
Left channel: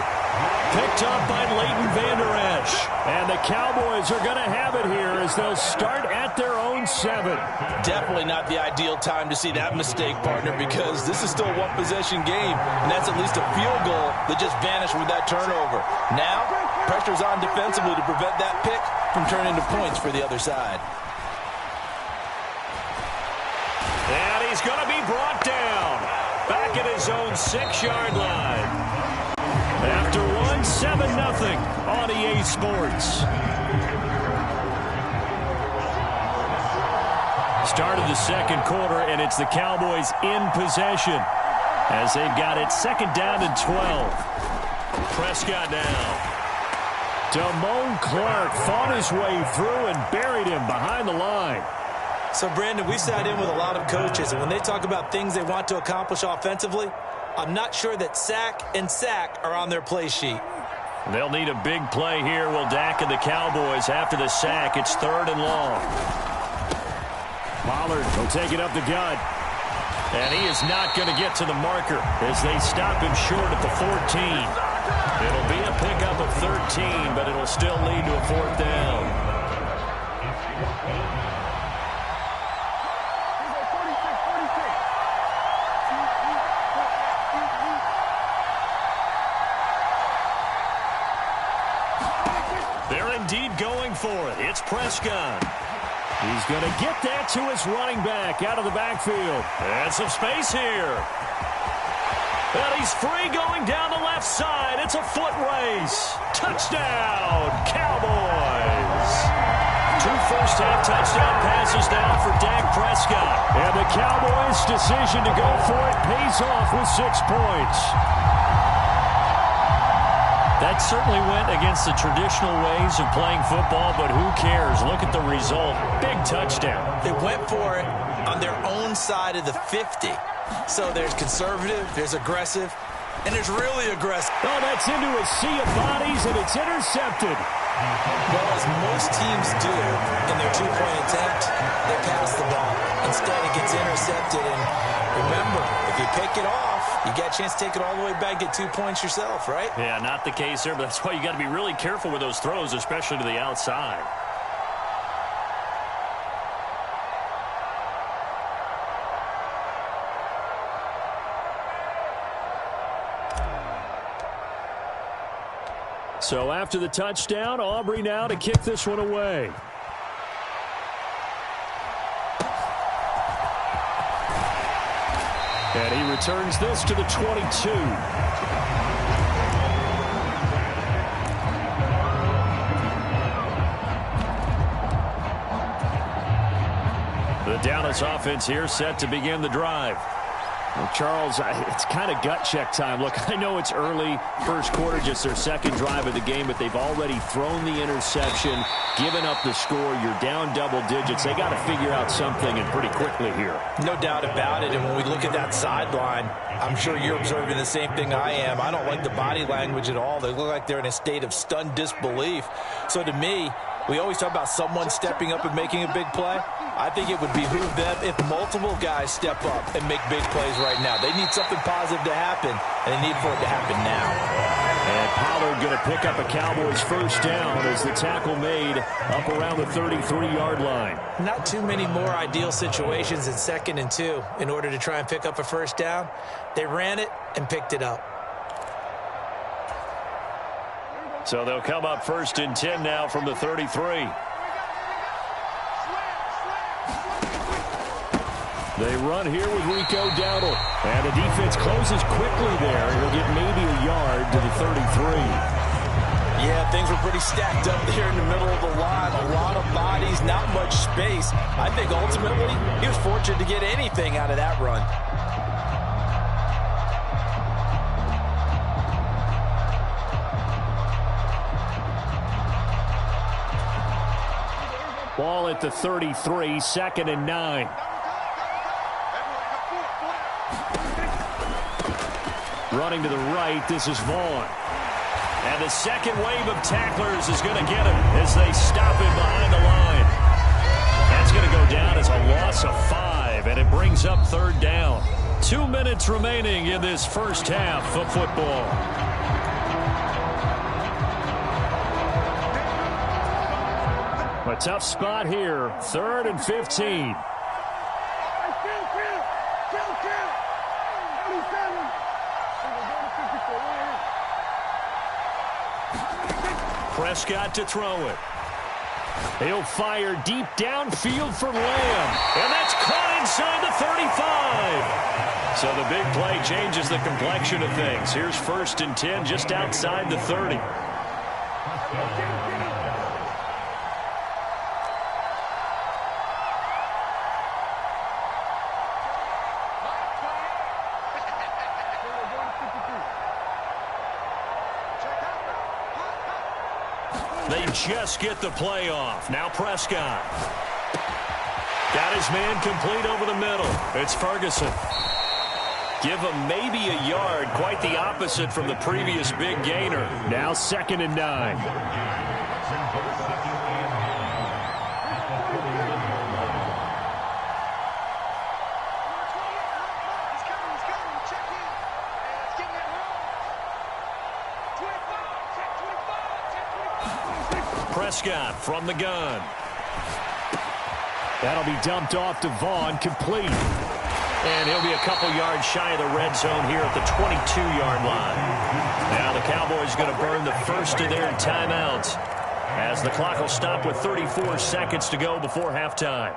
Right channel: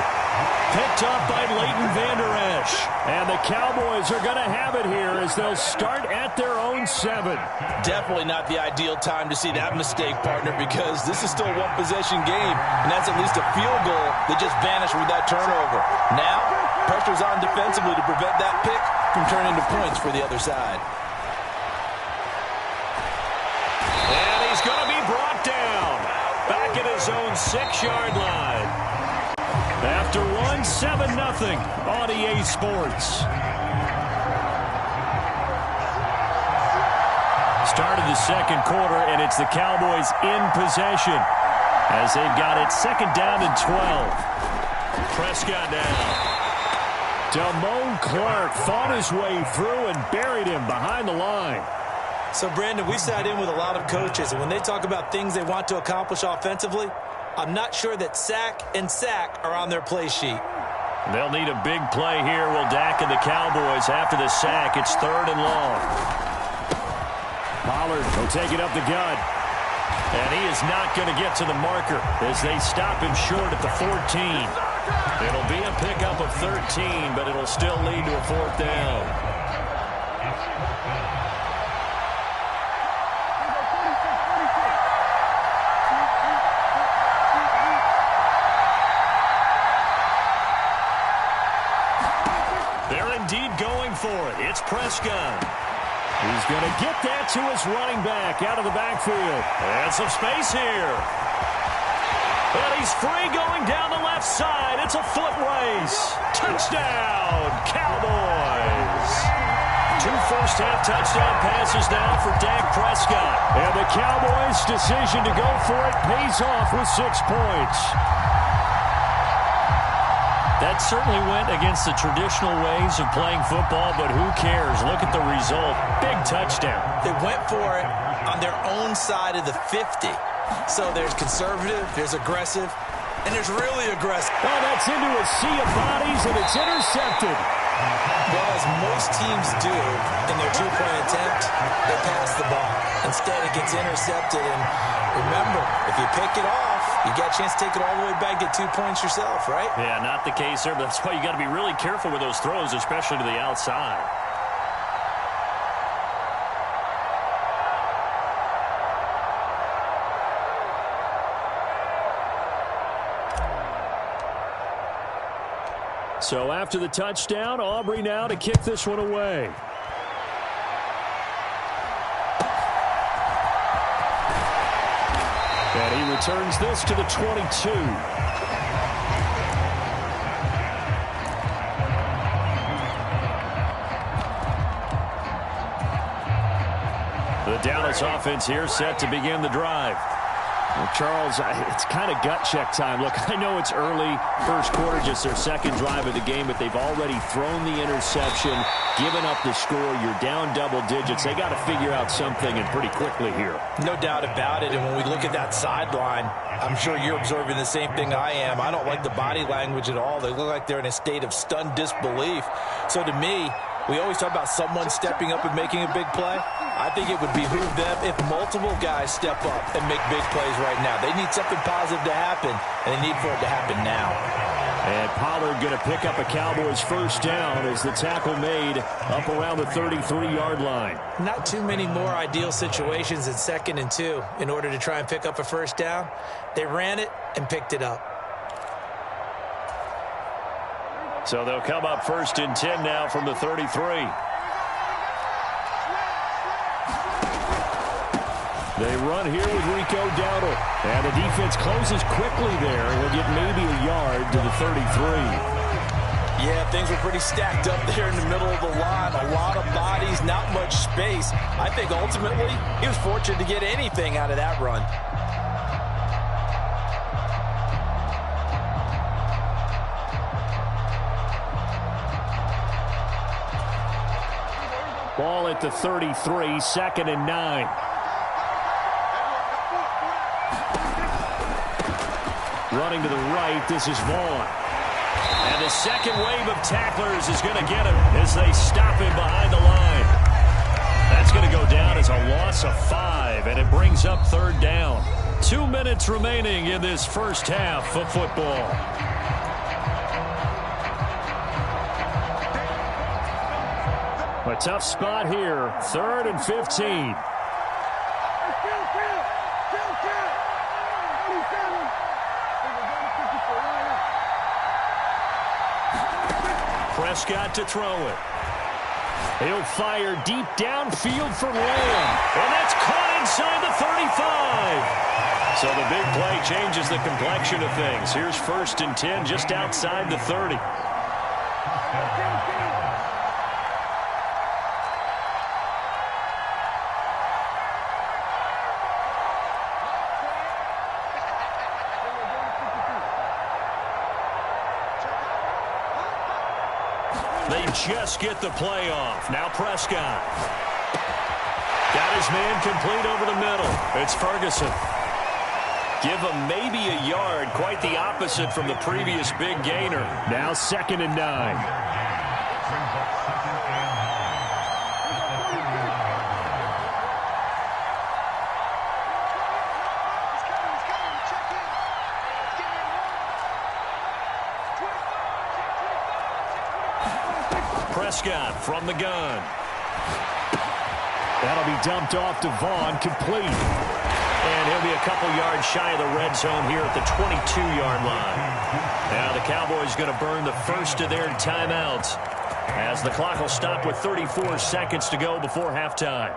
Picked up by Leighton Vander Esch. And the Cowboys are going to have it here as they'll start at their own 7. Definitely not the ideal time to see that mistake, partner, because this is still a one-possession game, and that's at least a field goal that just vanished with that turnover. Now, pressure's on defensively to prevent that pick from turning into points for the other side. brought down. Back at his own 6-yard line. After one, 7-0 on EA Sports. Start of the second quarter, and it's the Cowboys in possession as they've got it 2nd down and 12. Prescott now. Damone Clark fought his way through and buried him behind the line. So, Brandon, we sat in with a lot of coaches, and when they talk about things they want to accomplish offensively, I'm not sure that sack and sack are on their play sheet. They'll need a big play here. Will Dak and the Cowboys after the sack. It's 3rd and long. Pollard will take it up the gut. And he is not going to get to the marker as they stop him short at the 14. It'll be a pickup of 13, but it'll still lead to a 4th down. They're indeed going for it. It's Prescott. He's going to get that to his running back out of the backfield. And some space here. And he's free going down the left side. It's a foot race. Touchdown, Cowboys. 2 first-half touchdown passes now for Dak Prescott. And the Cowboys' decision to go for it pays off with 6 points. That certainly went against the traditional ways of playing football, but who cares? Look at the result. Big touchdown. They went for it on their own side of the 50. So there's conservative, there's aggressive, and there's really aggressive. Oh, that's into a sea of bodies, and it's intercepted. Well, as most teams do in their 2-point attempt, they pass the ball. Instead, it gets intercepted, and remember, if you pick it off, you get a chance to take it all the way back, get 2 points yourself, right? Yeah, not the case there, but that's why you got to be really careful with those throws, especially to the outside. So after the touchdown, Aubrey now to kick this one away. And he returns this to the 22. The Dallas offense here set to begin the drive. Well, Charles, it's kind of gut check time. Look, I know it's early, first quarter, just their 2nd drive of the game, but they've already thrown the interception, given up the score. You're down double digits. They got to figure out something, and pretty quickly here. No doubt about it, and when we look at that sideline, I'm sure you're observing the same thing I am. I don't like the body language at all. They look like they're in a state of stunned disbelief. So to me, we always talk about someone stepping up and making a big play. I think it would behoove them if multiple guys step up and make big plays right now. They need something positive to happen, and they need for it to happen now. And Pollard going to pick up a Cowboys 1st down as the tackle made up around the 33-yard line. Not too many more ideal situations in 2nd and 2 in order to try and pick up a 1st down. They ran it and picked it up. So they'll come up 1st and 10 now from the 33. They run here with Rico Dowdle. And the defense closes quickly there. He'll get maybe a yard to the 33. Yeah, things were pretty stacked up there in the middle of the line. A lot of bodies, not much space. I think ultimately he was fortunate to get anything out of that run. Ball at the 33, 2nd and 9. Running to the right, this is Vaughn. And the second wave of tacklers is going to get him as they stop him behind the line. That's going to go down as a loss of 5, and it brings up 3rd down. 2 minutes remaining in this first half of football. A tough spot here, 3rd and 15. Prescott to throw it. He'll fire deep downfield for Lamb. And that's caught inside the 35. So the big play changes the complexion of things. Here's 1st and 10 just outside the 30. They just get the play off. Now Prescott. Got his man complete over the middle. It's Ferguson. Give him maybe a yard. Quite the opposite from the previous big gainer. Now 2nd and 9. Prescott from the gun. That'll be dumped off to Vaughn, complete. And he'll be a couple yards shy of the red zone here at the 22-yard line. Now the Cowboys going to burn the first of their timeouts as the clock will stop with 34 seconds to go before halftime.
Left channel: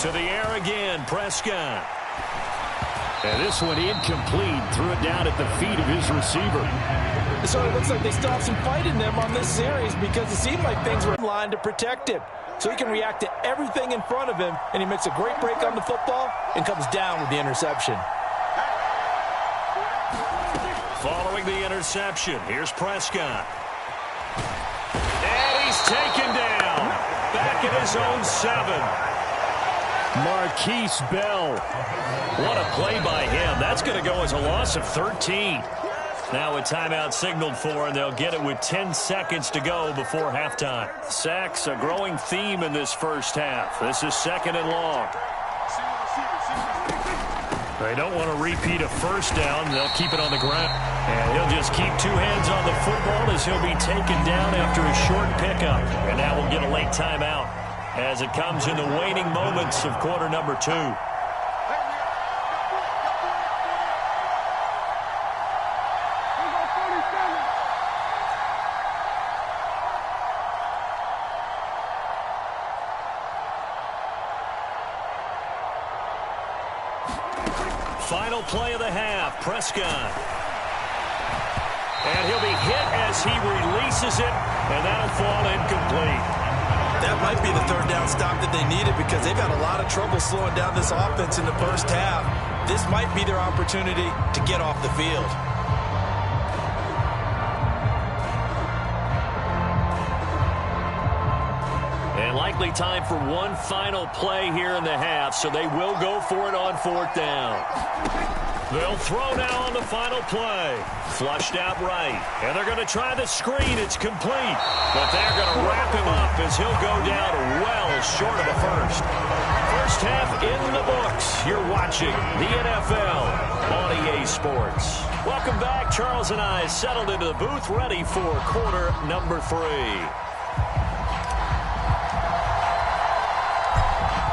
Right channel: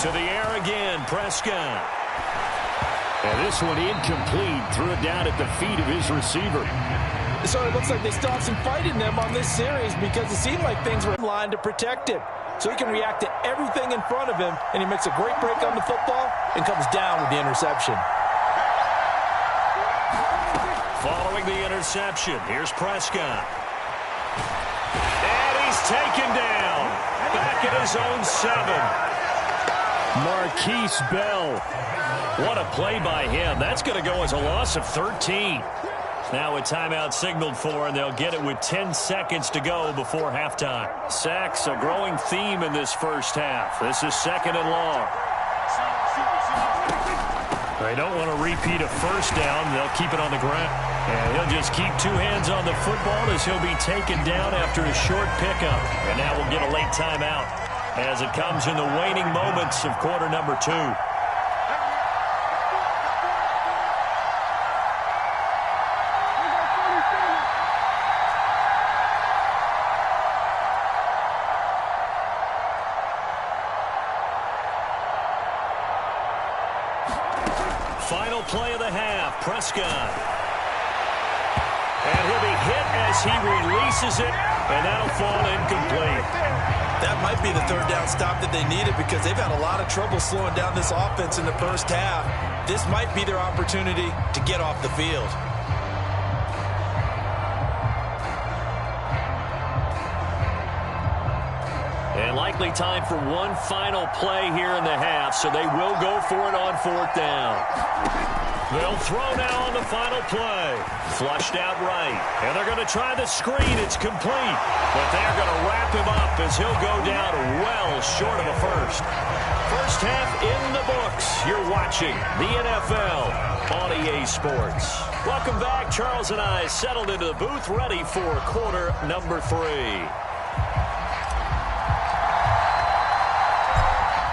To the air again, Prescott. And this one incomplete. Threw it down at the feet of his receiver. So it looks like they still have some fight in them on this series because it seemed like things were in line to protect him. So he can react to everything in front of him, and he makes a great break on the football and comes down with the interception. Following the interception, here's Prescott. And he's taken down. Back at his own 7. Marquise Bell. What a play by him. That's going to go as a loss of 13. Now a timeout signaled for, and they'll get it with 10 seconds to go before halftime. Sacks, a growing theme in this first half. This is 2nd and long. They don't want to repeat a first down. They'll keep it on the ground. And he'll just keep 2 hands on the football as he'll be taken down after a short pickup. And now we'll get a late timeout as it comes in the waning moments of quarter number 2. Final play of the half, Prescott. And he'll be hit as he releases it, and that'll fall incomplete. That might be the 3rd down stop that they needed because they've had a lot of trouble slowing down this offense in the first half. This might be their opportunity to get off the field. And likely time for one final play here in the half, so they will go for it on 4th down. They'll throw now on the final play. Flushed out right. And they're going to try the screen. It's complete. But they're going to wrap him up as he'll go down well short of a first. First half in the books. You're watching the NFL on EA Sports. Welcome back. Charles and I settled into the booth ready for quarter number 3.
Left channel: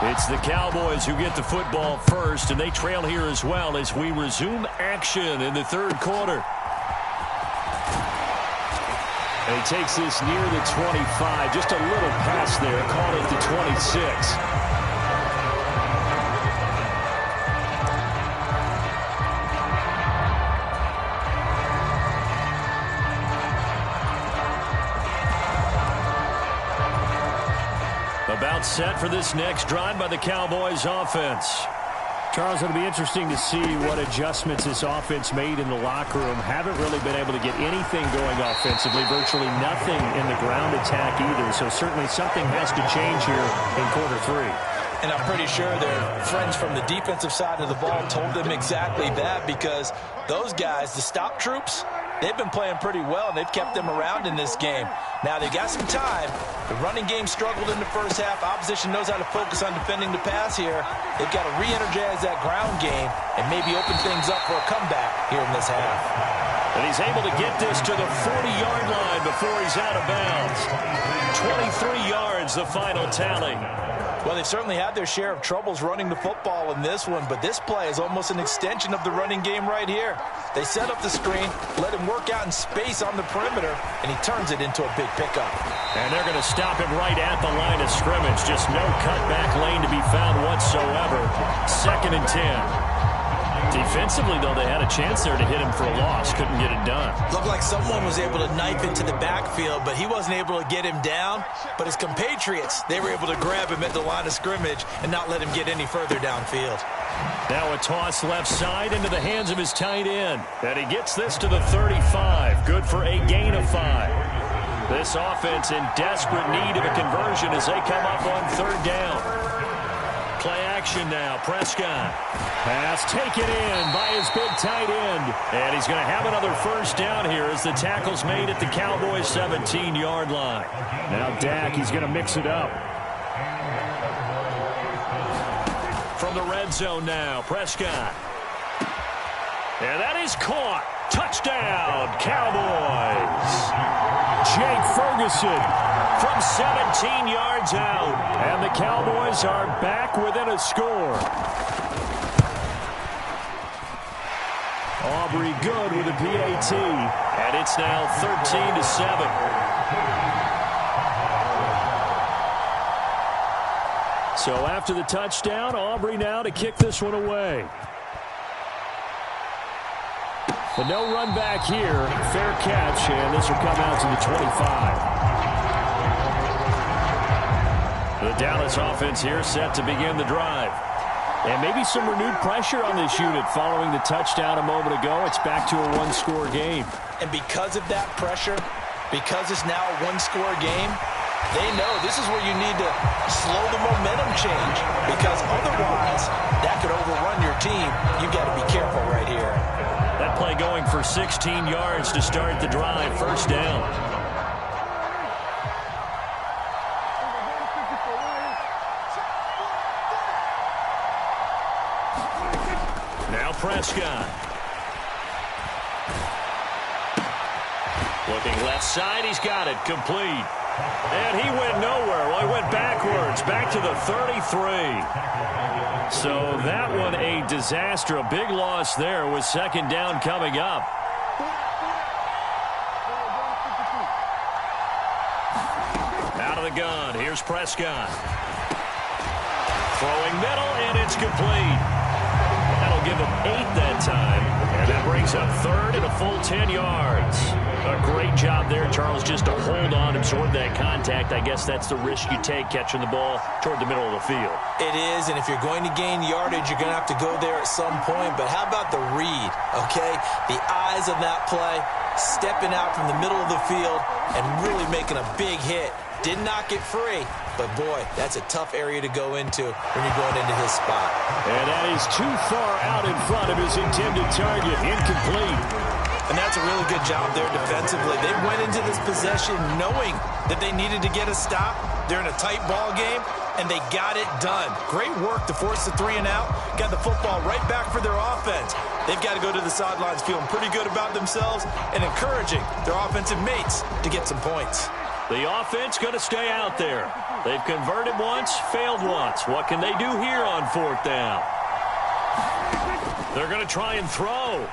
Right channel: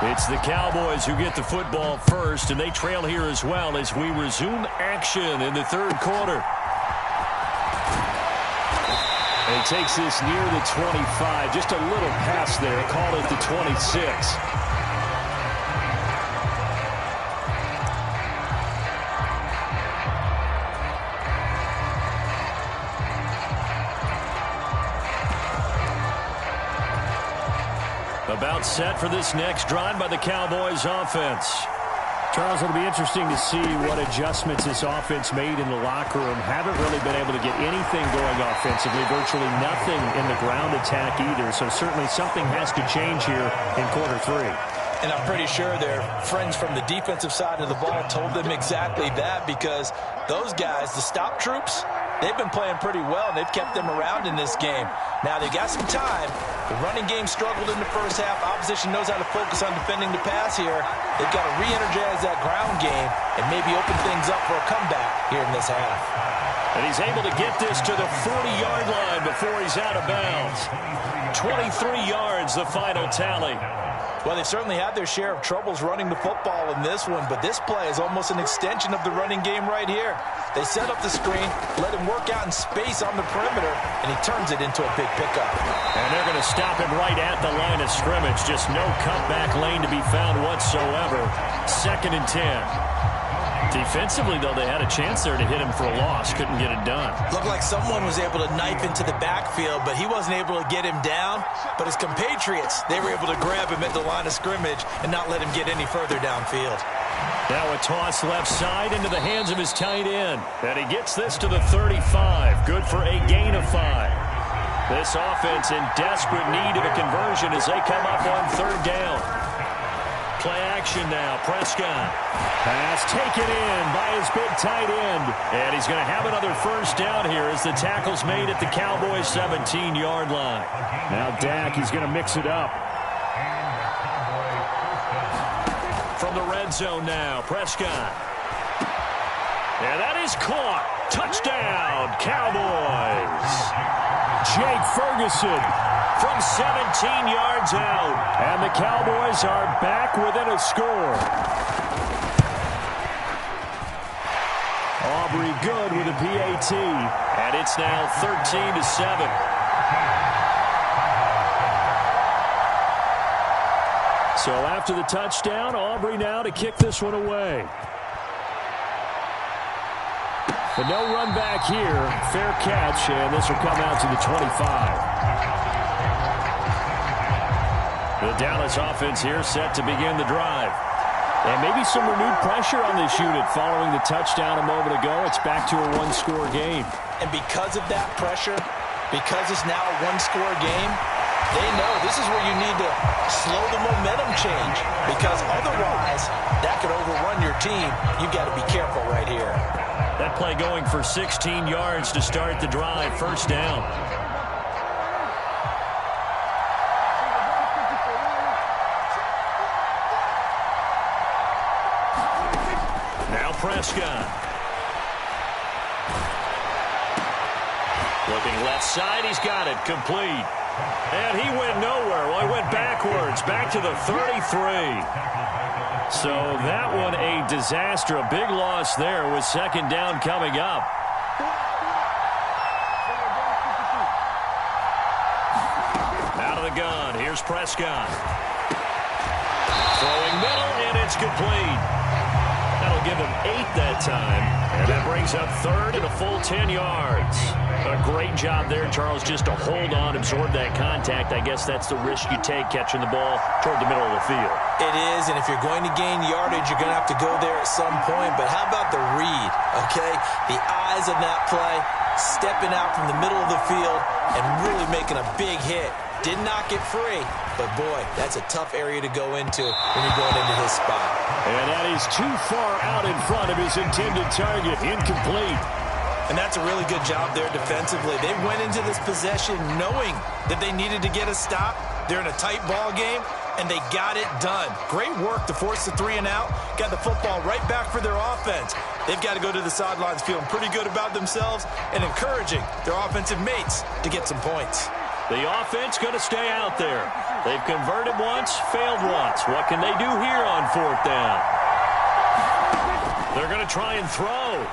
It's the Cowboys who get the football first, and they trail here as well as we resume action in the 3rd quarter. And he takes this near the 25, just a little pass there, call it the 26. About set for this next drive by the Cowboys offense. Charles, it'll be interesting to see what adjustments this offense made in the locker room. Haven't really been able to get anything going offensively, virtually nothing in the ground attack either. So certainly something has to change here in quarter 3. And I'm pretty sure their friends from the defensive side of the ball told them exactly that because those guys, the stop troops, They've been playing pretty well, and they've kept them around in this game. Now, they've got some time. The running game struggled in the first half. Opposition knows how to focus on defending the pass here. They've got to re-energize that ground game and maybe open things up for a comeback here in this half. And he's able to get this to the 40-yard line before he's out of bounds. 23 yards, the final tally. Well, they certainly had their share of troubles running the football in this one, but this play is almost an extension of the running game right here. They set up the screen, let him work out in space on the perimeter, and he turns it into a big pickup. And they're going to stop him right at the line of scrimmage. Just no cutback lane to be found whatsoever. 2nd and 10. Defensively, though, they had a chance there to hit him for a loss. Couldn't get it done. Looked like someone was able to knife into the backfield, but he wasn't able to get him down. But his compatriots, they were able to grab him at the line of scrimmage and not let him get any further downfield. Now a toss left side into the hands of his tight end. And he gets this to the 35. Good for a gain of 5. This offense in desperate need of a conversion as they come up on 3rd down. Play action now. Prescott. Pass taken in by his big tight end. And he's going to have another 1st down here as the tackle's made at the Cowboys' 17-yard line. Now Dak, he's going to mix it up. From the red zone now, Prescott. And that is caught. Touchdown, Cowboys. Jake Ferguson from 17 yards out. And the Cowboys are back within a score. Aubrey good with a PAT. And it's now 13-7. So after the touchdown, Aubrey now to kick this one away. But no run back here. Fair catch, and this will come out to the 25. The Dallas offense here set to begin the drive. And maybe some renewed pressure on this unit following the touchdown a moment ago. It's back to a one-score game. And because of that pressure, because it's now a one-score game, they know this is where you need to slow the momentum change, because otherwise that could overrun your team. You've got to be careful right here. That play going for 16 yards to start the drive. 1st down. Now Prescott. Looking left side. He's got it. Complete. And he went nowhere. Well, he went backwards. Back to the 33. So that one a disaster. A big loss there with 2nd down coming up. Out of the gun. Here's Prescott. Throwing middle, and it's complete. That'll give him 8 that time. And that brings up 3rd and a full 10 yards. A great job there, Charles, just to hold on, absorb that contact. I guess that's the risk you take catching the ball toward the middle of the field. It is, and if you're going to gain yardage, you're going to have to go there at some point. But how about the read, okay? The eyes of that play, stepping out from the middle of the field and really making a big hit. Did not get free, but boy, that's a tough area to go into when you're going into his spot. And that is too far out in front of his intended target. Incomplete. And that's a really good job there defensively. They went into this possession knowing that they needed to get a stop. They're in a tight ball game, and they got it done. Great work to force the 3 and out. Got the football right back for their offense. They've got to go to the sidelines feeling pretty good about themselves and encouraging their offensive mates to get some points. The offense going to stay out there. They've converted once, failed once. What can they do here on 4th down? They're going to try and throw.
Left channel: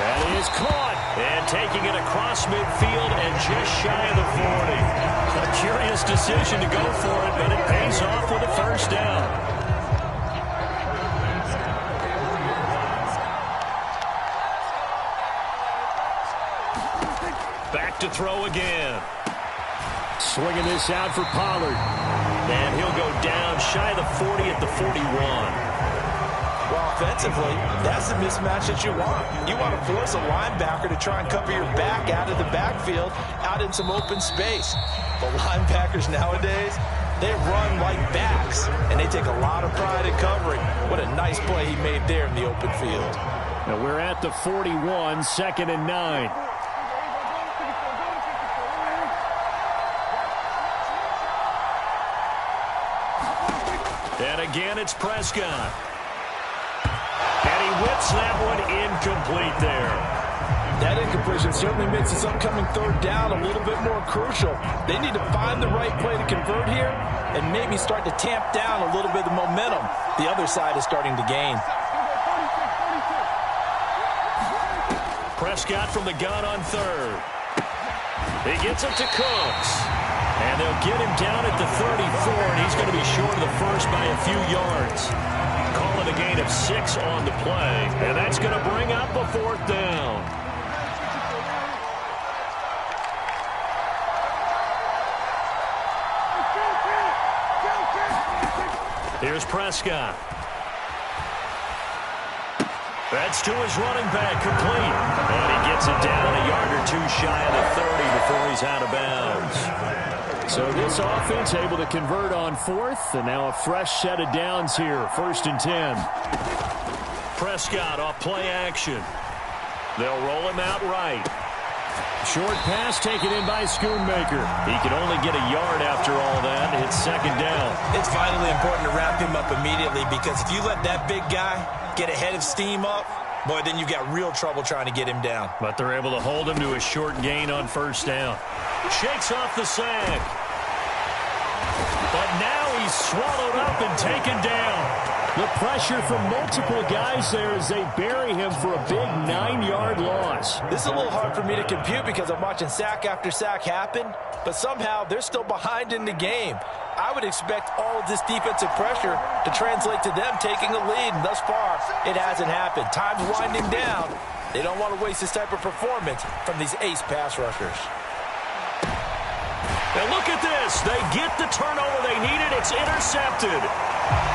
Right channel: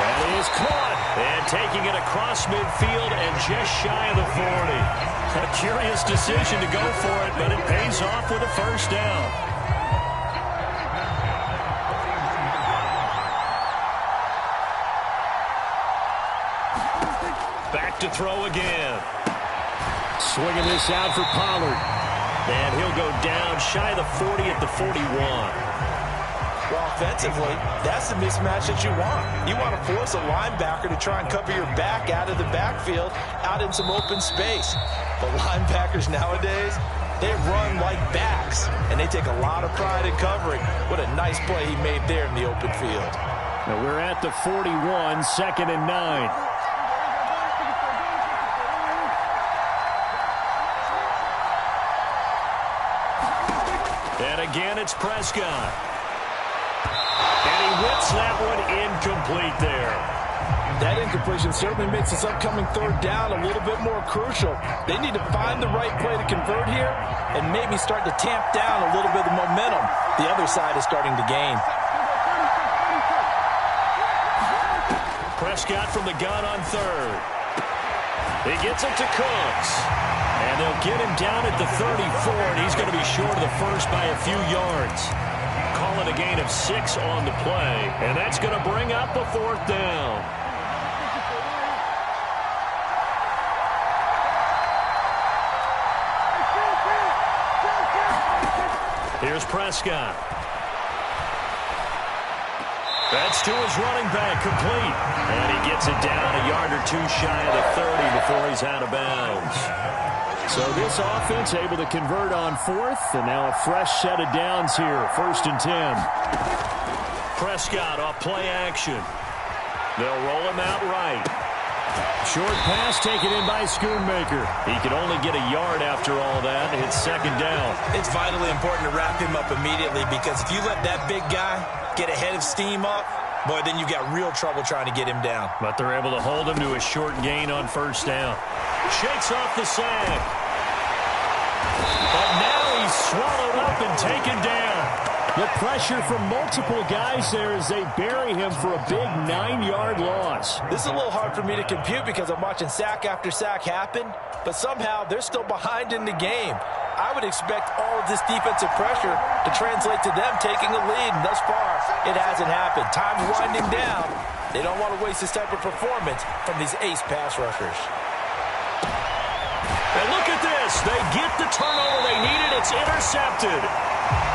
That is caught. And taking it across midfield and just shy of the 40. A curious decision to go for it, but it pays off with a 1st down. Back to throw again. Swinging this out for Pollard. And he'll go down shy of the 40 at the 41. Well, offensively, that's the mismatch that you want. You want to force a linebacker to try and cover your back out of the backfield, out in some open space. But linebackers nowadays, they run like backs, and they take a lot of pride in covering. What a nice play he made there in the open field. Now we're at the 41, 2nd and 9. And again, it's Prescott. And he whips that one incomplete there. That incompletion certainly makes this upcoming third down a little bit more crucial. They need to find the right play to convert here and maybe start to tamp down a little bit of the momentum the other side is starting to gain. Prescott from the gun on 3rd. He gets it to Cooks. And they'll get him down at the 34, and he's going to be short of the first by a few yards. Call it a gain of 6 on the play, and that's going to bring up a 4th down. Here's Prescott. That's to his running back, complete. And he gets it down a yard or two shy of the 30 before he's out of bounds. So this offense able to convert on 4th, and now a fresh set of downs here, 1st and 10. Prescott off play action. They'll roll him out right. Short pass taken in by Schoonmaker. He can only get a yard after all that. It's 2nd down. It's vitally important to wrap him up immediately, because if you let that big guy get a head of steam up, boy, then you've got real trouble trying to get him down. But they're able to hold him to a short gain on 1st down. Shakes off the sack. But now he's swallowed up and taken down. The pressure from multiple guys there as they bury him for a big 9-yard loss. This is a little hard for me to compute because I'm watching sack after sack happen, but somehow they're still behind in the game. I would expect all of this defensive pressure to translate to them taking a lead, and thus far, it hasn't happened. Time's winding down. They don't want to waste this type of performance from these ace pass rushers. And look at this. They get the turnover they needed. It's intercepted.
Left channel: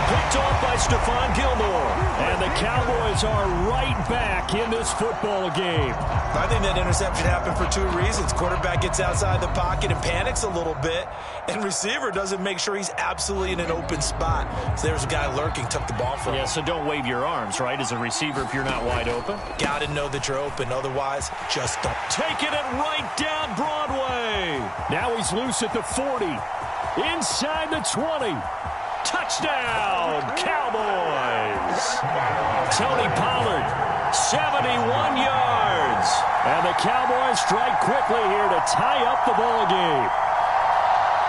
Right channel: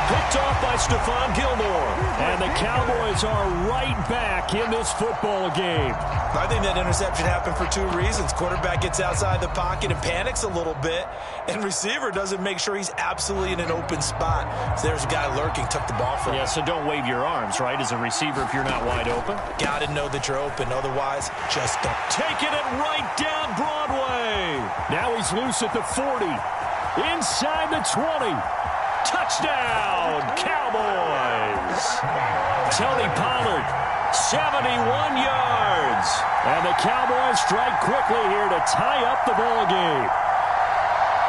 Picked off by Stephon Gilmore. And the Cowboys are right back in this football game. I think that interception happened for 2 reasons. Quarterback gets outside the pocket and panics a little bit, and receiver doesn't make sure he's absolutely in an open spot. So there's a guy lurking, took the ball from him. Yeah, so don't wave your arms, right, as a receiver if you're not wide open. Got to know that you're open. Otherwise, just don't. Taking it right down Broadway. Now he's loose at the 40. Inside the 20. Touchdown, Cowboys. Tony Pollard, 71 yards. And the Cowboys strike quickly here to tie up the ball game.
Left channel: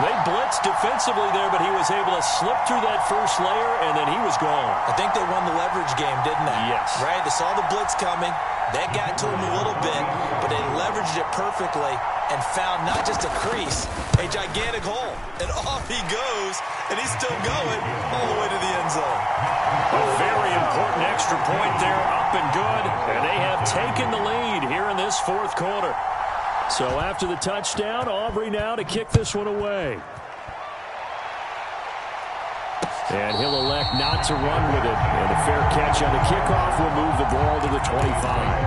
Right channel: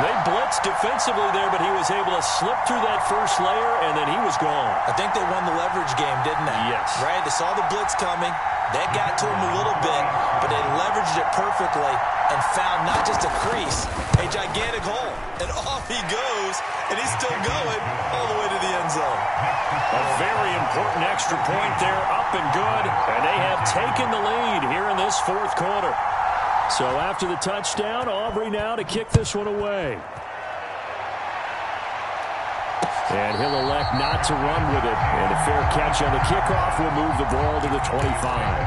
They blitzed defensively there, but he was able to slip through that first layer, and then he was gone. I think they won the leverage game, didn't they? Yes. Right? They saw the blitz coming. That got to him a little bit, but they leveraged it perfectly and found not just a crease, a gigantic hole. And off he goes, and he's still going all the way to the end zone. A very important extra point there, up and good, and they have taken the lead here in this 4th quarter. So after the touchdown, Aubrey now to kick this one away. And he'll elect not to run with it. And a fair catch on the kickoff will move the ball to the 25.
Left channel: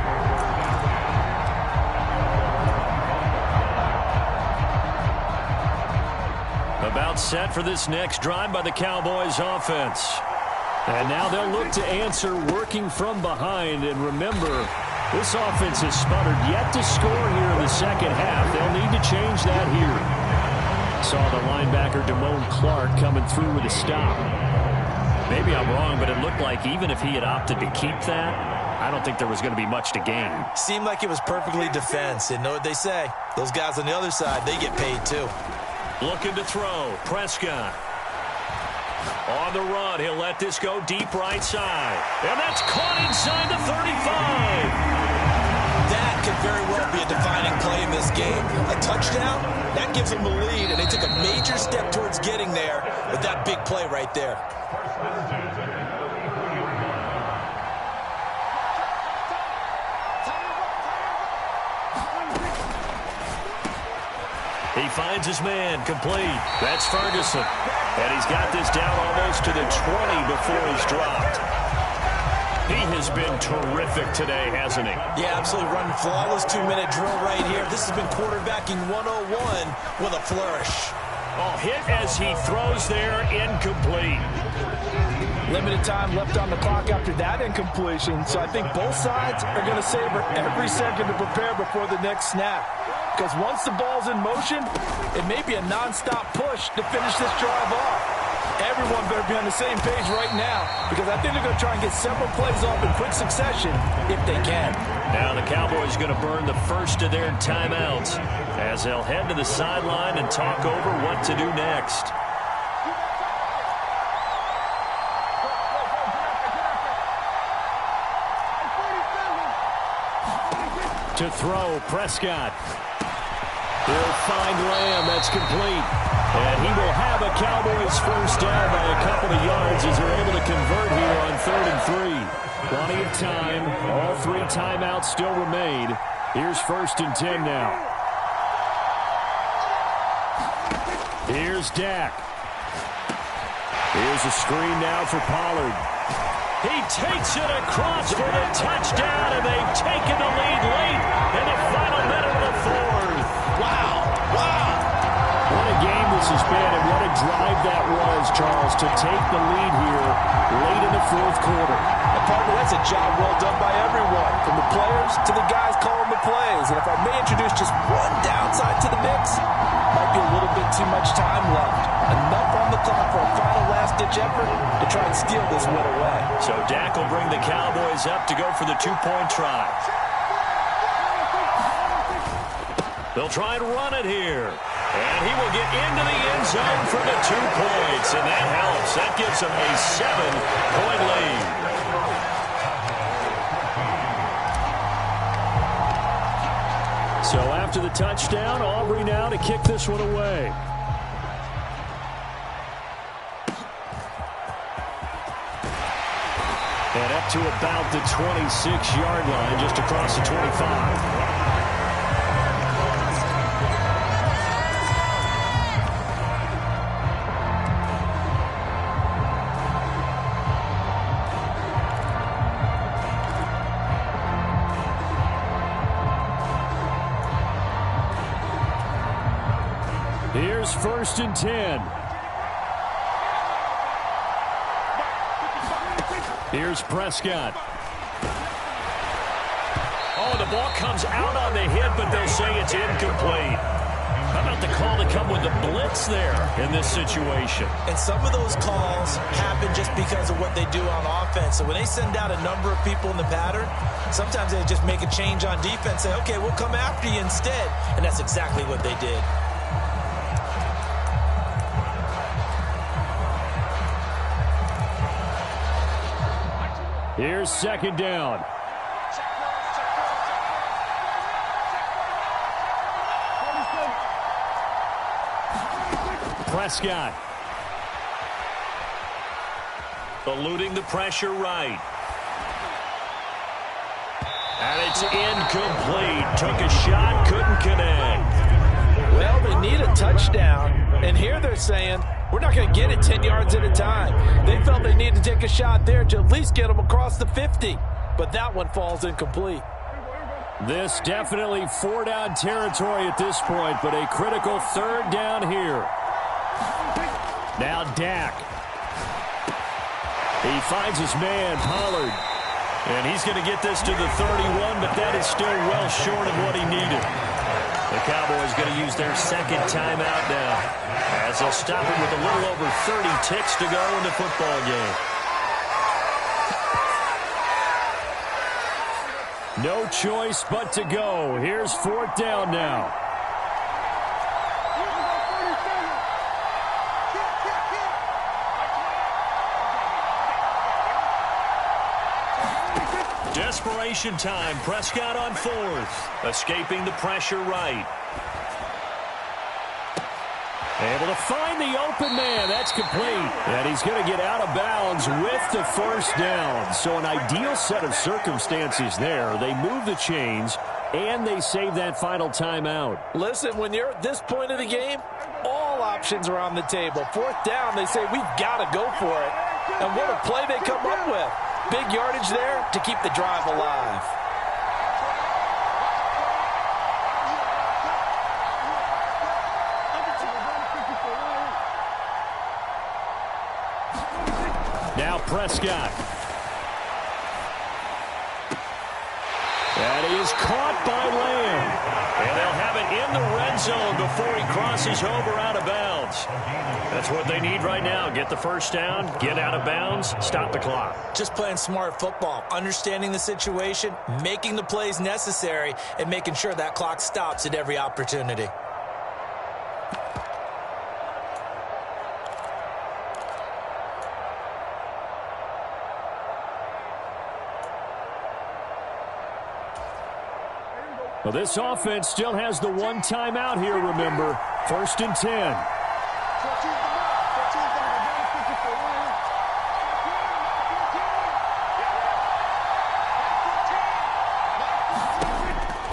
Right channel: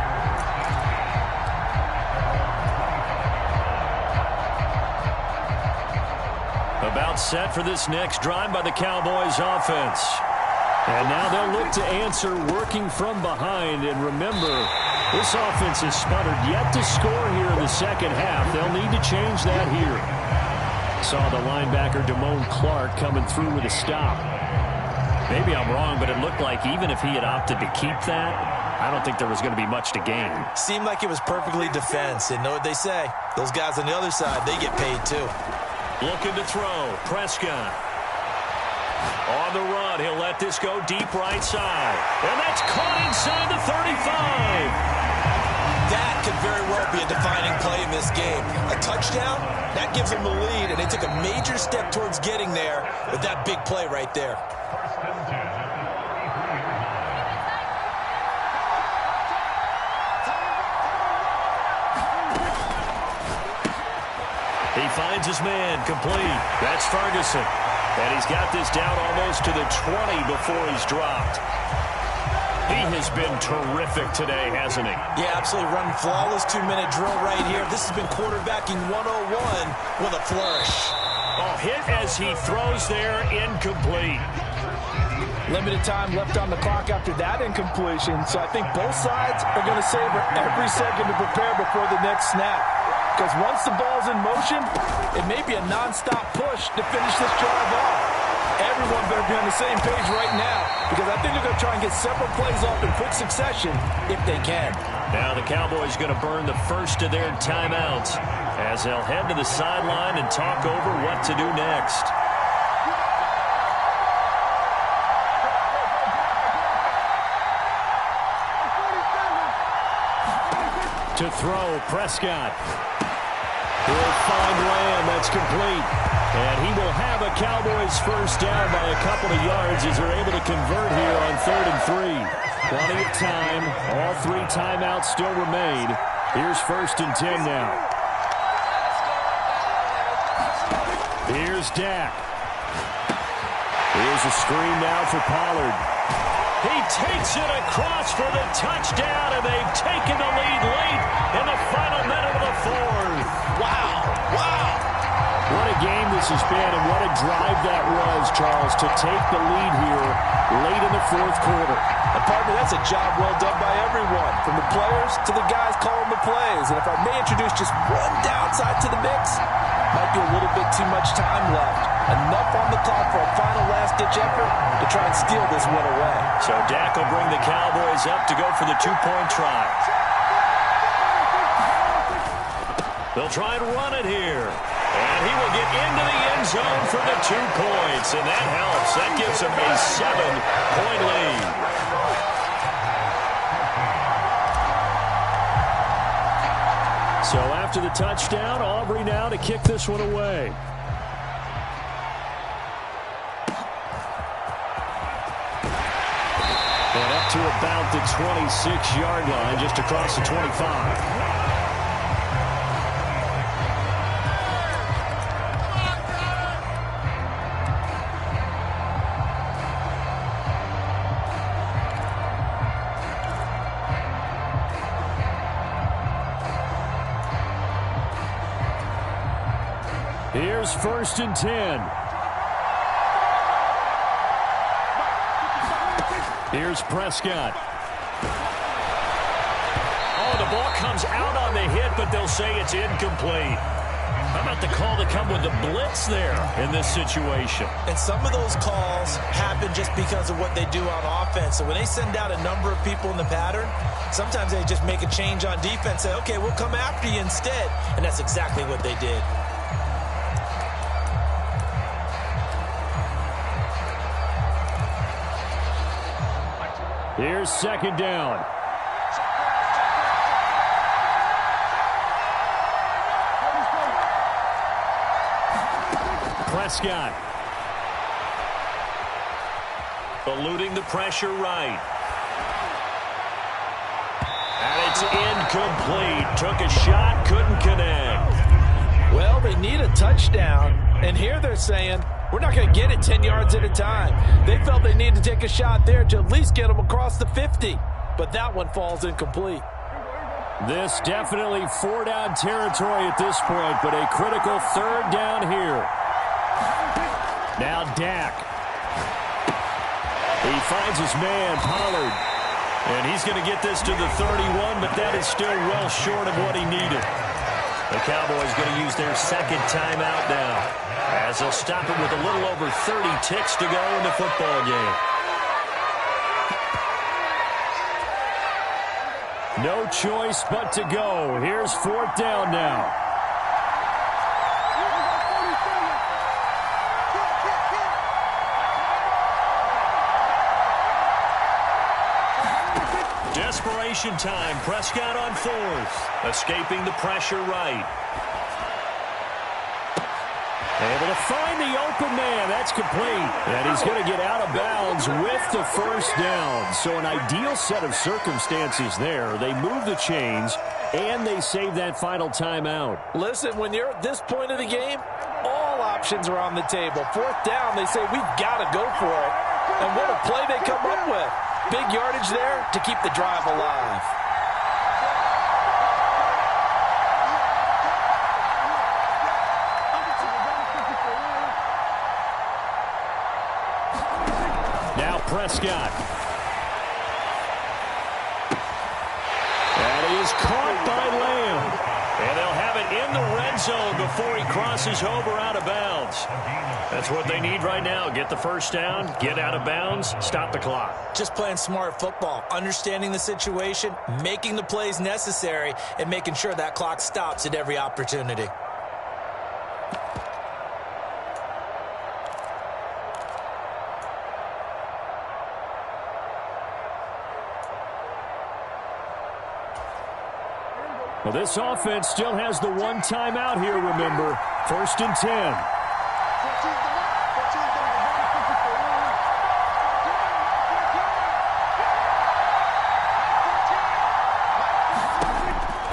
About set for this next drive by the Cowboys offense. And now they'll look to answer working from behind. And remember, this offense has sputtered yet to score here in the second half. They'll need to change that here. Saw the linebacker Damone Clark coming through with a stop. Maybe I'm wrong, but it looked like even if he had opted to keep that, I don't think there was going to be much to gain. Seemed like it was perfectly defense. And know what they say? Those guys on the other side, they get paid too. Looking to throw. Prescott. On the run. He'll let this go deep right side. And that's caught inside the 35. That could very well be a defining play in this game. A touchdown, that gives them the lead, and they took a major step towards getting there with that big play right there. 1st and 10 at the 33-yard line. He finds his man, complete. That's Ferguson. And he's got this down almost to the 20 before he's dropped. He has been terrific today, hasn't he? Yeah, absolutely running flawless 2-minute drill right here. This has been quarterbacking 101 with a flourish. Oh, hit as he throws there, incomplete. Limited time left on the clock after that incompletion, so I think both sides are going to savor every second to prepare before the next snap. Because once the ball's in motion, it may be a nonstop push to finish this drive off. Everyone better be on the same page right now, because I think they're going to try and get several plays off in quick succession if they can. Now the Cowboys going to burn the first of their timeouts as they'll head to the sideline and talk over what to do next. To throw, Prescott. He'll find Lamb. That's complete. And he will have a Cowboys first down by a couple of yards as they're able to convert here on 3rd and 3. Plenty of time. All 3 timeouts still remain. Here's 1st and 10 now. Here's Dak. Here's a screen now for Pollard. He takes it across for the touchdown, and they've taken the lead late in the final minute of the 4th. Wow. Wow. What a game this has been, and what a drive that was, Charles, to take the lead here late in the 4th quarter. And partner, that's a job well done by everyone, from the players to the guys calling the plays. And if I may introduce just one downside to the mix, might be a little bit too much time left. Enough on the clock for a final last-ditch effort to try and steal this win away. So Dak will bring the Cowboys up to go for the 2-point try. They'll try and run it here. And he will get into the end zone for the 2 points. And that helps. That gives him a 7-point lead. So after the touchdown, Aubrey now to kick this one away. And up to about the 26-yard line, just across the 25. Here's 1st and 10. Here's Prescott. Oh, the ball comes out on the hit, but they'll say it's incomplete. How about the call to come with the blitz there in this situation? And some of those calls happen just because of what they do on offense. So when they send out a number of people in the pattern, sometimes they just make a change on defense, say, okay, we'll come after you instead. And that's exactly what they did. Here's 2nd down. Prescott. Eluding the pressure right. And it's incomplete. Took a shot, couldn't connect. Well, they need a touchdown. And here they're saying, we're not going to get it 10 yards at a time. They felt they needed to take a shot there to at least get them across the 50. But that one falls incomplete. This definitely 4-down territory at this point, but a critical 3rd down here. Now Dak. He finds his man, Pollard. And he's going to get this to the 31, but that is still well short of what he needed. The Cowboys going to use their 2nd timeout now, as they'll stop it with a little over 30 ticks to go in the football game. No choice but to go. Here's 4th down now. Desperation time. Prescott on 4th. Escaping the pressure right. Able to find the open man. That's complete. And he's going to get out of bounds with the 1st down. So an ideal set of circumstances there. They move the chains, and they save that final timeout. Listen, when you're at this point of the game, all options are on the table. 4th down, they say, we've got to go for it. And what a play they come up with. Big yardage there to keep the drive alive. Now Prescott. That is caught by Lamb. And they'll have it in the red zone before he crosses over out of bounds. That's what they need right now. Get the first down, get out of bounds, stop the clock. Just playing smart football, understanding the situation, making the plays necessary, and making sure that clock stops at every opportunity. Well, this offense still has the one timeout here, remember. 1st and 10.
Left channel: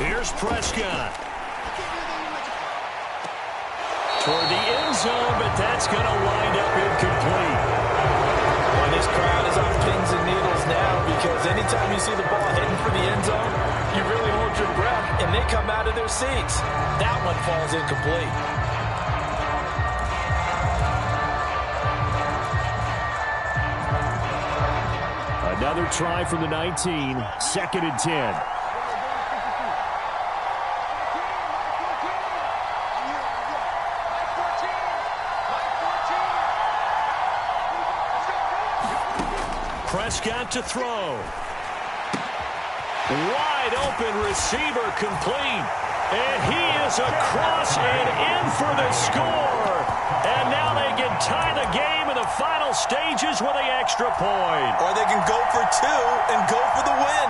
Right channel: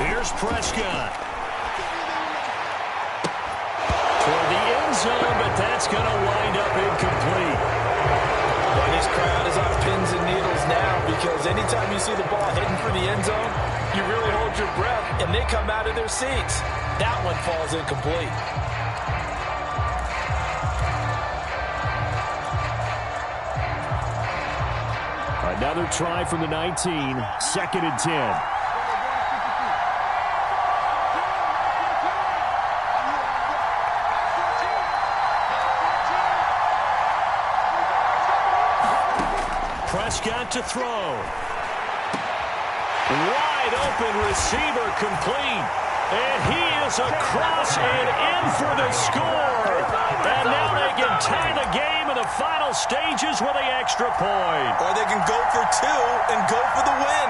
Here's Prescott. Toward the end zone, but that's going to wind up incomplete. Well, this crowd is on pins and needles now because anytime you see the ball heading for the end zone, you really hold your breath, and they come out of their seats. That one falls incomplete. Another try from the 19, 2nd and 10. Prescott to throw. Wide open receiver complete. And he is across and in for the score. And now they can tie the game in the final stages with the extra point. Or they can go for 2 and go for the win.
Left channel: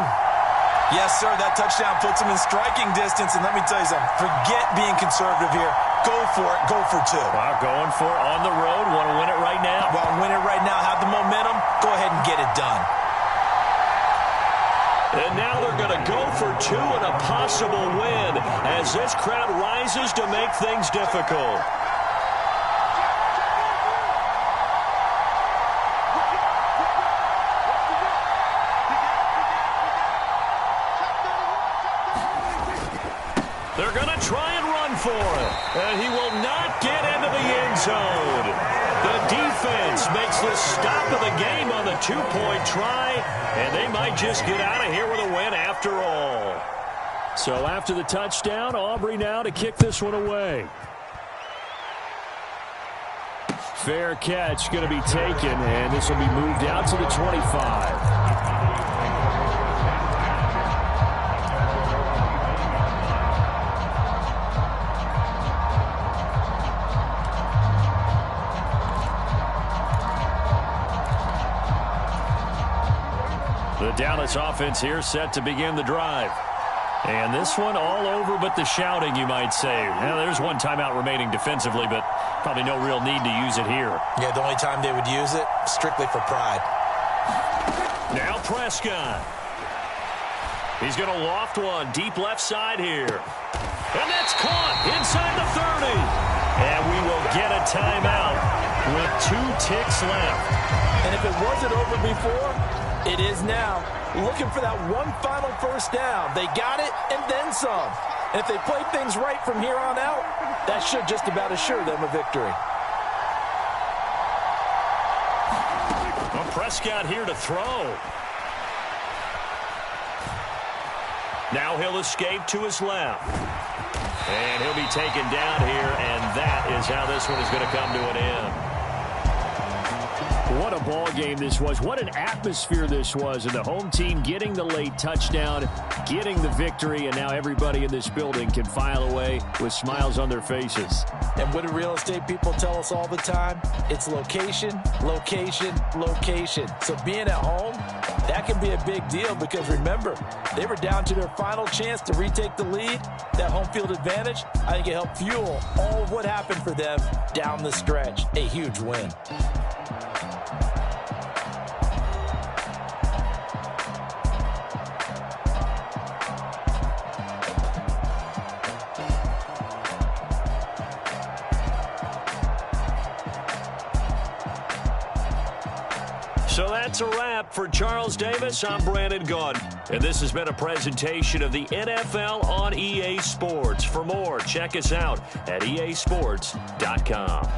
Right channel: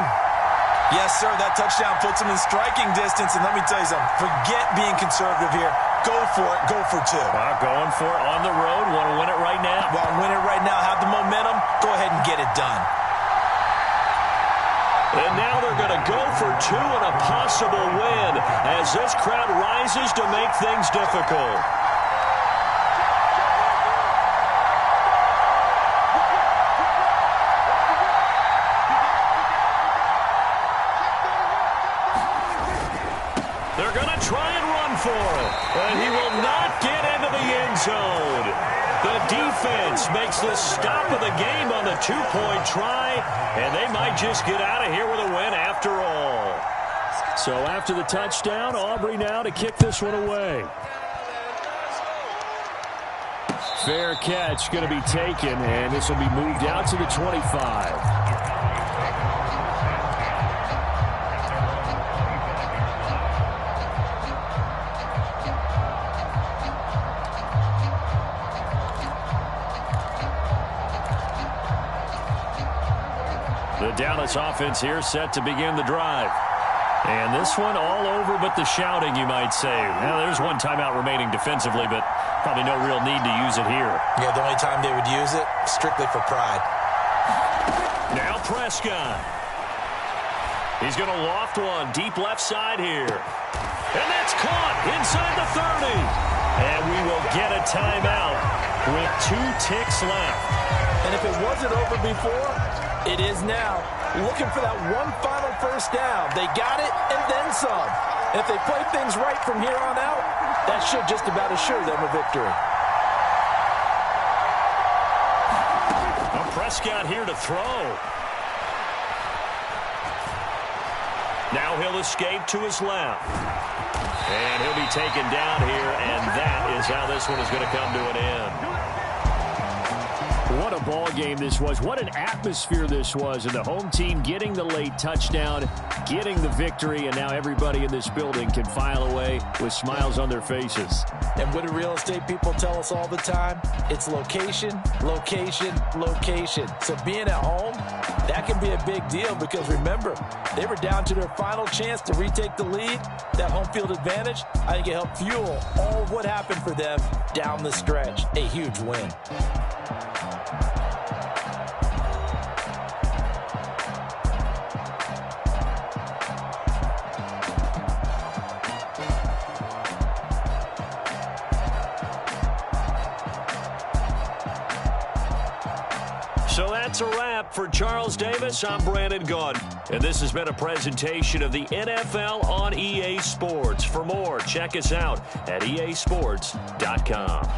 Yes, sir, that touchdown puts them in striking distance. And let me tell you something, forget being conservative here. Go for it, go for 2. Well, going for it on the road. Want to win it right now. Well, win it right now, have the momentum. Go ahead and get it done. And now they're going to go for 2 and a possible win as this crowd rises to make things difficult. They're going to try and run for it. And he will not get into the end zone. The defense makes the stop of the game on the 2-point try, and they might just get out of here with a win after all. So after the touchdown, Aubrey now to kick this one away. Fair catch going to be taken, and this will be moved out to the 25. The Dallas offense here set to begin the drive. And this one all over but the shouting, you might say. Well, there's one timeout remaining defensively, but probably no real need to use it here. Yeah, the only time they would use it, strictly for pride. Now Prescott. He's going to loft one deep left side here. And that's caught inside the 30. And we will get a timeout with 2 ticks left. And if it wasn't over before, it is now. Looking for that one final first down. They got it and then some. And if they play things right from here on out, that should just about assure them a victory. Well, Prescott here to throw. Now he'll escape to his left. And he'll be taken down here, and that is how this one is going to come to an end. What a ball game this was. What an atmosphere this was. And the home team getting the late touchdown, getting the victory, and now everybody in this building can file away with smiles on their faces. And what do real estate people tell us all the time? It's location, location, location. So being at home, that can be a big deal because remember, they were down to their final chance to retake the lead. That home field advantage, I think it helped fuel all of what happened for them down the stretch. A huge win. So that's a wrap for Charles Davis. I'm Brandon Gaudin. And this has been a presentation of the NFL on EA Sports. For more, check us out at easports.com.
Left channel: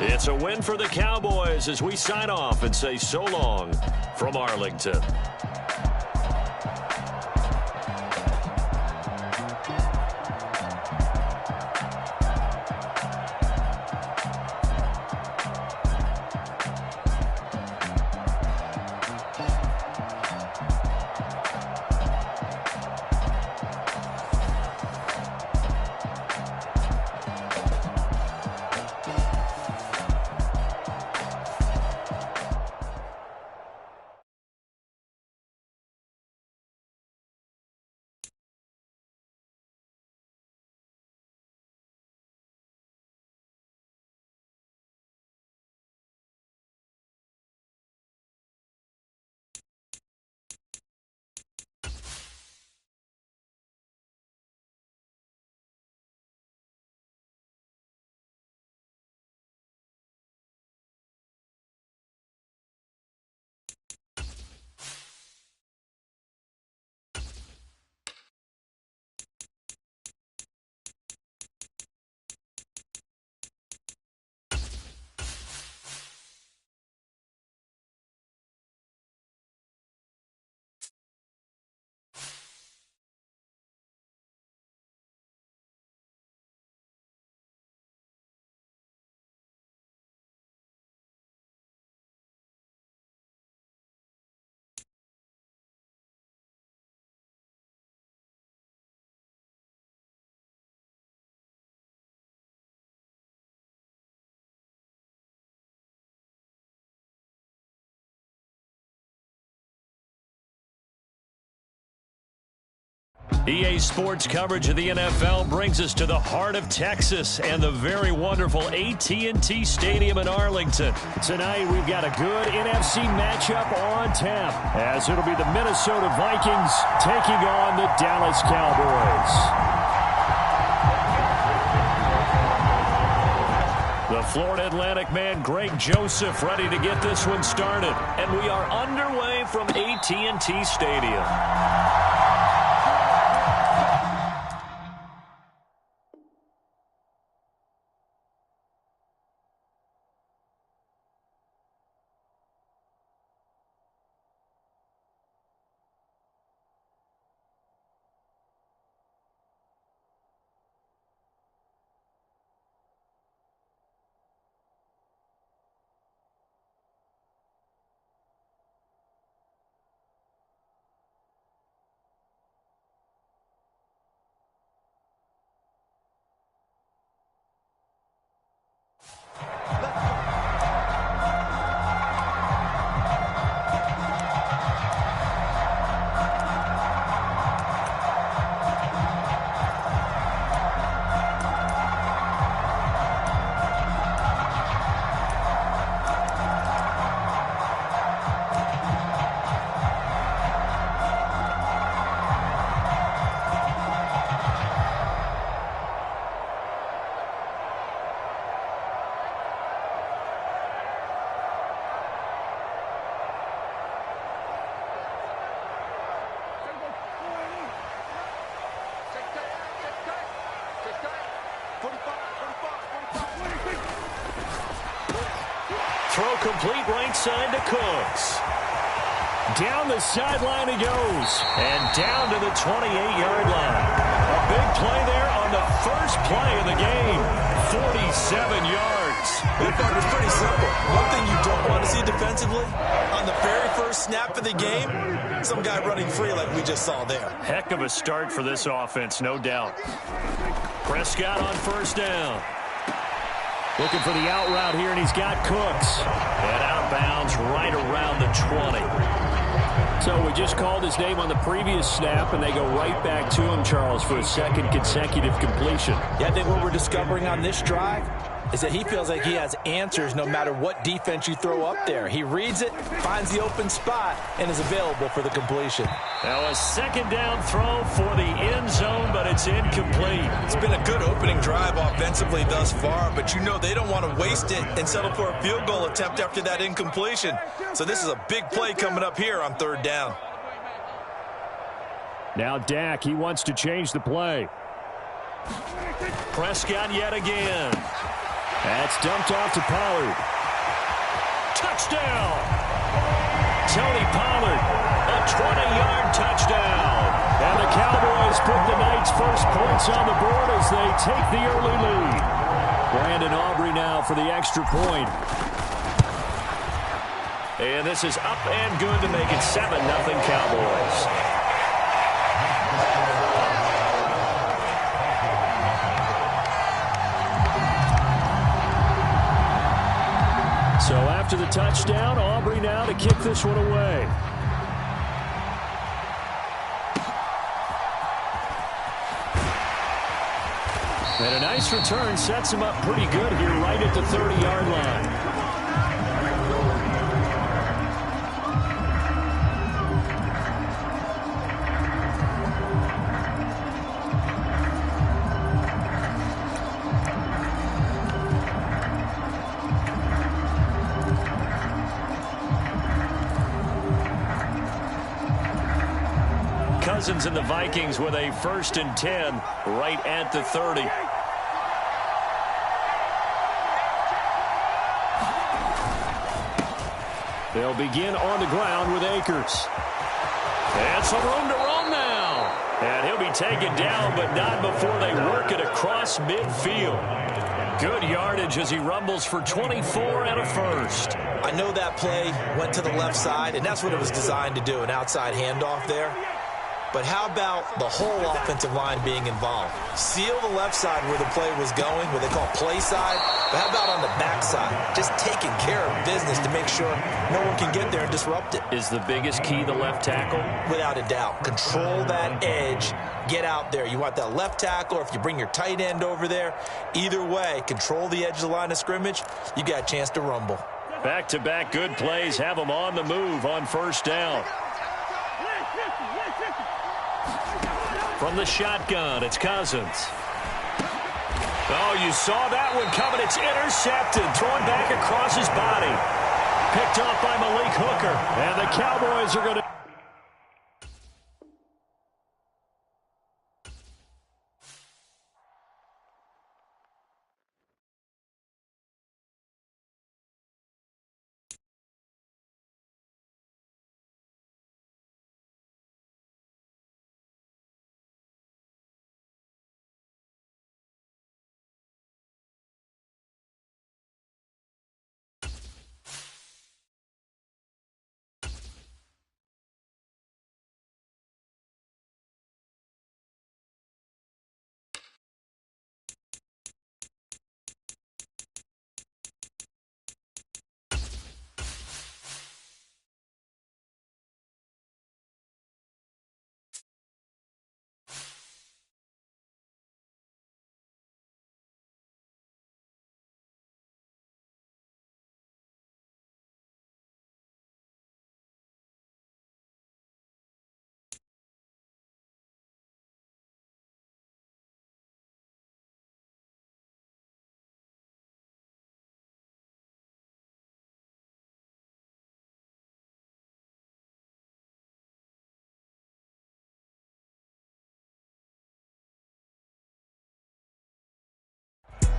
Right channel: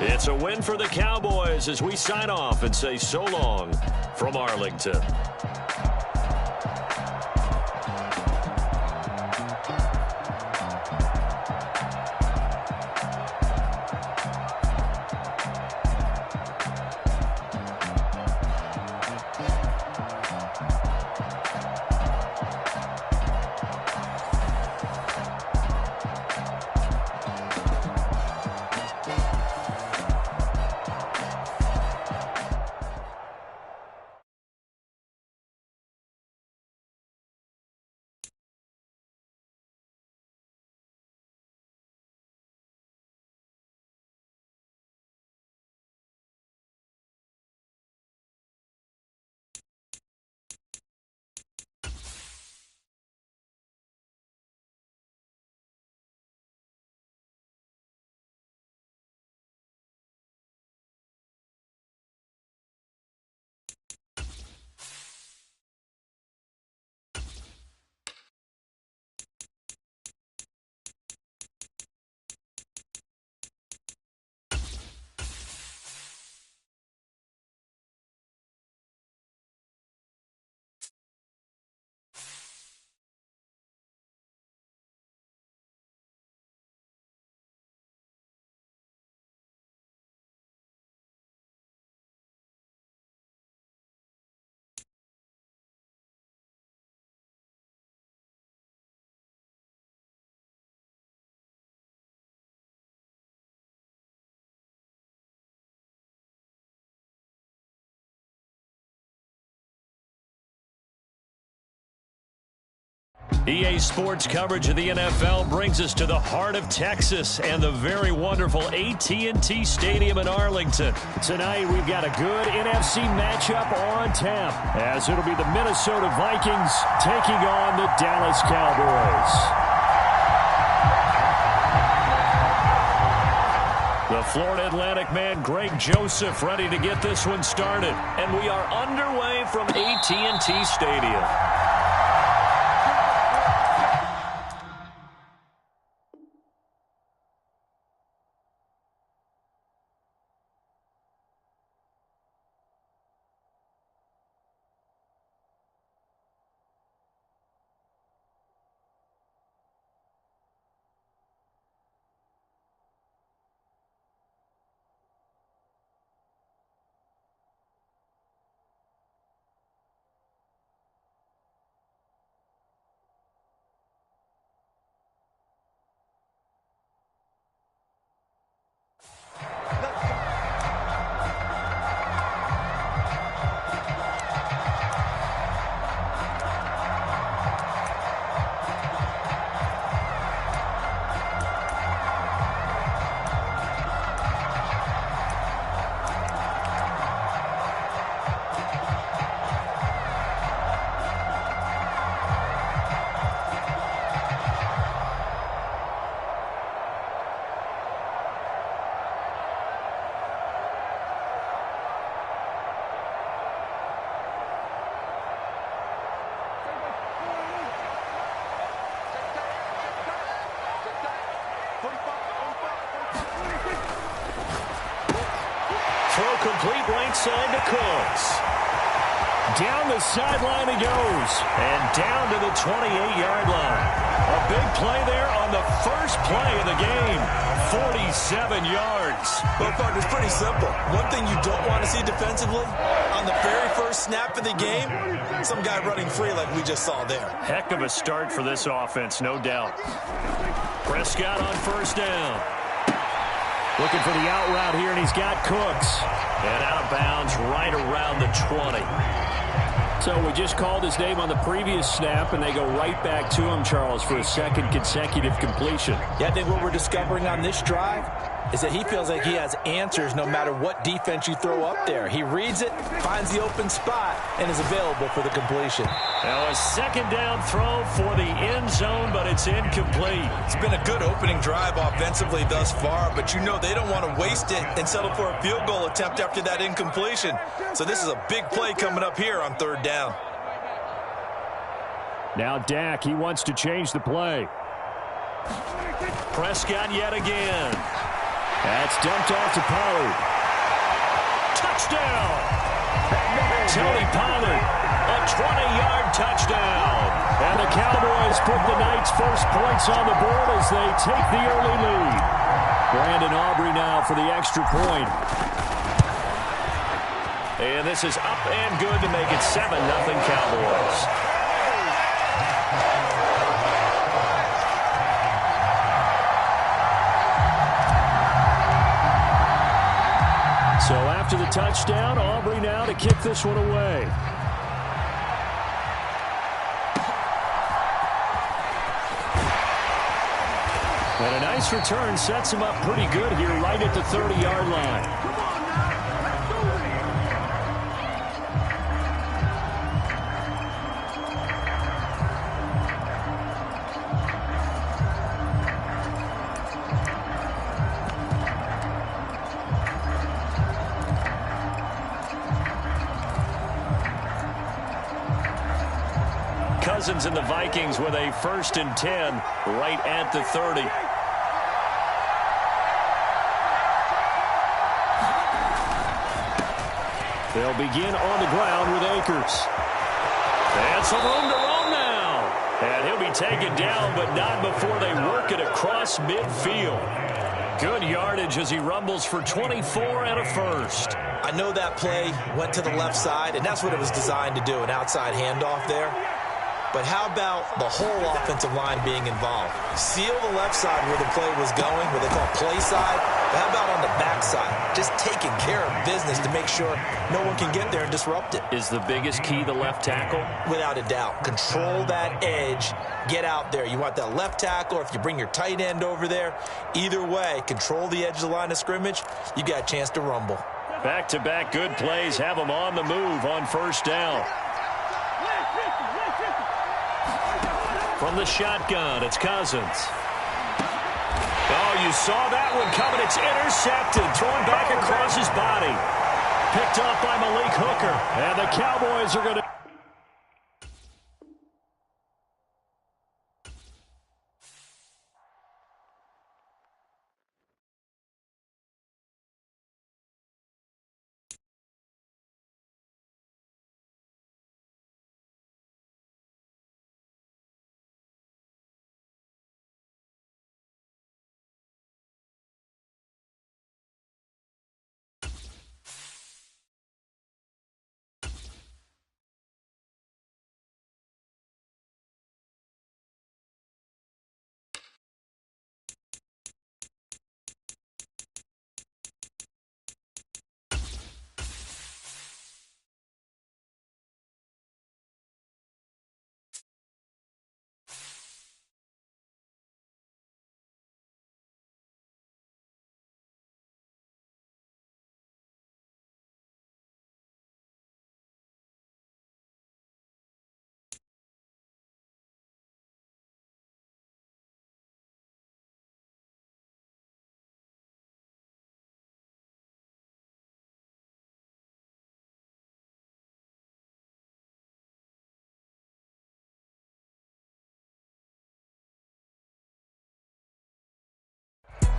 It's a win for the Cowboys as we sign off and say so long from Arlington. EA Sports coverage of the NFL brings us to the heart of Texas and the very wonderful AT&T Stadium in Arlington. Tonight, we've got a good NFC matchup on tap, as it'll be the Minnesota Vikings taking on the Dallas Cowboys. The Florida Atlantic man, Greg Joseph, ready to get this one started. And we are underway from AT&T Stadium. Throw complete right side to Cooks. Down the sideline he goes. And down to the 28-yard line. A big play there on the first play of the game. 47 yards. Well, Parker, it's pretty simple. One thing you don't want to see defensively, on the very first snap of the game, some guy running free like we just saw there. Heck of a start for this offense, no doubt. Prescott on first down. Looking for the out route here, and he's got Cooks. And out of bounds right around the 20. So we just called his name on the previous snap, and they go right back to him, Charles, for a second consecutive completion. Yeah, I think what we're discovering on this drive is that he feels like he has answers no matter what defense you throw up there. He reads it, finds the open spot, and is available for the completion. Now a second down throw for the end zone, but it's incomplete. It's been a good opening drive offensively thus far, but you know they don't want to waste it and settle for a field goal attempt after that incompletion. So this is a big play coming up here on third down. Now Dak, he wants to change the play. Prescott yet again. That's dumped off to Pollard. Touchdown! Tony Pollard, a 20-yard touchdown. And the Cowboys put the Knights' first points on the board as they take the early lead. Brandon Aubrey now for the extra point. And this is up and good to make it 7-0 Cowboys. So after the touchdown, Aubrey now to kick this one away. And a nice return sets him up pretty good here right at the 30-yard line. Cousins and the Vikings with a 1st and 10 right at the 30. They'll begin on the ground with Akers. And some room to roam now. And he'll be taken down, but not before they work it across midfield. Good yardage as he rumbles for 24 and a first. I know that play went to the left side, and that's what it was designed to do, an outside handoff there. But how about the whole offensive line being involved? Seal the left side where the play was going, what they call play side. But how about on the back side? Just taking care of business to make sure no one can get there and disrupt it. Is the biggest key the left tackle? Without a doubt. Control that edge. Get out there. You want that left tackle, or if you bring your tight end over there, either way, control the edge of the line of scrimmage, you got a chance to rumble. Back-to-back good plays have them on the move on 1st down. From the shotgun, it's Cousins. Oh, you saw that one coming. It's intercepted. Thrown back across his body. Picked off by Malik Hooker. And the Cowboys are going to...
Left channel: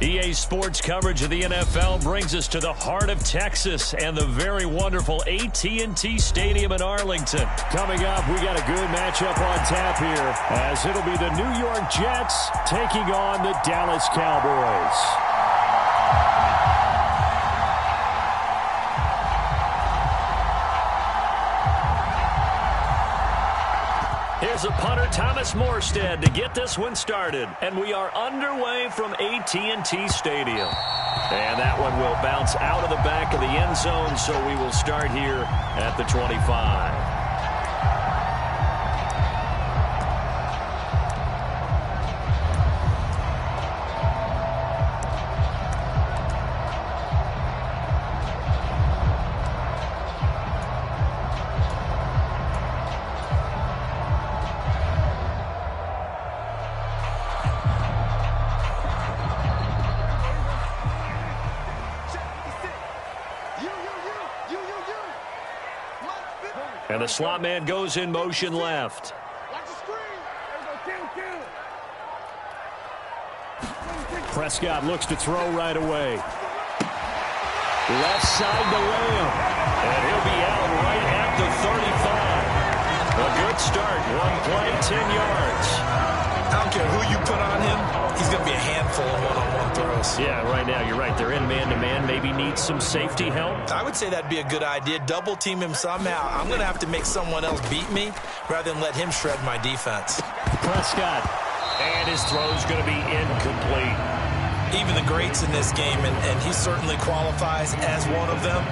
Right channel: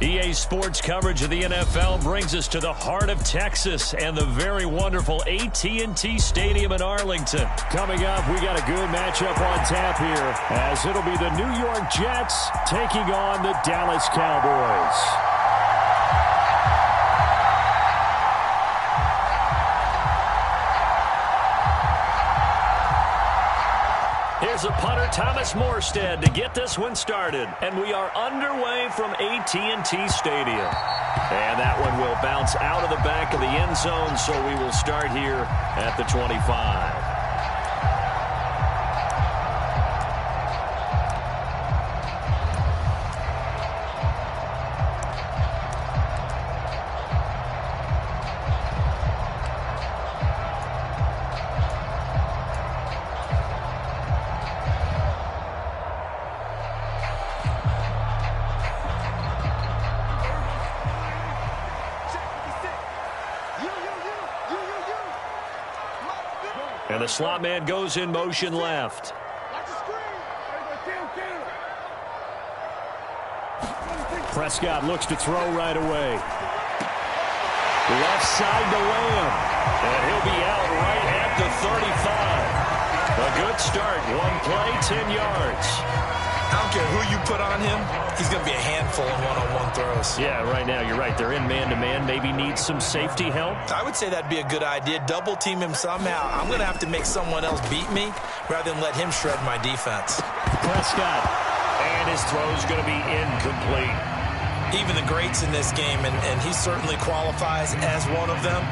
EA Sports coverage of the NFL brings us to the heart of Texas and the very wonderful AT&T Stadium in Arlington. Coming up, we got a good matchup on tap here as it'll be the New York Jets taking on the Dallas Cowboys. Here's a punter, Thomas Morstead, to get this one started. And we are underway from AT&T Stadium. And that one will bounce out of the back of the end zone, so we will start here at the 25. And the slot man goes in motion left. Watch the screen. Prescott looks to throw right away. Left side to Lamb. And he'll be out right at the 35. A good start. One play, 10 yards. I don't care who you put on him. He's going to be a handful in one-on-one throws. Yeah, right now you're right. They're in man-to-man. Maybe needs some safety help. I would say that'd be a good idea. Double team him somehow. I'm going to have to make someone else beat me rather than let him shred my defense. Prescott. And his throw's going to be incomplete. Even the greats in this game, and he certainly qualifies as one of them,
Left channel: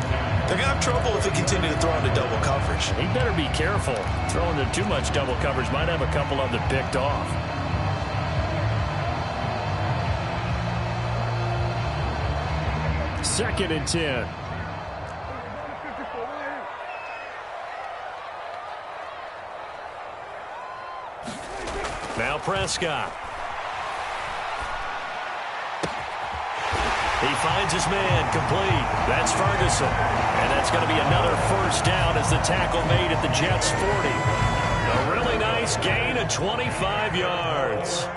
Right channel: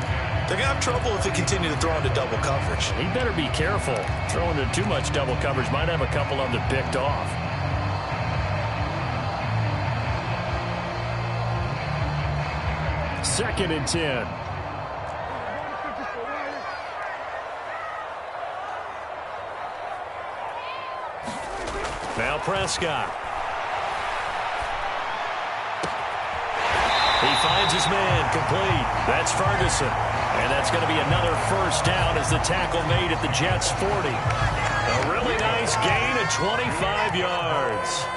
they're going to have trouble if they continue to throw into double coverage. He better be careful. Throwing into too much double coverage might have a couple of them picked off. Second and 10. Now Prescott. He finds his man, complete. That's Ferguson. And that's going to be another first down as the tackle made at the Jets' 40. A really nice gain of 25 yards.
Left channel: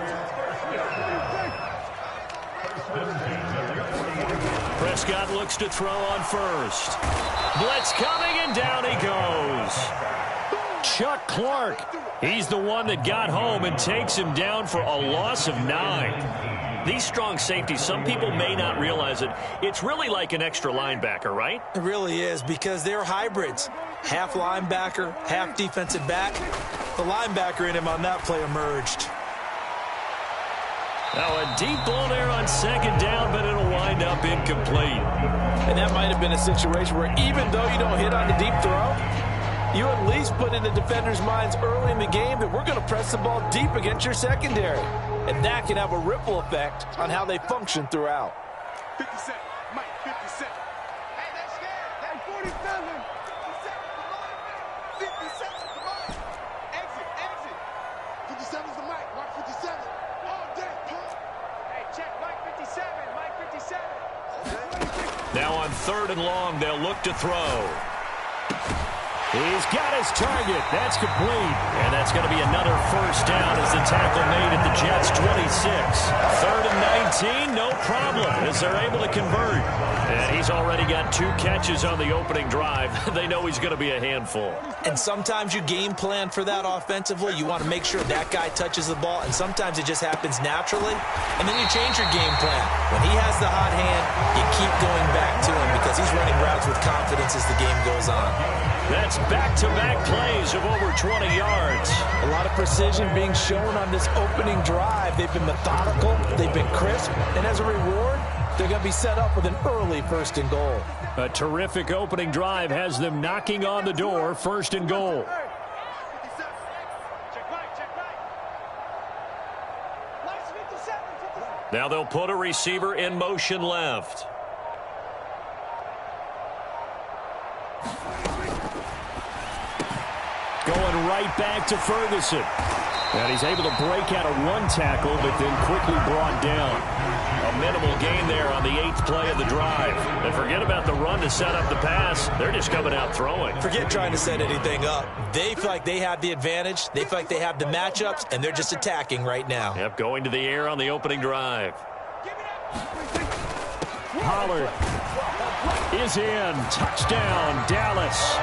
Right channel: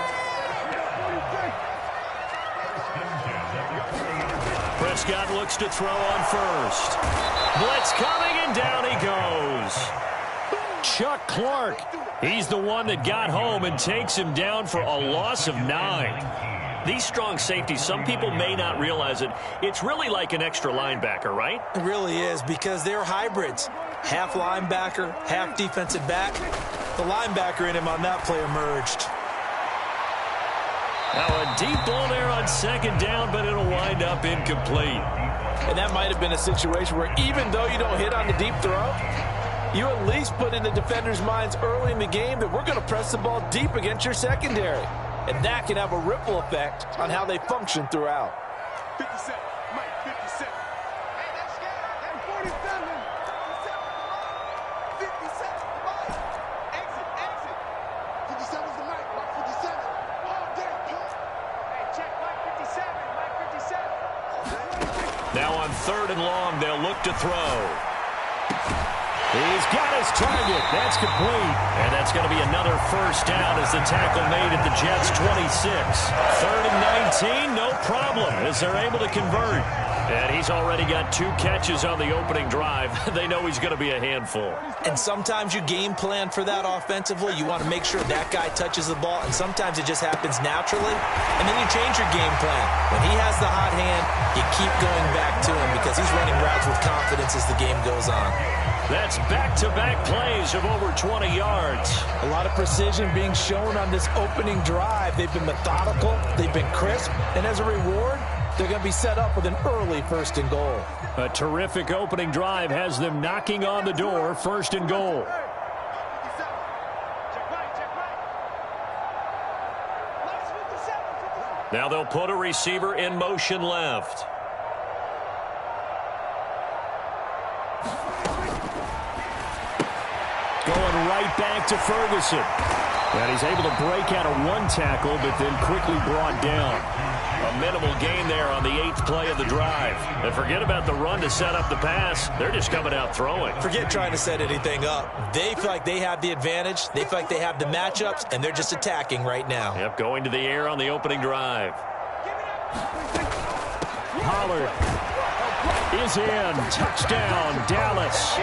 Prescott looks to throw on first. Blitz coming, and down he goes. Chuck Clark. He's the one that got home and takes him down for a loss of 9. These strong safeties, some people may not realize it. It's really like an extra linebacker, right? It really is, because they're hybrids. Half linebacker, half defensive back. The linebacker in him on that play emerged. Now a deep ball there on second down, but it'll wind up incomplete. And that might have been a situation where even though you don't hit on the deep throw, you at least put in the defender's minds early in the game that we're going to press the ball deep against your secondary. And that can have a ripple effect on how they function throughout. 57, Mike, 57. Hey, they're scared. They're 47. 57 to Mike. 57 to Mike. Exit, exit. 57 is the Mike. Mark 57. All day, pump. Hey, check Mike 57. Mike 57. Now on third and long, they'll look to throw. He's got his target. That's complete. And that's going to be another first down as the tackle made at the Jets' 26. Third and 19, no problem, as they're able to convert. And he's already got 2 catches on the opening drive. They know he's going to be a handful. And sometimes you game plan for that offensively. You want to make sure that guy touches the ball, and sometimes it just happens naturally. And then you change your game plan. When he has the hot hand, you keep going back to him because he's running routes with confidence as the game goes on. That's back-to-back plays of over 20 yards. A lot of precision being shown on this opening drive. They've been methodical, they've been crisp, and as a reward, they're going to be set up with an early first and goal. A terrific opening drive has them knocking on the door, first and goal. Now they'll put a receiver in motion left. Going right back to Ferguson. And he's able to break out of 1 tackle, but then quickly brought down. A minimal gain there on the 8th play of the drive. And forget about the run to set up the pass. They're just coming out throwing. Forget trying to set anything up. They feel like they have the advantage. They feel like they have the matchups, and they're just attacking right now. Yep, going to the air on the opening drive. Pollard is in. Touchdown, Dallas.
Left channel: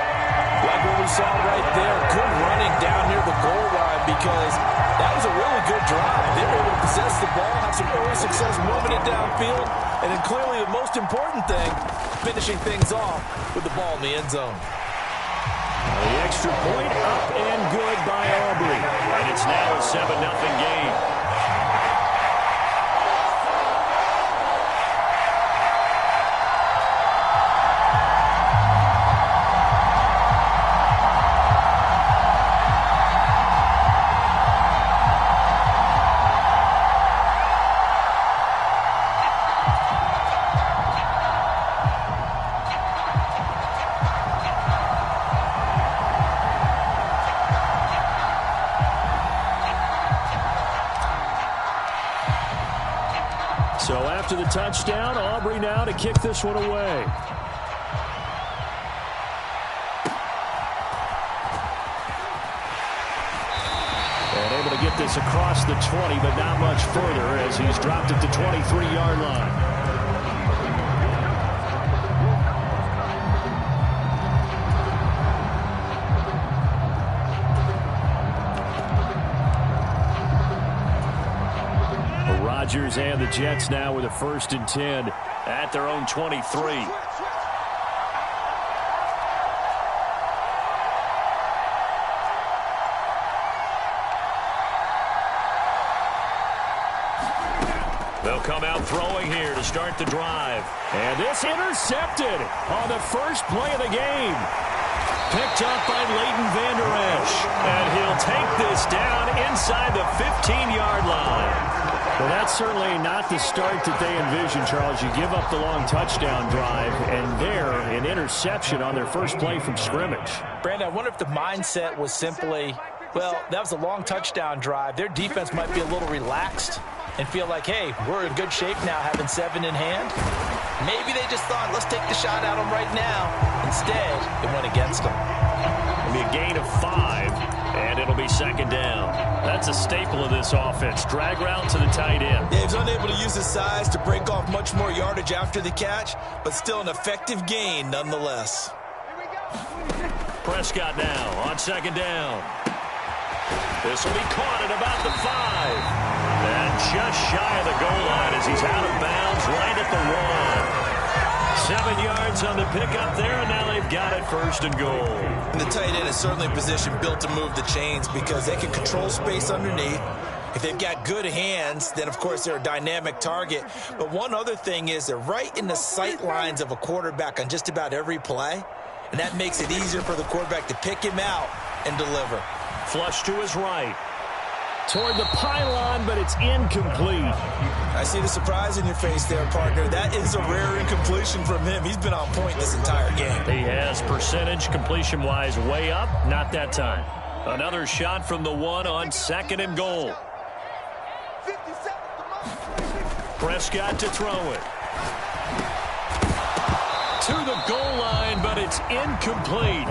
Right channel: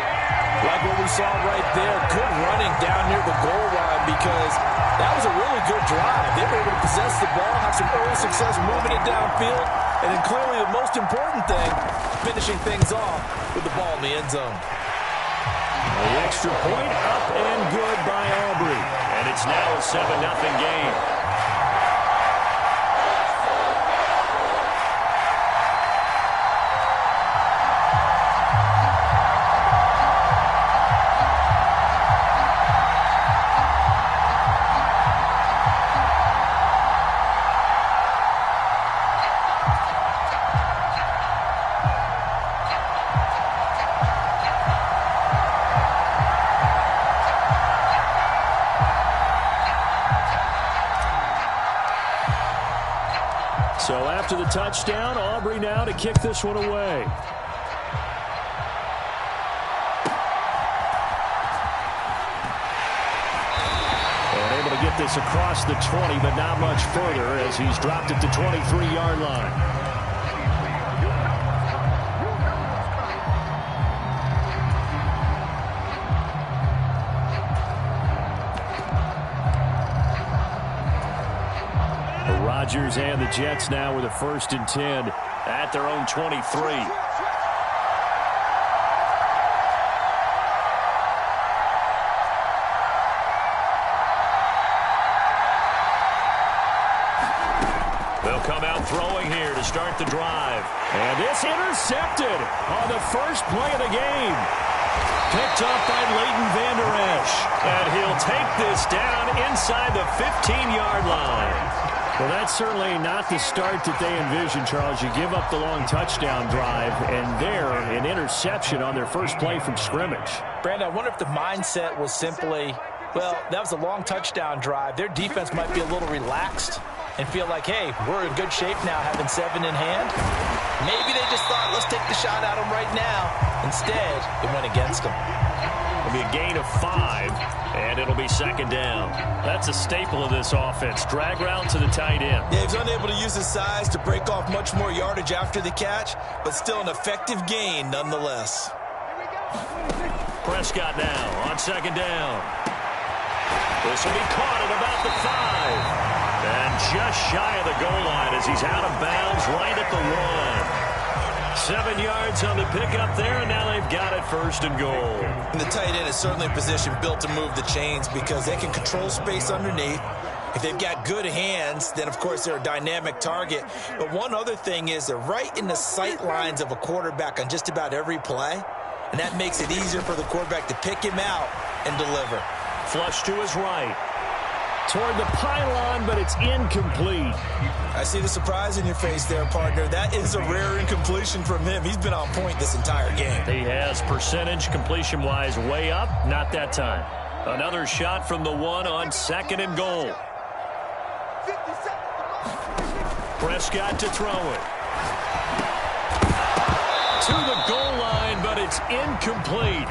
Like what we saw right there, good running down near the goal line because that was a really good drive. They were able to possess the ball, have some early success moving it downfield, and then clearly the most important thing, finishing things off with the ball in the end zone. The extra point up and good by Aubrey. And it's now a 7-0 game. So after the touchdown, Aubrey now to kick this one away. And able to get this across the 20, but not much further as he's dropped it to 23-yard line. Rodgers and the Jets now with a 1st and 10 at their own 23. They'll come out throwing here to start the drive. And this intercepted on the first play of the game. Picked up by Leighton Vander Esch. And he'll take this down inside the 15-yard line. Well, that's certainly not the start that they envisioned, Charles. You give up the long touchdown drive, and there, an interception on their first play from scrimmage. Brandon, I wonder if the mindset was simply, well, that was a long touchdown drive. Their defense might be a little relaxed and feel like, hey, we're in good shape now having 7 in hand. Maybe they just thought, let's take the shot at them right now. Instead, it went against them. It'll be a gain of 5, and it'll be 2nd down. That's a staple of this offense. Drag route to the tight end. Yeah, he was unable to use his size to break off much more yardage after the catch, but still an effective gain nonetheless. Prescott now on 2nd down. This will be caught at about the 5. And just shy of the goal line as he's out of bounds right at the 1. 7 yards on the pickup there, and now they've got it 1st and goal. And the tight end is certainly a position built to move the chains because they can control space underneath. If they've got good hands, then, of course, they're a dynamic target. But one other thing is they're right in the sight lines of a quarterback on just about every play, and that makes it easier for the quarterback to pick him out and deliver. Flush to his right. Toward the pylon, but it's incomplete. I see the surprise in your face there, partner. That is a rare incompletion from him. He's been on point this entire game. He has percentage completion-wise way up. Not that time. Another shot from the 1 on 2nd and goal. Prescott to throw it. To the goal line, but it's incomplete.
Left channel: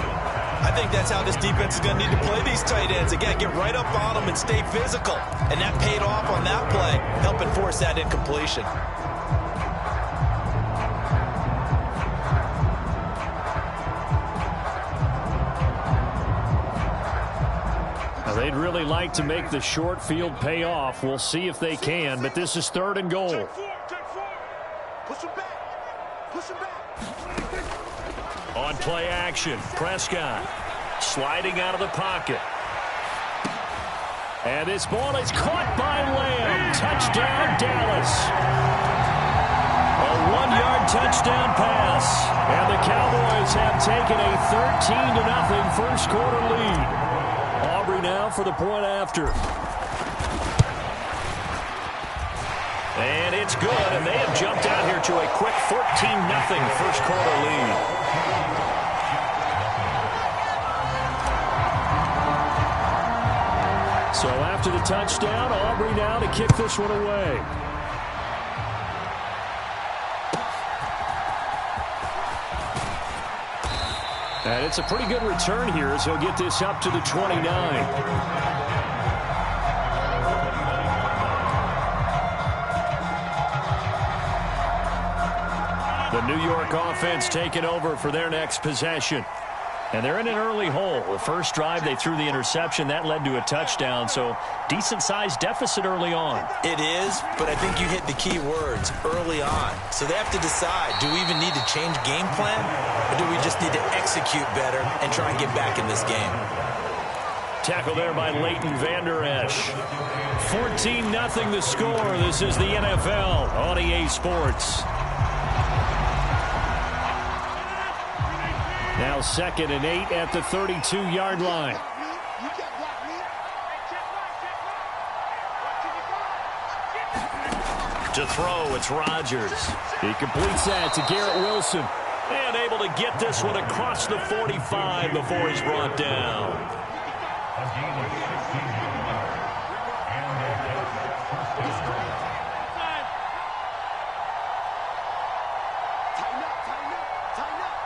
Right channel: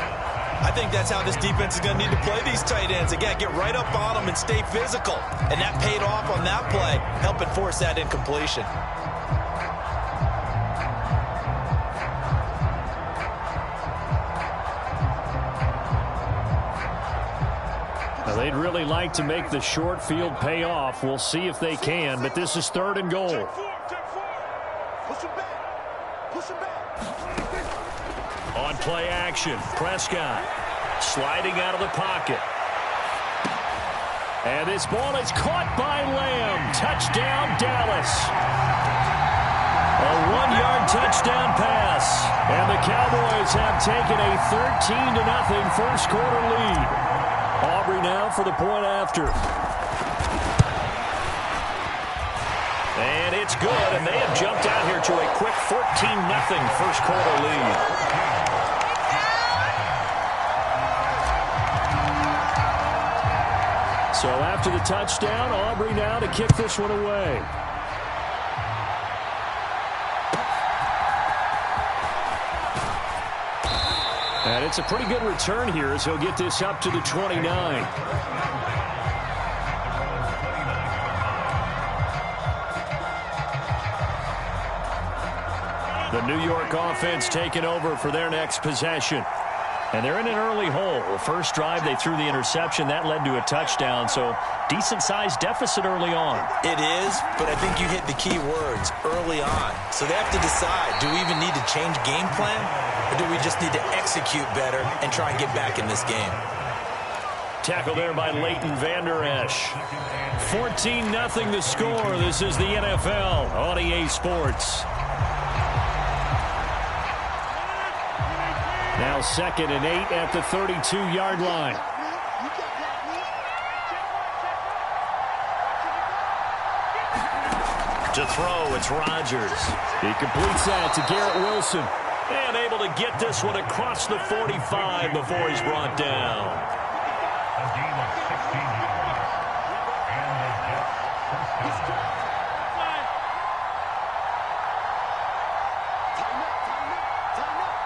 I think that's how this defense is going to need to play these tight ends. Again, get right up on them and stay physical. And that paid off on that play, helping force that incompletion. Now, they'd really like to make the short field pay off. We'll see if they can, but this is 3rd and goal. Take 4. Push him back. Push him back. On play action, Prescott sliding out of the pocket. And this ball is caught by Lamb. Touchdown, Dallas. A 1-yard touchdown pass. And the Cowboys have taken a 13-0 first quarter lead. Aubrey now for the point after. And it's good, and they have jumped out here to a quick 14-0 first quarter lead. So after the touchdown, Aubrey now to kick this one away. And it's a pretty good return here as he'll get this up to the 29. The New York offense taking over for their next possession. And they're in an early hole. The first drive, they threw the interception. That led to a touchdown, so decent-sized deficit early on. It is, but I think you hit the key words, early on. So they have to decide, do we even need to change game plan, or do we just need to execute better and try and get back in this game? Tackle there by Leighton Vander Esch. 14-0 the score. This is the NFL on EA Sports. Now 2nd and 8 at the 32-yard line. To throw, it's Rodgers. He completes that to Garrett Wilson. And able to get this one across the 45 before he's brought down. A gain of 16 yards. And the Jets first down. Tighten up.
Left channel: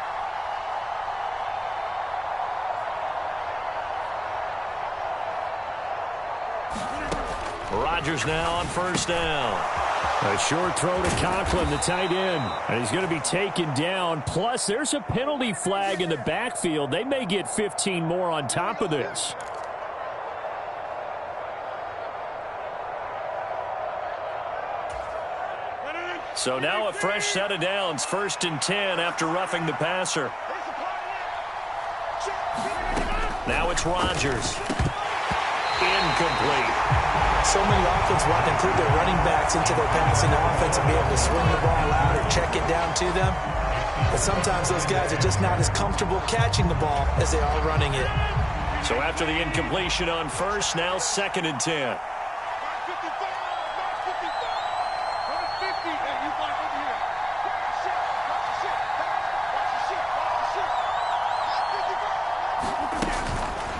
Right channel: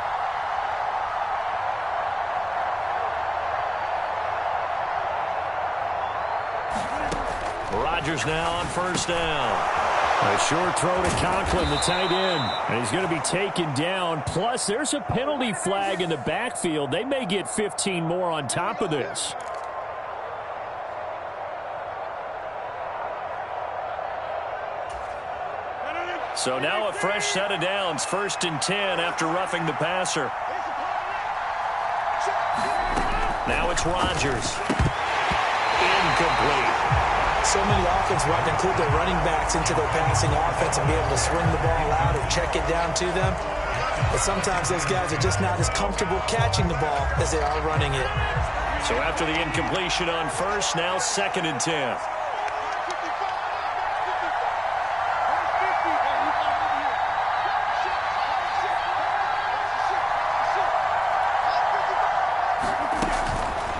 Rodgers now on first down. A short throw to Conklin, the tight end. And he's going to be taken down. Plus, there's a penalty flag in the backfield. They may get 15 more on top of this. So now a fresh set of downs. 1st and 10 after roughing the passer. Now it's Rodgers. Incomplete. So many offenses want to include their running backs into their passing offense and be able to swing the ball out or check it down to them. But sometimes those guys are just not as comfortable catching the ball as they are running it. So after the incompletion on first, now 2nd and 10.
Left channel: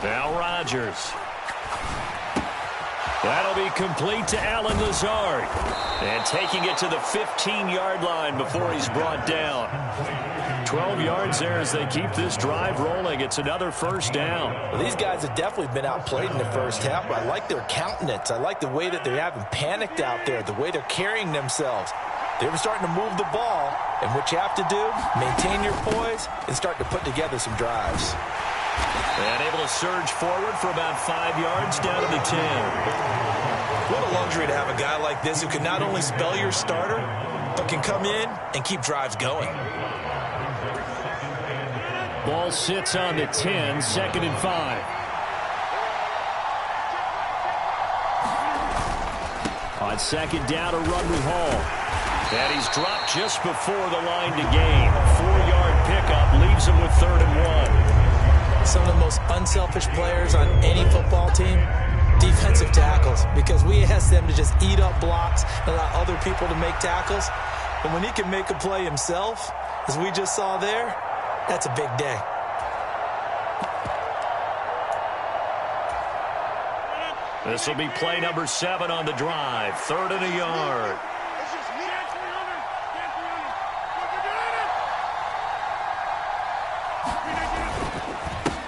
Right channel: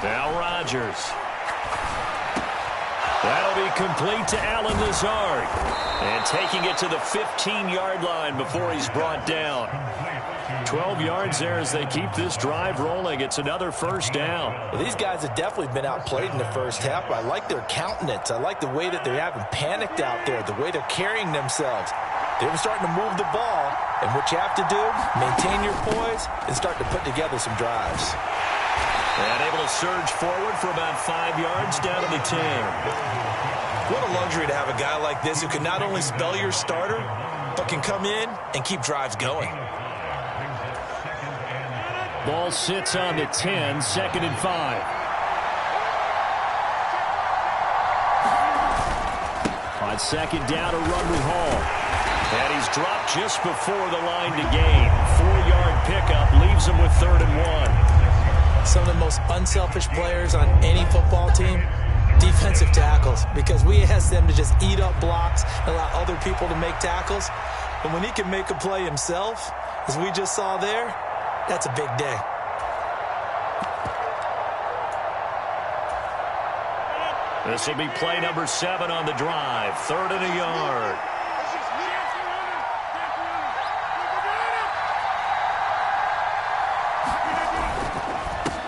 Now Rodgers. That'll be complete to Allen Lazard. And taking it to the 15-yard line before he's brought down. 12 yards there as they keep this drive rolling. It's another first down. Well, these guys have definitely been outplayed in the first half. I like their countenance. I like the way that they haven't panicked out there, the way they're carrying themselves. They're starting to move the ball. And what you have to do, maintain your poise and start to put together some drives. And able to surge forward for about 5 yards down to the 10. What a luxury to have a guy like this who can not only spell your starter, but can come in and keep drives going. Ball sits on the 10, 2nd and 5. On 2nd down, a run with Hall. And he's dropped just before the line to gain. 4-yard pickup leaves him with 3rd and 1. Some of the most unselfish players on any football team, defensive tackles, because we ask them to just eat up blocks and allow other people to make tackles. But when he can make a play himself, as we just saw there, that's a big day. This will be play number 7 on the drive. 3rd and a yard.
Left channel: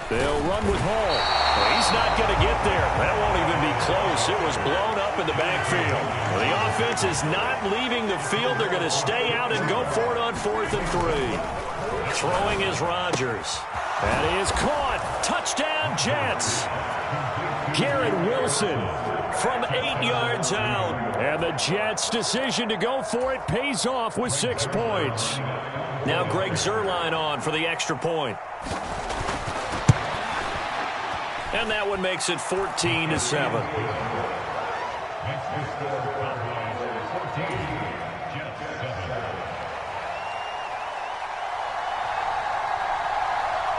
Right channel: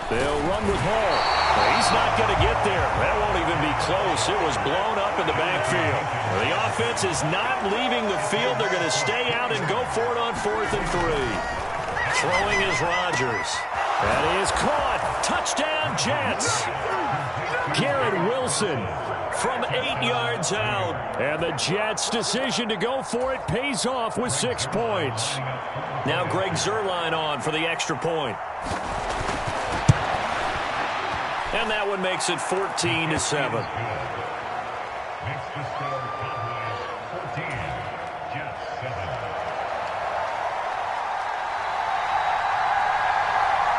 They'll run with Hall. Well, he's not going to get there. That won't even be close. It was blown up in the backfield. Well, the offense is not leaving the field. They're going to stay out and go for it on 4th and 3. Throwing is Rodgers. That is caught. Touchdown, Jets. Garrett Wilson from 8 yards out. And the Jets' decision to go for it pays off with 6 points. Now Greg Zuerlein on for the extra point. And that one makes it 14-7. Next to score, Cowboys 14, Jets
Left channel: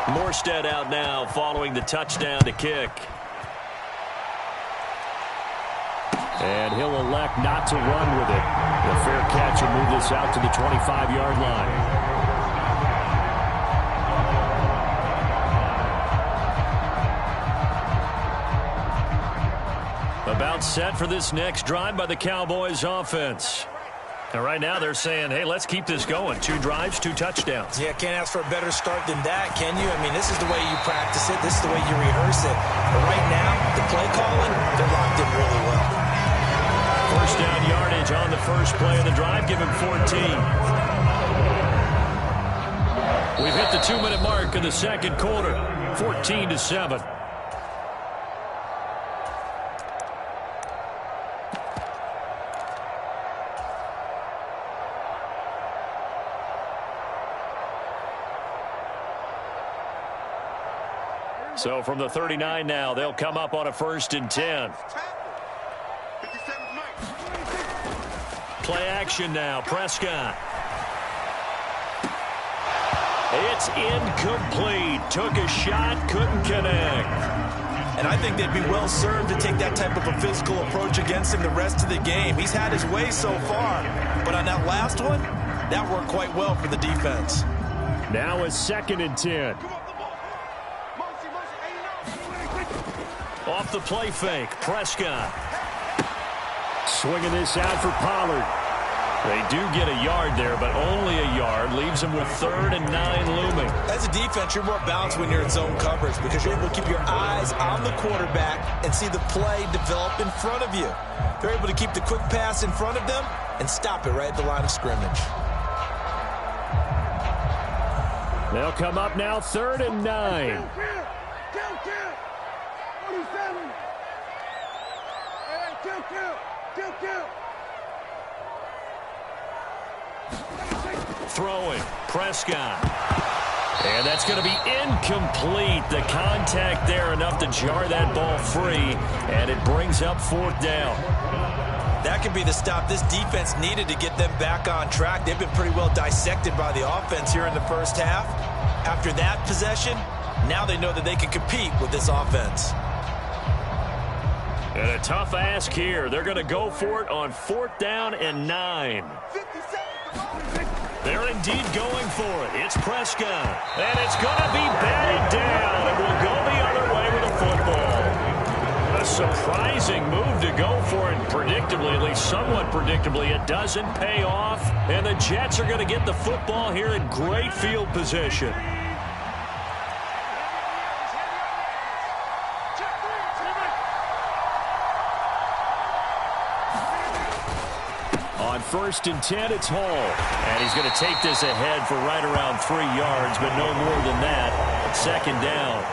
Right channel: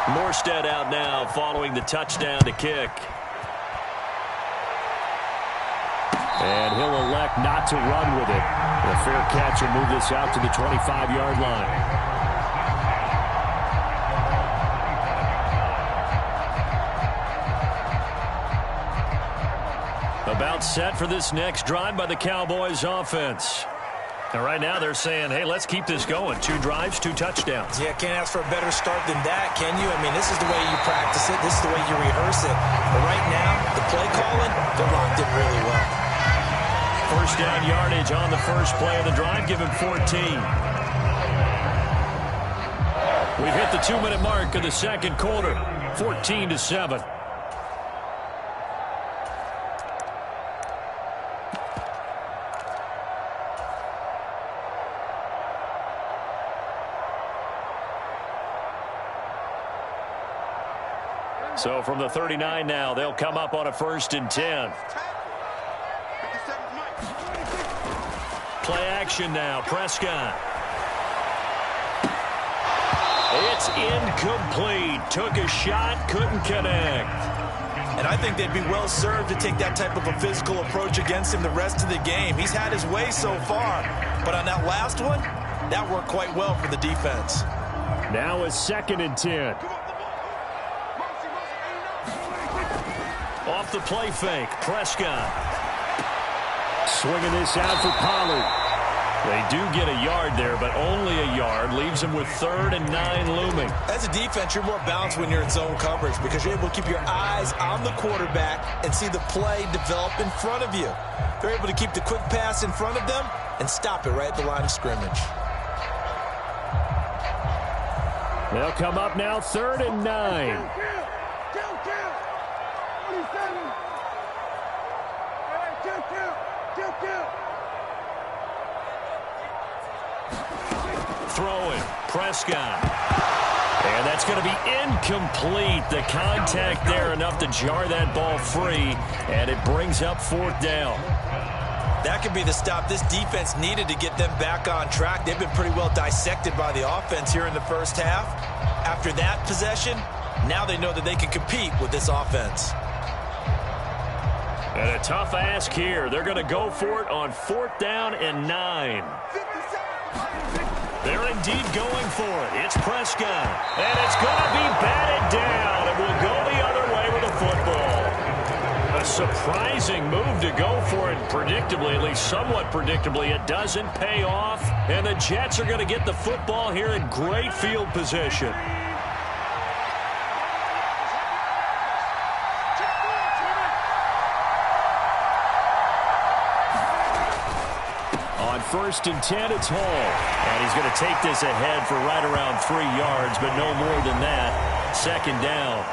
7. Morstead out now following the touchdown to kick. And he'll elect not to run with it. The fair catch will move this out to the 25-yard line. About set for this next drive by the Cowboys offense. And right now they're saying, hey, let's keep this going. 2 drives, 2 touchdowns. Yeah, can't ask for a better start than that, can you? I mean, this is the way you practice it. This is the way you rehearse it. But right now, the play calling, they're locked in really well. First down yardage on the first play of the drive. Give him 14. We've hit the 2-minute mark of the second quarter. 14-7. So from the 39 now, they'll come up on a 1st and 10. Play action now, Prescott. It's incomplete. Took a shot, couldn't connect. And I think they'd be well served to take that type of a physical approach against him the rest of the game. He's had his way so far, but on that last one, that worked quite well for the defense. Now a 2nd and 10. Off the play fake, Prescott. Swinging this out for Pollard. They do get a yard there, but only a yard. Leaves them with 3rd and 9 looming. As a defense, you're more balanced when you're in zone coverage because you're able to keep your eyes on the quarterback and see the play develop in front of you. They're able to keep the quick pass in front of them and stop it right at the line of scrimmage. They'll come up now 3rd and 9. Kill. 47. Hey, kill. Throwing, Prescott. And that's going to be incomplete. The contact there enough to jar that ball free, and it brings up 4th down. That could be the stop this defense needed to get them back on track. They've been pretty well dissected by the offense here in the first half. After that possession, now they know that they can compete with this offense. And a tough ask here. They're going to go for it on 4th down and 9. 57. They're indeed going for it. It's Prescott. And it's going to be batted down. It will go the other way with the football. A surprising move to go for it. Predictably, at least somewhat predictably, it doesn't pay off. And the Jets are going to get the football here in great field position. On 1st and 10, it's Hall. And he's going to take this ahead for right around 3 yards, but no more than that. 2nd down.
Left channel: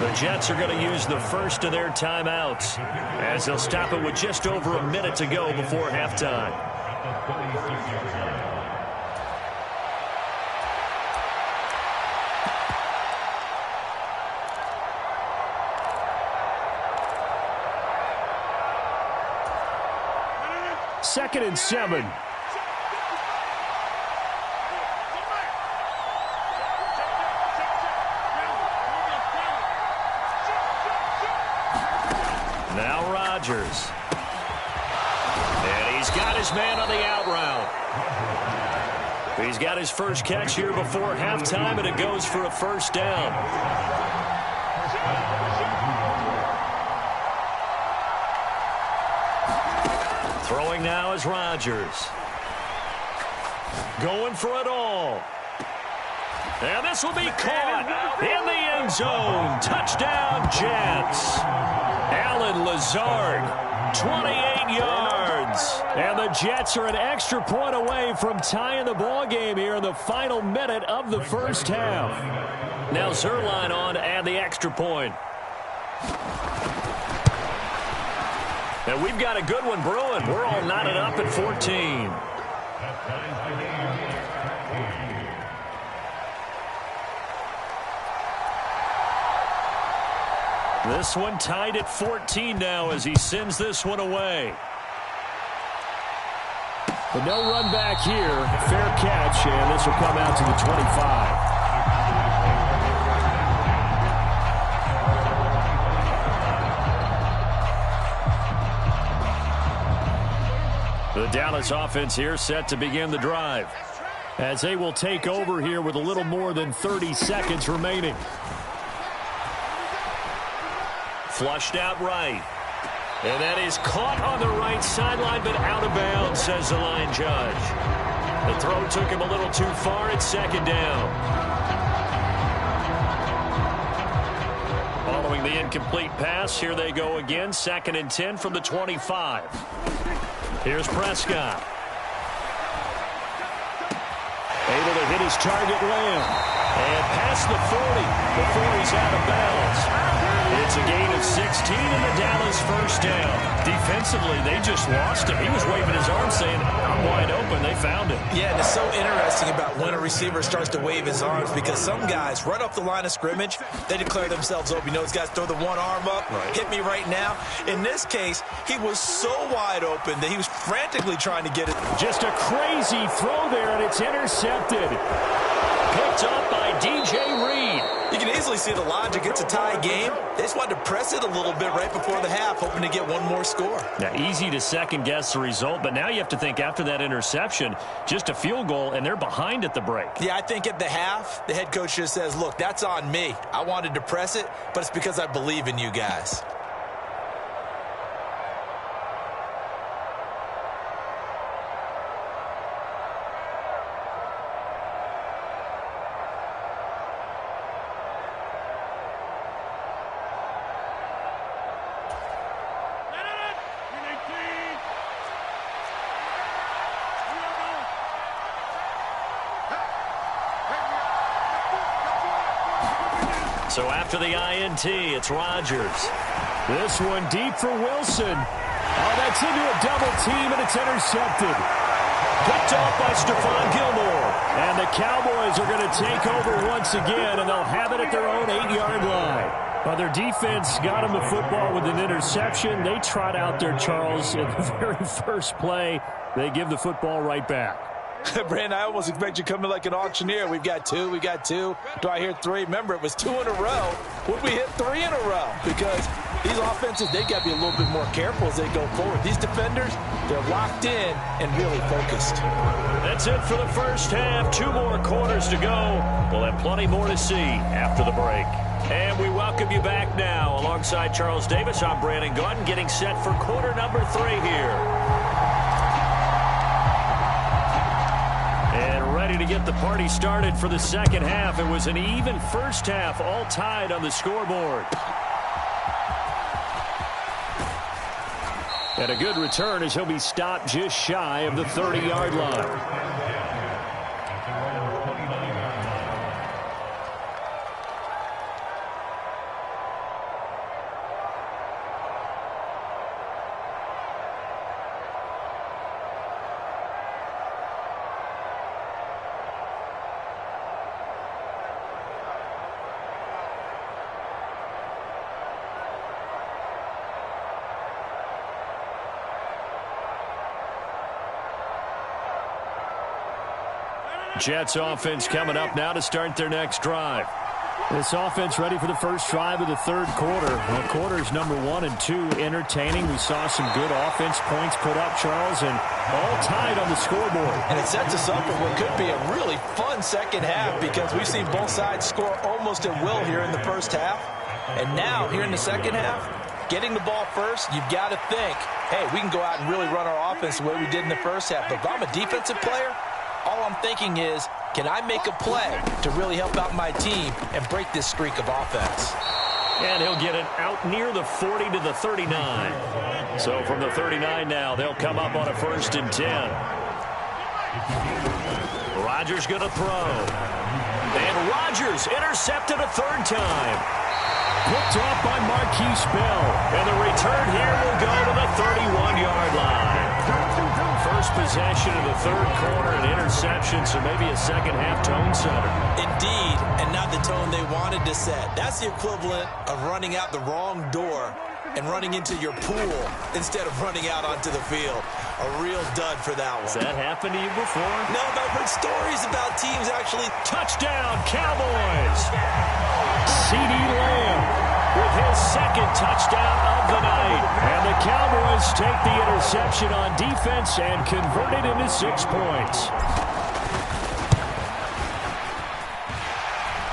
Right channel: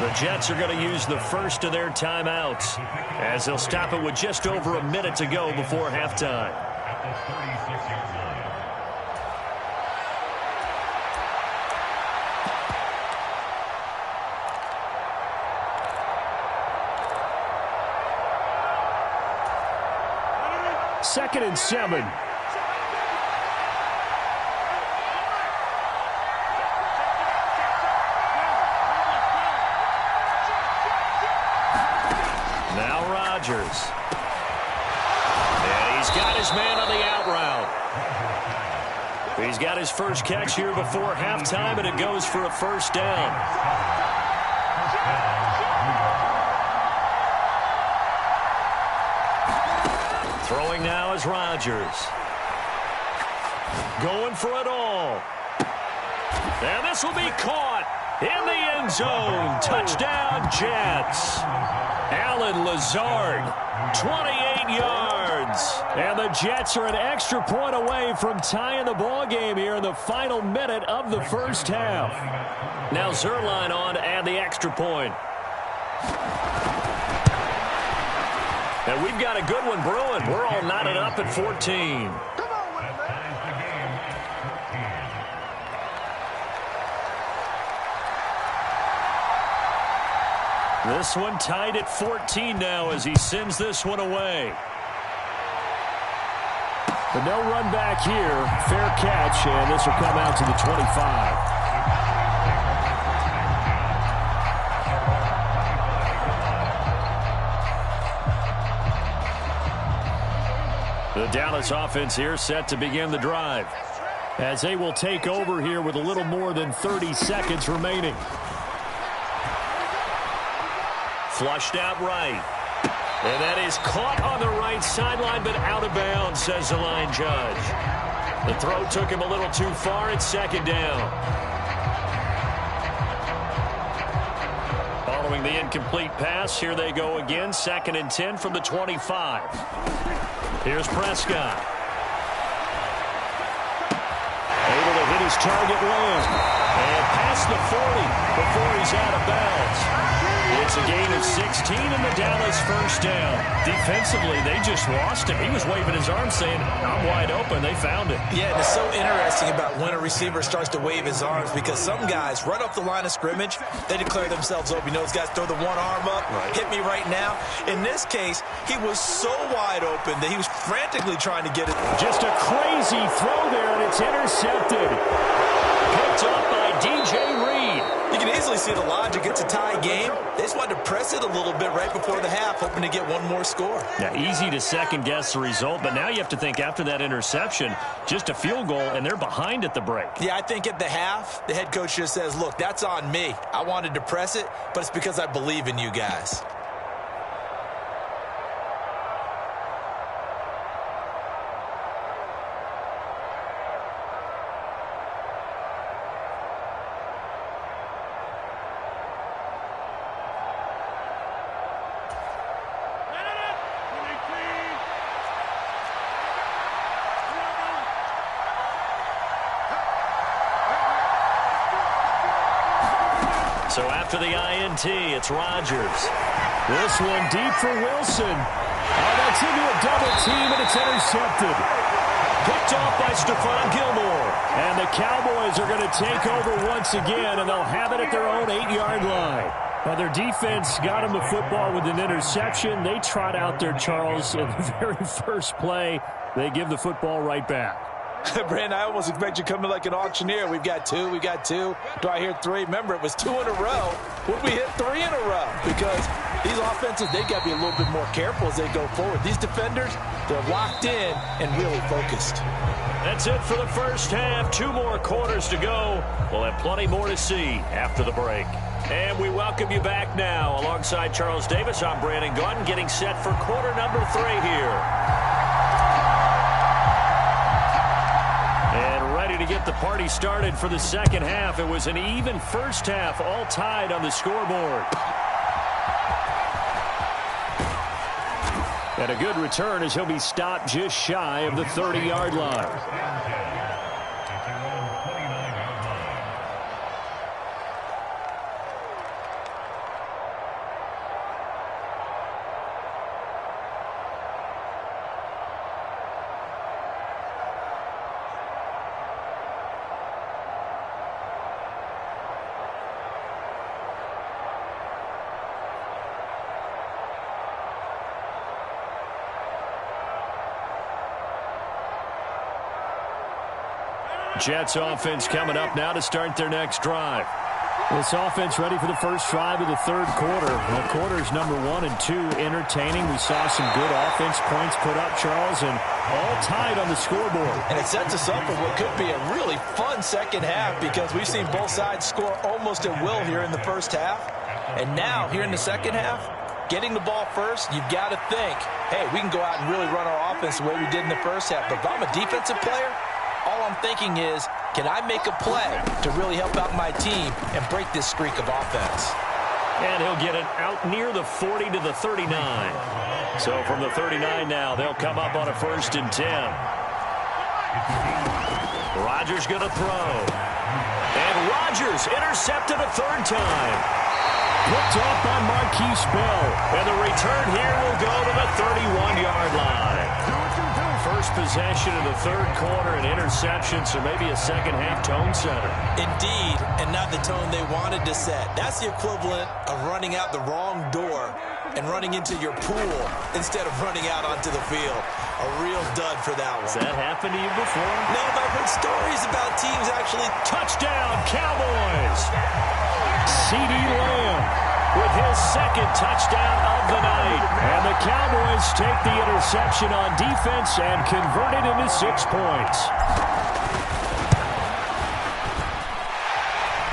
The Jets are going to use the first of their timeouts as they'll stop it with just over a minute to go before halftime. At the 36-yard line. Second and 7. Now Rodgers. And he's got his man on the out route. He's got his first catch here before halftime, and it goes for a 1st down. Throwing now is Rodgers. Going for it all. And this will be caught in the end zone. Touchdown, Jets. Allen Lazard, 28 yards. And the Jets are an extra point away from tying the ball game here in the final minute of the first half. Now Zerline on to add the extra point. And we've got a good one brewing. We're all knotted up at 14. That ties the game at 14. This one tied at 14 now as he sends this one away. The no run back here. Fair catch, and this will come out to the 25. The Dallas offense here set to begin the drive as they will take over here with a little more than 30 seconds remaining. Flushed out right. And that is caught on the right sideline, but out of bounds, says the line judge. The throw took him a little too far. It's 2nd down. Following the incomplete pass, here they go again. 2nd and 10 from the 25. Here's Prescott. Able to hit his target Lamb. And past the 40 before he's out of bounds. It's a gain of 16 and the Dallas 1st down. Defensively, they just lost him. He was waving his arms saying, I'm wide open. They found it. Yeah, and it's so interesting about when a receiver starts to wave his arms because some guys, right off the line of scrimmage, they declare themselves open. You know, those guys throw the one arm up, hit me right now. In this case, he was so wide open that he was frantically trying to get it. Just a crazy throw there, and it's intercepted. Picked up by DJ Reed. You can easily see the logic. It's a tie game. They just wanted to press it a little bit right before the half, hoping to get one more score. Now, easy to second-guess the result, but now you have to think after that interception, just a field goal, and they're behind at the break. Yeah, I think at the half, the head coach just says, look, that's on me. I wanted to press it, but it's because I believe in you guys. So after the INT, it's Rodgers. This one deep for Wilson. Oh, that's into a double team, and it's intercepted. Picked off by Stephon Gilmore. And the Cowboys are going to take over once again, and they'll have it at their own 8-yard line. Well, their defense got them the football with an interception. They trot out there, Charles, in the very first play. They give the football right back. Brandon, I almost expect you coming like an auctioneer. We've got two. Do I hear three? Remember, it was 2 in a row. Would we hit 3 in a row? Because these offenses, they got to be a little bit more careful as they go forward. These defenders, they're locked in and really focused. That's it for the first half. 2 more quarters to go. We'll have plenty more to see after the break. And we welcome you back now. Alongside Charles Davis, I'm Brandon Gaudin, getting set for quarter number 3 here. And ready to get the party started for the second half. It was an even first half, all tied on the scoreboard. And a good return as he'll be stopped just shy of the 30-yard line. Jets offense coming up now to start their next drive. This offense ready for the first drive of the third quarter. Well, quarters number 1 and 2 entertaining. We saw some good offense points put up, Charles, and all tied on the scoreboard. And it sets us up for what could be a really fun second half because we've seen both sides score almost at will here in the first half. And now, here in the second half, getting the ball first, you've got to think, hey, we can go out and really run our offense the way we did in the first half. But if I'm a defensive player, all I'm thinking is, can I make a play to really help out my team and break this streak of offense? And he'll get it out near the 40 to the 39. So from the 39 now, they'll come up on a 1st and 10. Rodgers going to throw. And Rodgers intercepted a 3rd time. Picked off by Marquise Bell. And the return here will go to the 31-yard line. First possession of the third quarter, an interception, so maybe a second-half tone setter. Indeed, and not the tone they wanted to set. That's the equivalent of running out the wrong door and running into your pool instead of running out onto the field. A real dud for that one. Has that happened to you before? No, but I've heard stories about teams actually. Touchdown, Cowboys! CeeDee Lamb with his 2nd touchdown of the night. And the Cowboys take the interception on defense and convert it into 6 points.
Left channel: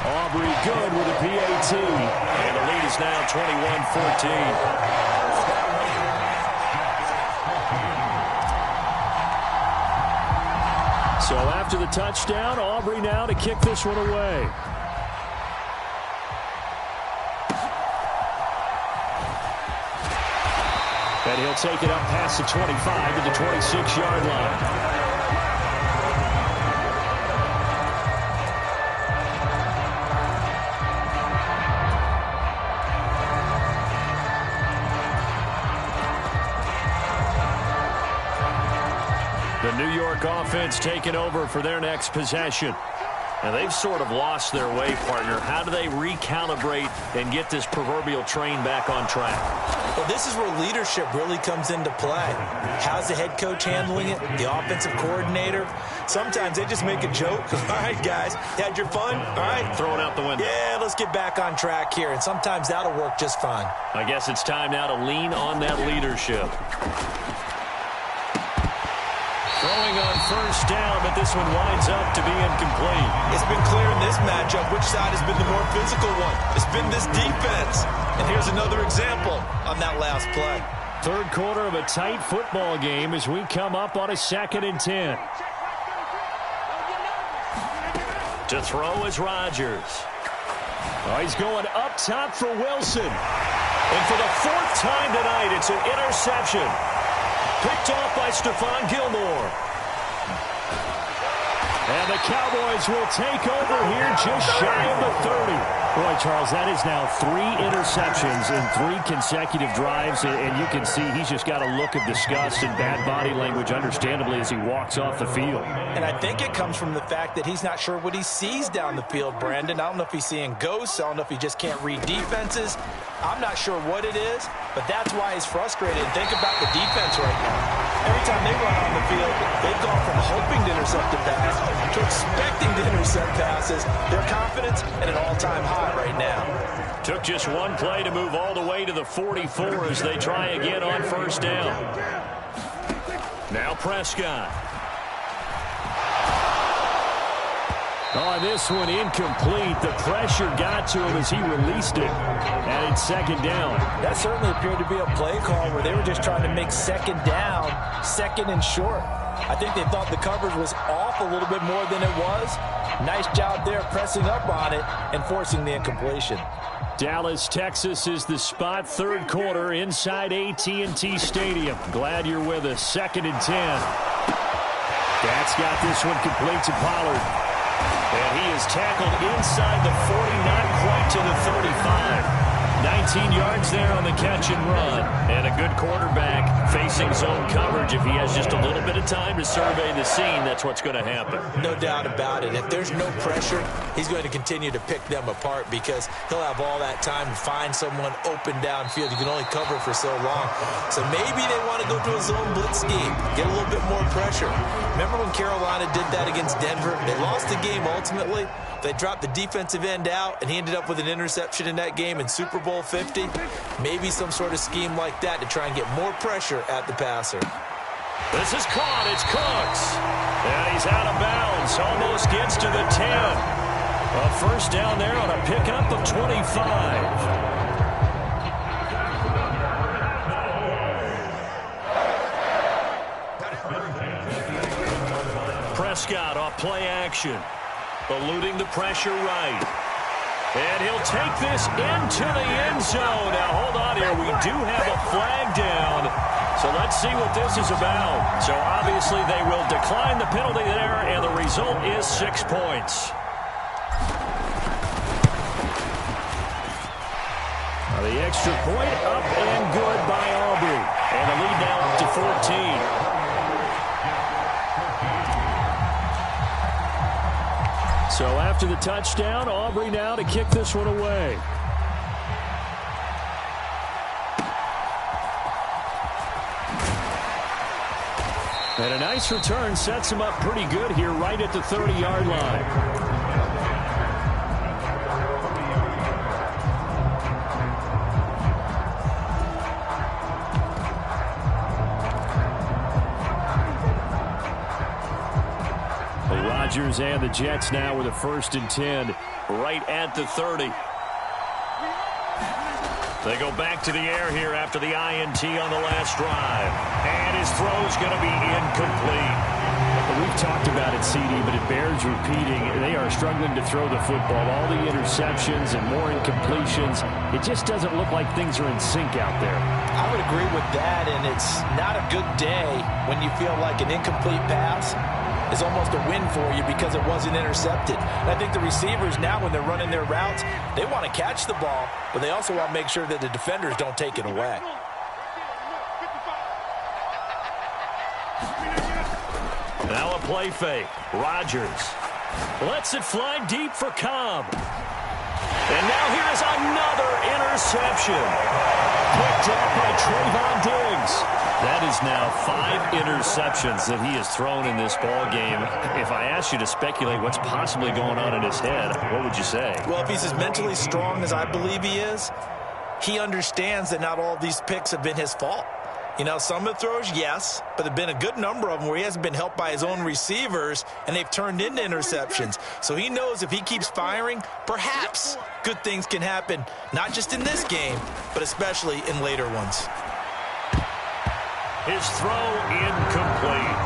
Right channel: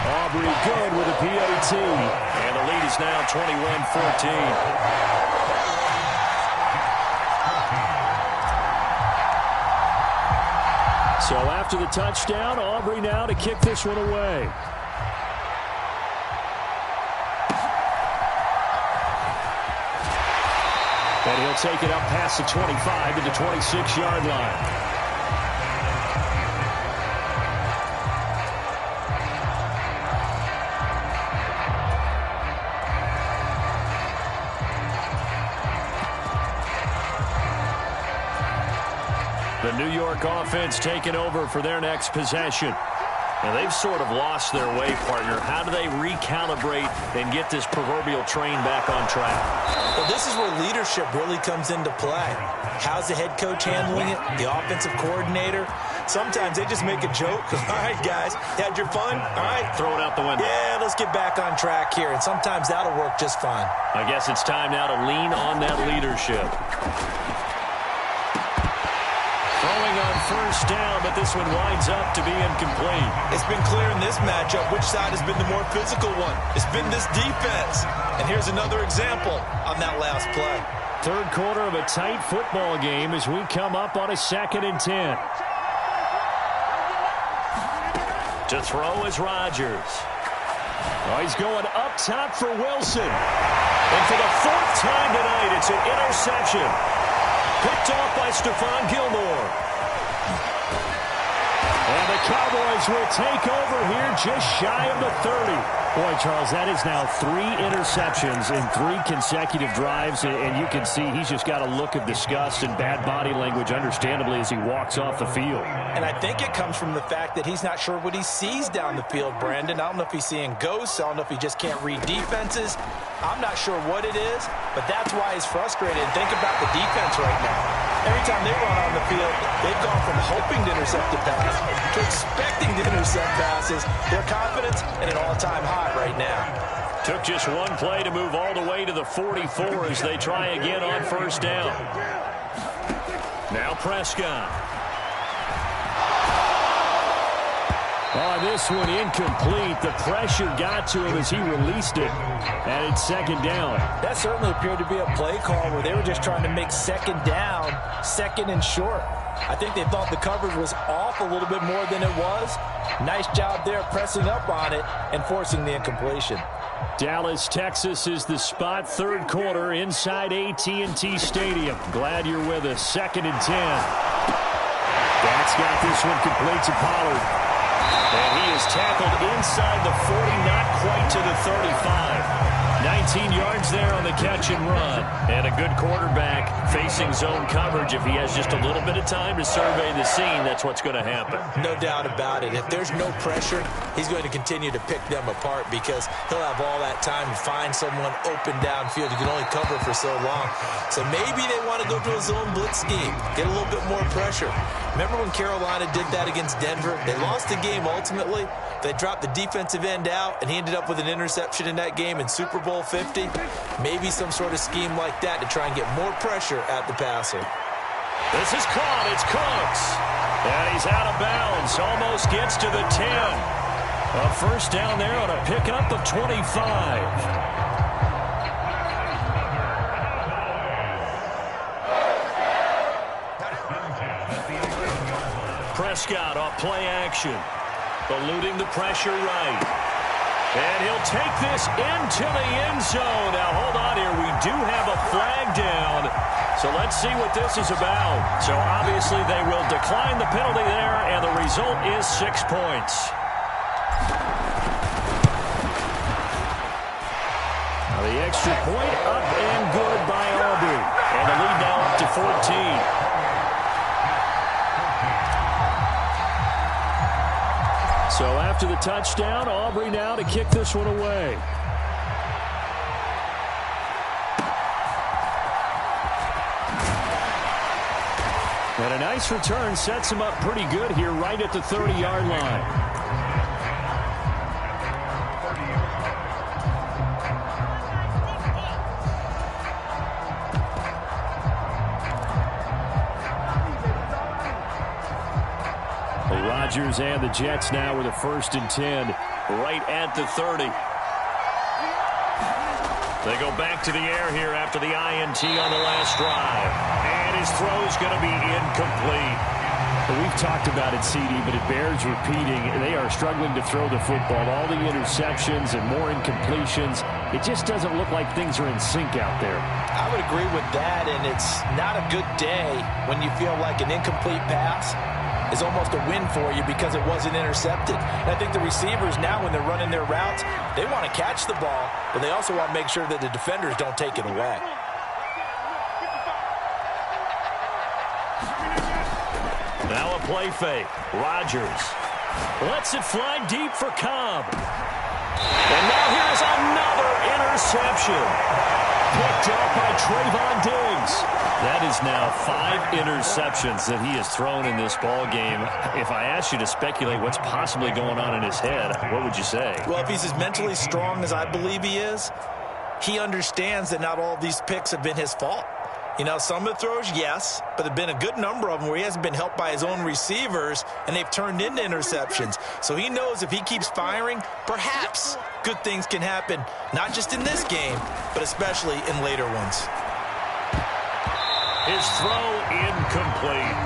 Aubrey good with a PAT. And the lead is now 21-14. So after the touchdown, Aubrey now to kick this one away. And he'll take it up past the 25 to the 26-yard line. The New York offense taking over for their next possession. And they've sort of lost their way, partner. How do they recalibrate and get this proverbial train back on track? Well, this is where leadership really comes into play. How's the head coach handling it? The offensive coordinator? Sometimes they just make a joke. All right, guys, you had your fun? All right. Throw it out the window. Yeah, let's get back on track here. And sometimes that'll work just fine. I guess it's time now to lean on that leadership. Throwing on 1st down, but this one winds up to be incomplete. It's been clear in this matchup which side has been the more physical one. It's been this defense. And here's another example on that last play. Third quarter of a tight football game as we come up on a 2nd and 10. To throw is Rodgers. Oh, he's going up top for Wilson. And for the 4th time tonight, it's an interception. Picked off by Stephon Gilmore. And the Cowboys will take over here just shy of the 30. Boy, Charles, that is now 3 interceptions in 3 consecutive drives, and you can see he's just got a look of disgust and bad body language, understandably, as he walks off the field. And I think it comes from the fact that he's not sure what he sees down the field, Brandon. I don't know if he's seeing ghosts. I don't know if he just can't read defenses. I'm not sure what it is, but that's why he's frustrated. And think about the defense right now. Every time they run on the field, they've gone from hoping to intercept a pass to expecting to intercept passes. Their confidence at an all-time high right now. Took just 1 play to move all the way to the 44 as they try again on first down. Now Prescott. Oh, this one incomplete. The pressure got to him as he released it. And it's second down. That certainly appeared to be a play call where they were just trying to make second down, second and short. I think they thought the coverage was off a little bit more than it was. Nice job there pressing up on it and forcing the incompletion. Dallas, Texas is the spot. 3rd quarter inside AT&T Stadium. Glad you're with us. 2nd and 10. That's got this one complete to Pollard. And he is tackled inside the 40, not quite to the 35. 19 yards there on the catch and run. And a good quarterback facing zone coverage. If he has just a little bit of time to survey the scene, that's what's going to happen. No doubt about it. If there's no pressure, he's going to continue to pick them apart because he'll have all that time to find someone open downfield. You can only cover for so long. So maybe they want to go to a zone blitz scheme, get a little bit more pressure. Remember when Carolina did that against Denver? They lost the game ultimately. They dropped the defensive end out, and he ended up with an interception in that game in Super Bowl 50. Maybe some sort of scheme like that to try and get more pressure at the passer. This is caught. It's Cooks. And he's out of bounds. Almost gets to the 10. A first down there on a pickup of 25. Prescott off play action. Eluding the pressure right. And he'll take this into the end zone. Now, hold on here. We do have a flag down. So let's see what this is about. So obviously they will decline the penalty there, and the result is 6 points. Now the extra point up and good by Aubrey. And the lead now up to 14. So after the touchdown, Aubrey now to kick this one away. And a nice return sets him up pretty good here right at the 30-yard line. Rodgers and the Jets now with a 1st and 10 right at the 30. They go back to the air here after the INT on the last drive. And his throw's going to be incomplete. Well, we've talked about it, CD, but it bears repeating. They are struggling to throw the football. All the interceptions and more incompletions. It just doesn't look like things are in sync out there. I would agree with that, and it's not a good day when you feel like an incomplete pass is almost a win for you because it wasn't intercepted. And I think the receivers now, when they're running their routes, they want to catch the ball, but they also want to make sure that the defenders don't take it away. Now a play fake. Rodgers lets it fly deep for Cobb. And now here is another interception. Picked up by Trayvon Diggs. That is now 5 interceptions that he has thrown in this ball game. If I asked you to speculate what's possibly going on in his head, what would you say? Well, if he's as mentally strong as I believe he is, he understands that not all of these picks have been his fault. You know, some of the throws, yes, but there have been a good number of them where he hasn't been helped by his own receivers, and they've turned into interceptions. So he knows if he keeps firing, perhaps good things can happen, not just in this game, but especially in later ones. His throw incomplete.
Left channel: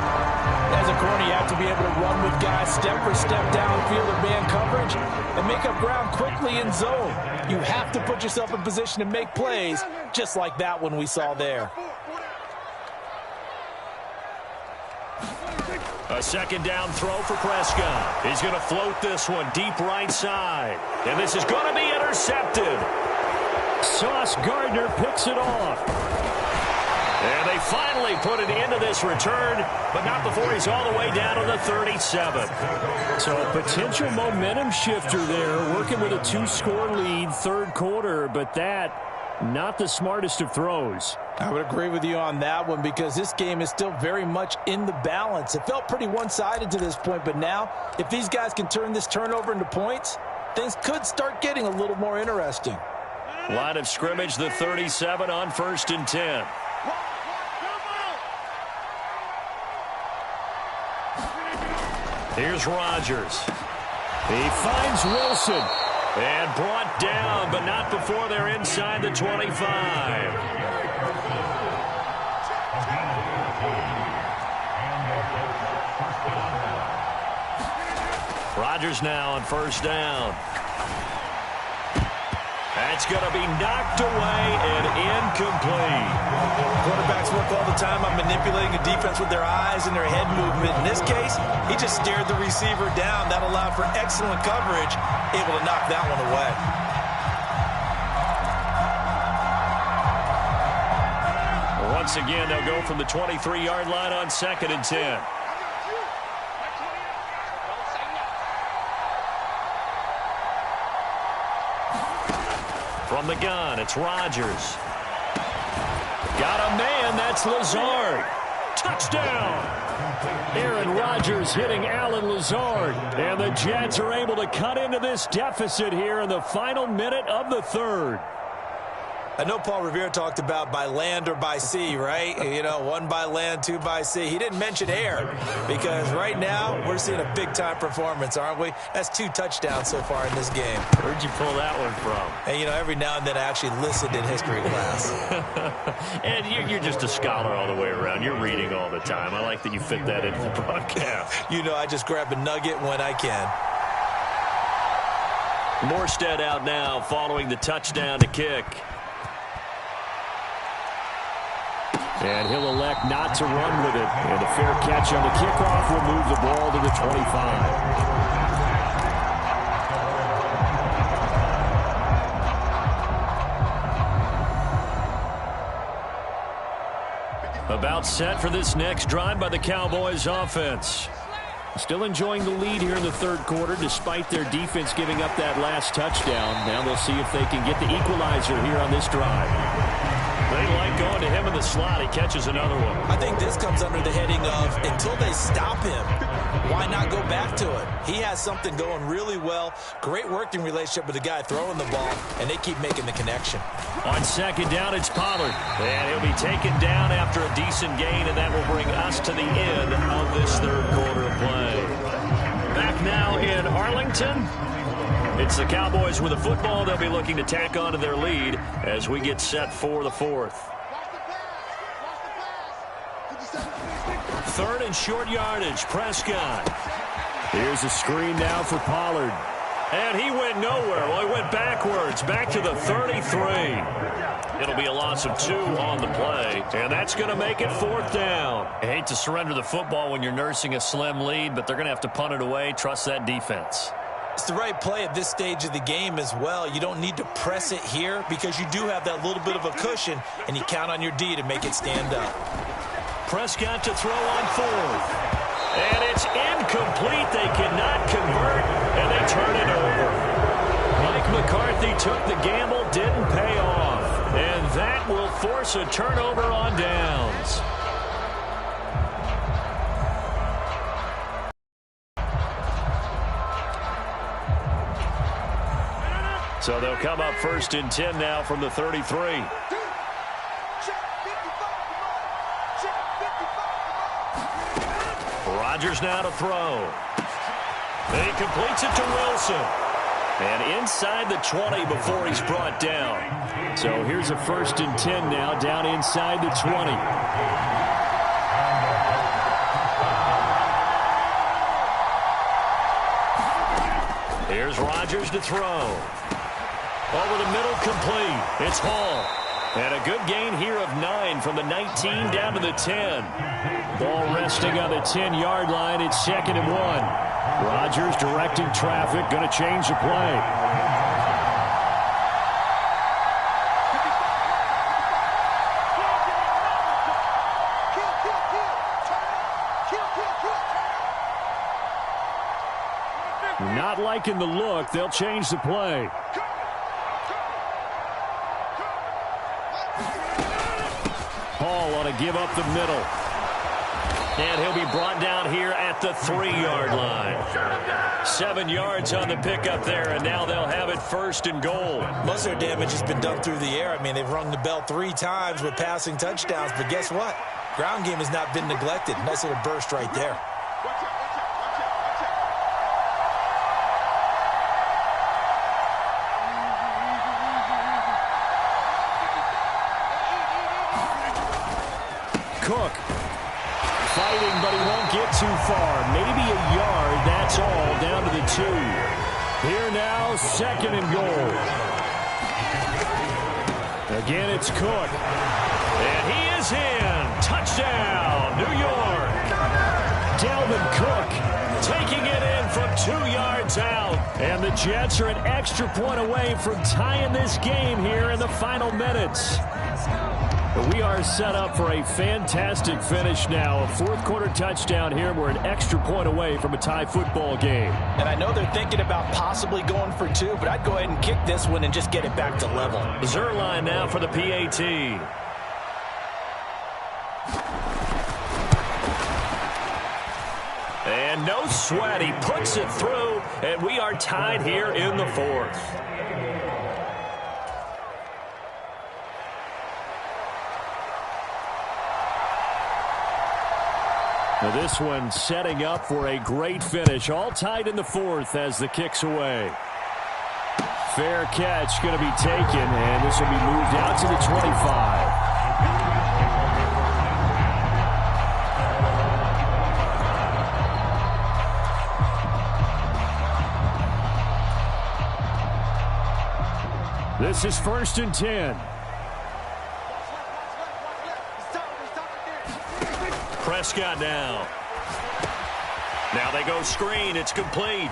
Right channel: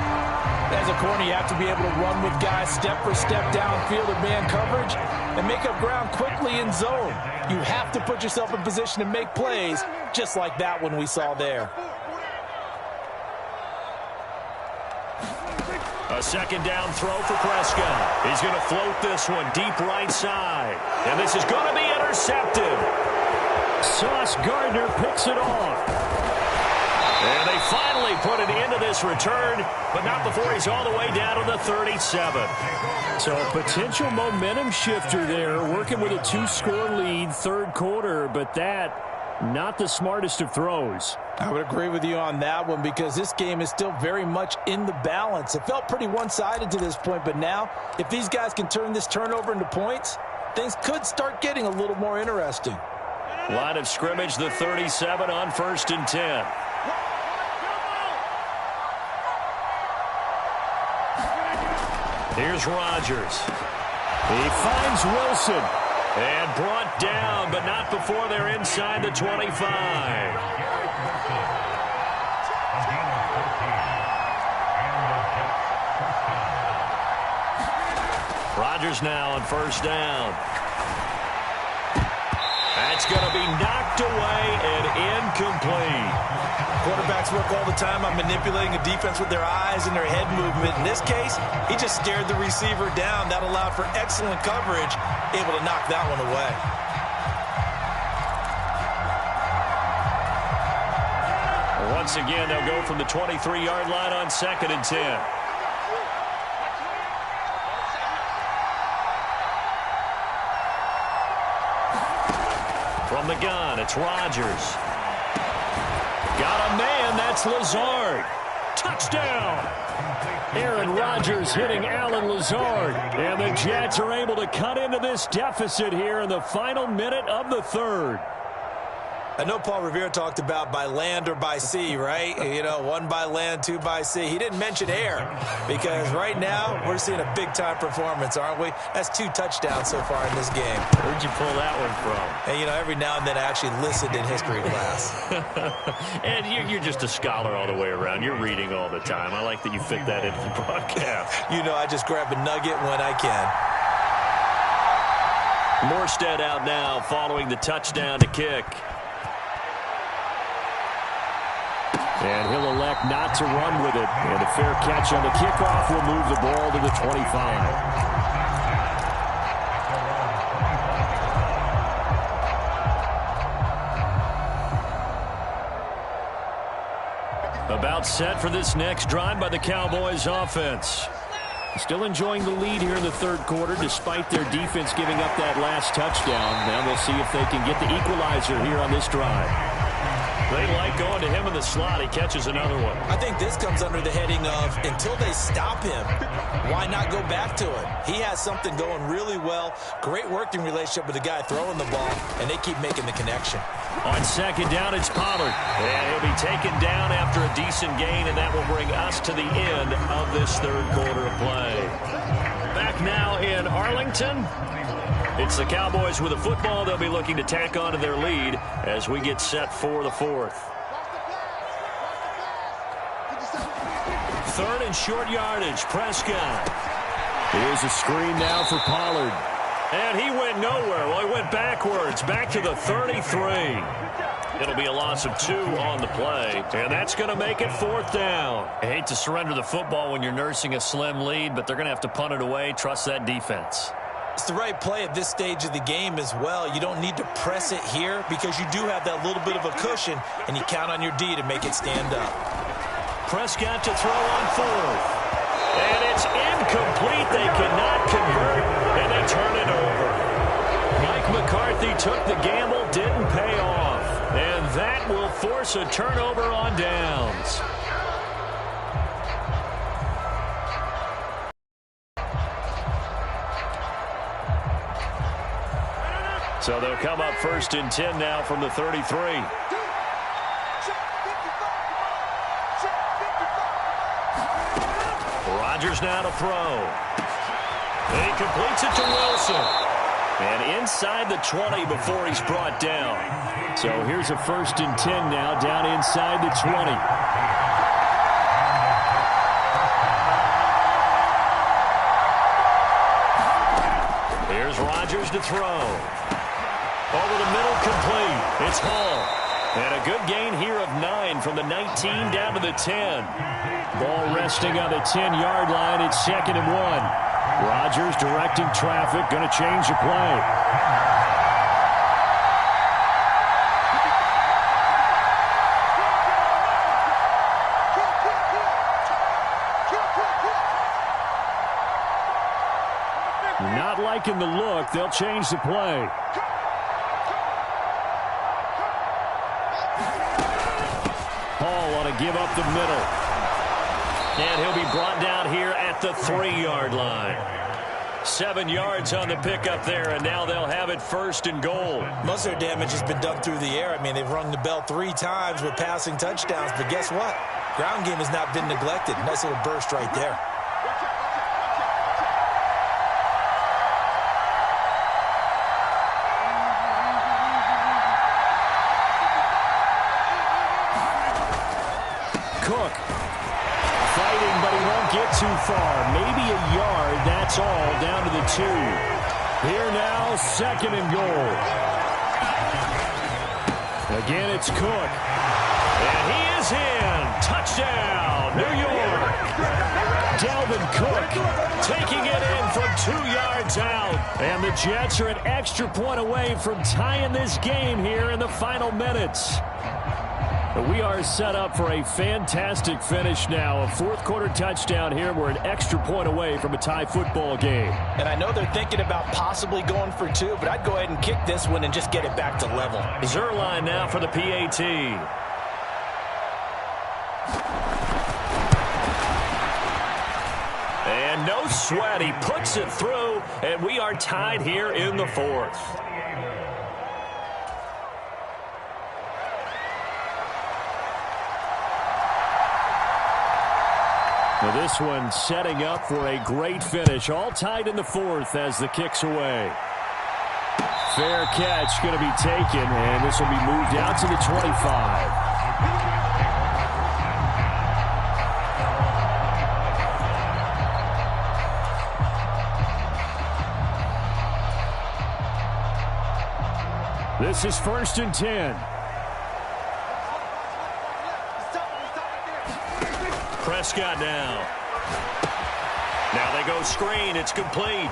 As a corner, you have to be able to run with guys step for step downfield or man coverage and make up ground quickly in zone. You have to put yourself in position to make plays, just like that one we saw there. A second down throw for Prescott. He's going to float this one deep right side. And this is going to be intercepted. Sauce Gardner picks it off. And they finally put an end to this return, but not before he's all the way down to the 37. So a potential momentum shifter there, working with a 2-score lead, third quarter, but that, not the smartest of throws. I would agree with you on that one because this game is still very much in the balance. It felt pretty one-sided to this point, but now, if these guys can turn this turnover into points, things could start getting a little more interesting. Line of scrimmage, the 37 on 1st and 10. Here's Rodgers. He finds Wilson. And brought down, but not before they're inside the 25. Rodgers now on 1st down. That's going to be knocked away and incomplete. Quarterbacks work all the time on manipulating a defense with their eyes and their head movement. In this case, he just stared the receiver down. That allowed for excellent coverage, able to knock that one away. Once again, they'll go from the 23-yard line on 2nd and 10. From the gun, it's Rodgers. Got a man, that's Lazard. Touchdown! Aaron Rodgers hitting Alan Lazard. And the Jets are able to cut into this deficit here in the final minute of the third. I know Paul Revere talked about by land or by sea, right? You know, 1 by land, 2 by sea. He didn't mention air because right now we're seeing a big-time performance, aren't we? That's 2 touchdowns so far in this game. Where'd you pull that one from? And, you know, every now and then I actually listened in history class. And you're just a scholar all the way around. You're reading all the time. I like that you fit that into the broadcast. You know, I just grab a nugget when I can. Morstead out now following the touchdown to kick. And he'll elect not to run with it. And a fair catch on the kickoff will move the ball to the 25. About set for this next drive by the Cowboys offense. Still enjoying the lead here in the third quarter despite their defense giving up that last touchdown. Now they'll see if they can get the equalizer here on this drive. They like going to him in the slot. He catches another one. I think this comes under the heading of until they stop him, why not go back to it? He has something going really well. Great working relationship with the guy throwing the ball, and they keep making the connection. On 2nd down, it's Pollard. And he'll be taken down after a decent gain, and that will bring us to the end of this third quarter of play. Back now in Arlington. It's the Cowboys with the football. They'll be looking to tack on to their lead as we get set for the fourth. 3rd and short yardage. Prescott. Here's a screen now for Pollard. And he went nowhere. Well, he went backwards, back to the 33. It'll be a loss of 2 on the play, and that's going to make it 4th down. I hate to surrender the football when you're nursing a slim lead, but they're going to have to punt it away. Trust that defense. It's the right play at this stage of the game as well. You don't need to press it here because you do have that little bit of a cushion, and you count on your D to make it stand up. Prescott to throw on 4th. And it's incomplete. They cannot convert, and they turn it over. Mike McCarthy took the gamble, didn't pay off. And that will force a turnover on downs. So they'll come up 1st and 10 now from the 33. Rodgers now to throw. And he completes it to Wilson. And inside the 20 before he's brought down. So here's a 1st and 10 now down inside the 20. Here's Rodgers to throw. Over the middle, complete. It's Hall. And a good gain here of 9 from the 19 down to the 10. Ball resting on the 10-yard line. It's 2nd and 1. Rodgers directing traffic. Going to change the play. Not liking the look. They'll change the play. Hall ought to give up the middle. And he'll be brought down here at the 3-yard line. 7 yards on the pickup there, and now they'll have it 1st and goal. Most of their damage has been done through the air. I mean, they've rung the bell 3 times with passing touchdowns, but guess what? Ground game has not been neglected. Nice little burst right there. Cook fighting, but he won't get too far. Maybe a yard, that's all, down to the 2. Here now, 2nd and goal. Again, it's Cook. And he is in. Touchdown, New York. Dalvin Cook taking it in from 2 yards out. And the Jets are an extra point away from tying this game here in the final minutes. We are set up for a fantastic finish now. A 4th-quarter touchdown here. We're an extra point away from a tie football game. And I know they're thinking about possibly going for 2, but I'd go ahead and kick this one and just get it back to level. Zerline now for the PAT. And no sweat. He puts it through, and we are tied here in the 4th. Now this one setting up for a great finish. All tied in the 4th as the kick's away. Fair catch going to be taken, and this will be moved out to the 25. This is 1st and 10. Prescott now. Now they go screen. It's complete.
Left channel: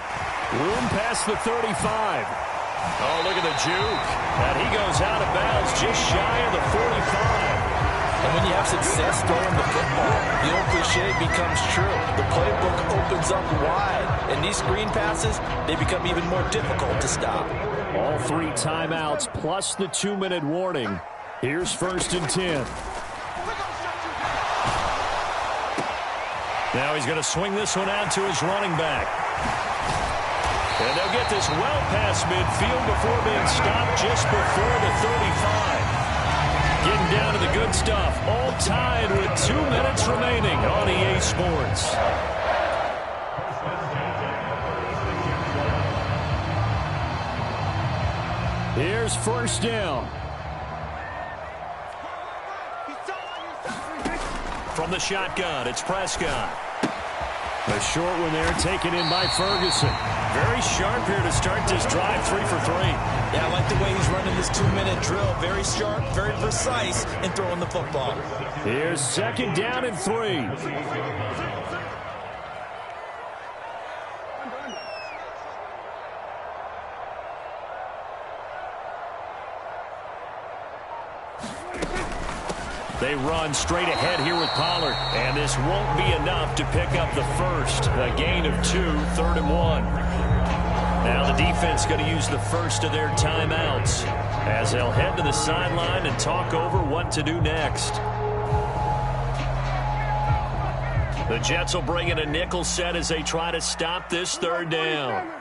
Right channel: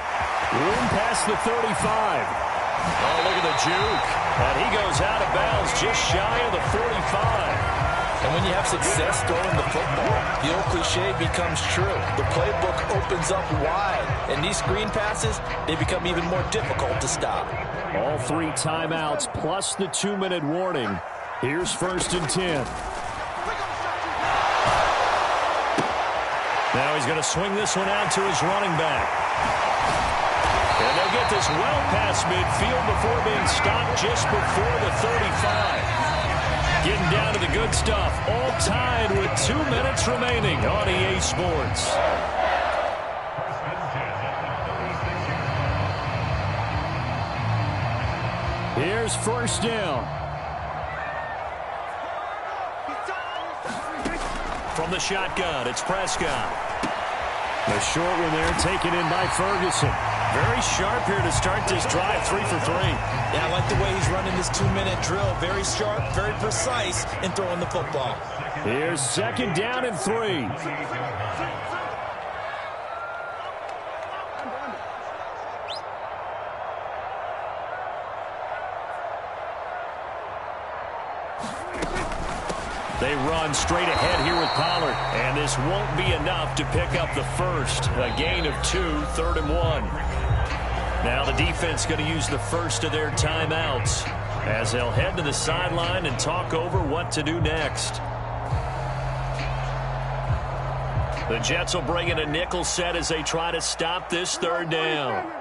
Room past the 35. Oh, look at the juke. And he goes out of bounds just shy of the 45. And when you have success throwing the football, the old cliche becomes true. The playbook opens up wide. And these screen passes, they become even more difficult to stop. All 3 timeouts plus the 2-minute warning. Here's 1st and 10. Now he's going to swing this one out to his running back. And they'll get this well past midfield before being stopped just before the 35. Getting down to the good stuff. All tied with 2 minutes remaining on EA Sports. Here's 1st down. From the shotgun, it's Prescott. A short one there, taken in by Ferguson. Very sharp here to start this drive, 3 for 3. Yeah, I like the way he's running this 2-minute drill. Very sharp, very precise in throwing the football. Here's 2nd down and 3. They run straight ahead here with Pollard, and this won't be enough to pick up the 1st. A gain of 2, 3rd and 1. Now the defense going to use the 1st of their timeouts as they'll head to the sideline and talk over what to do next. The Jets will bring in a nickel set as they try to stop this 3rd down.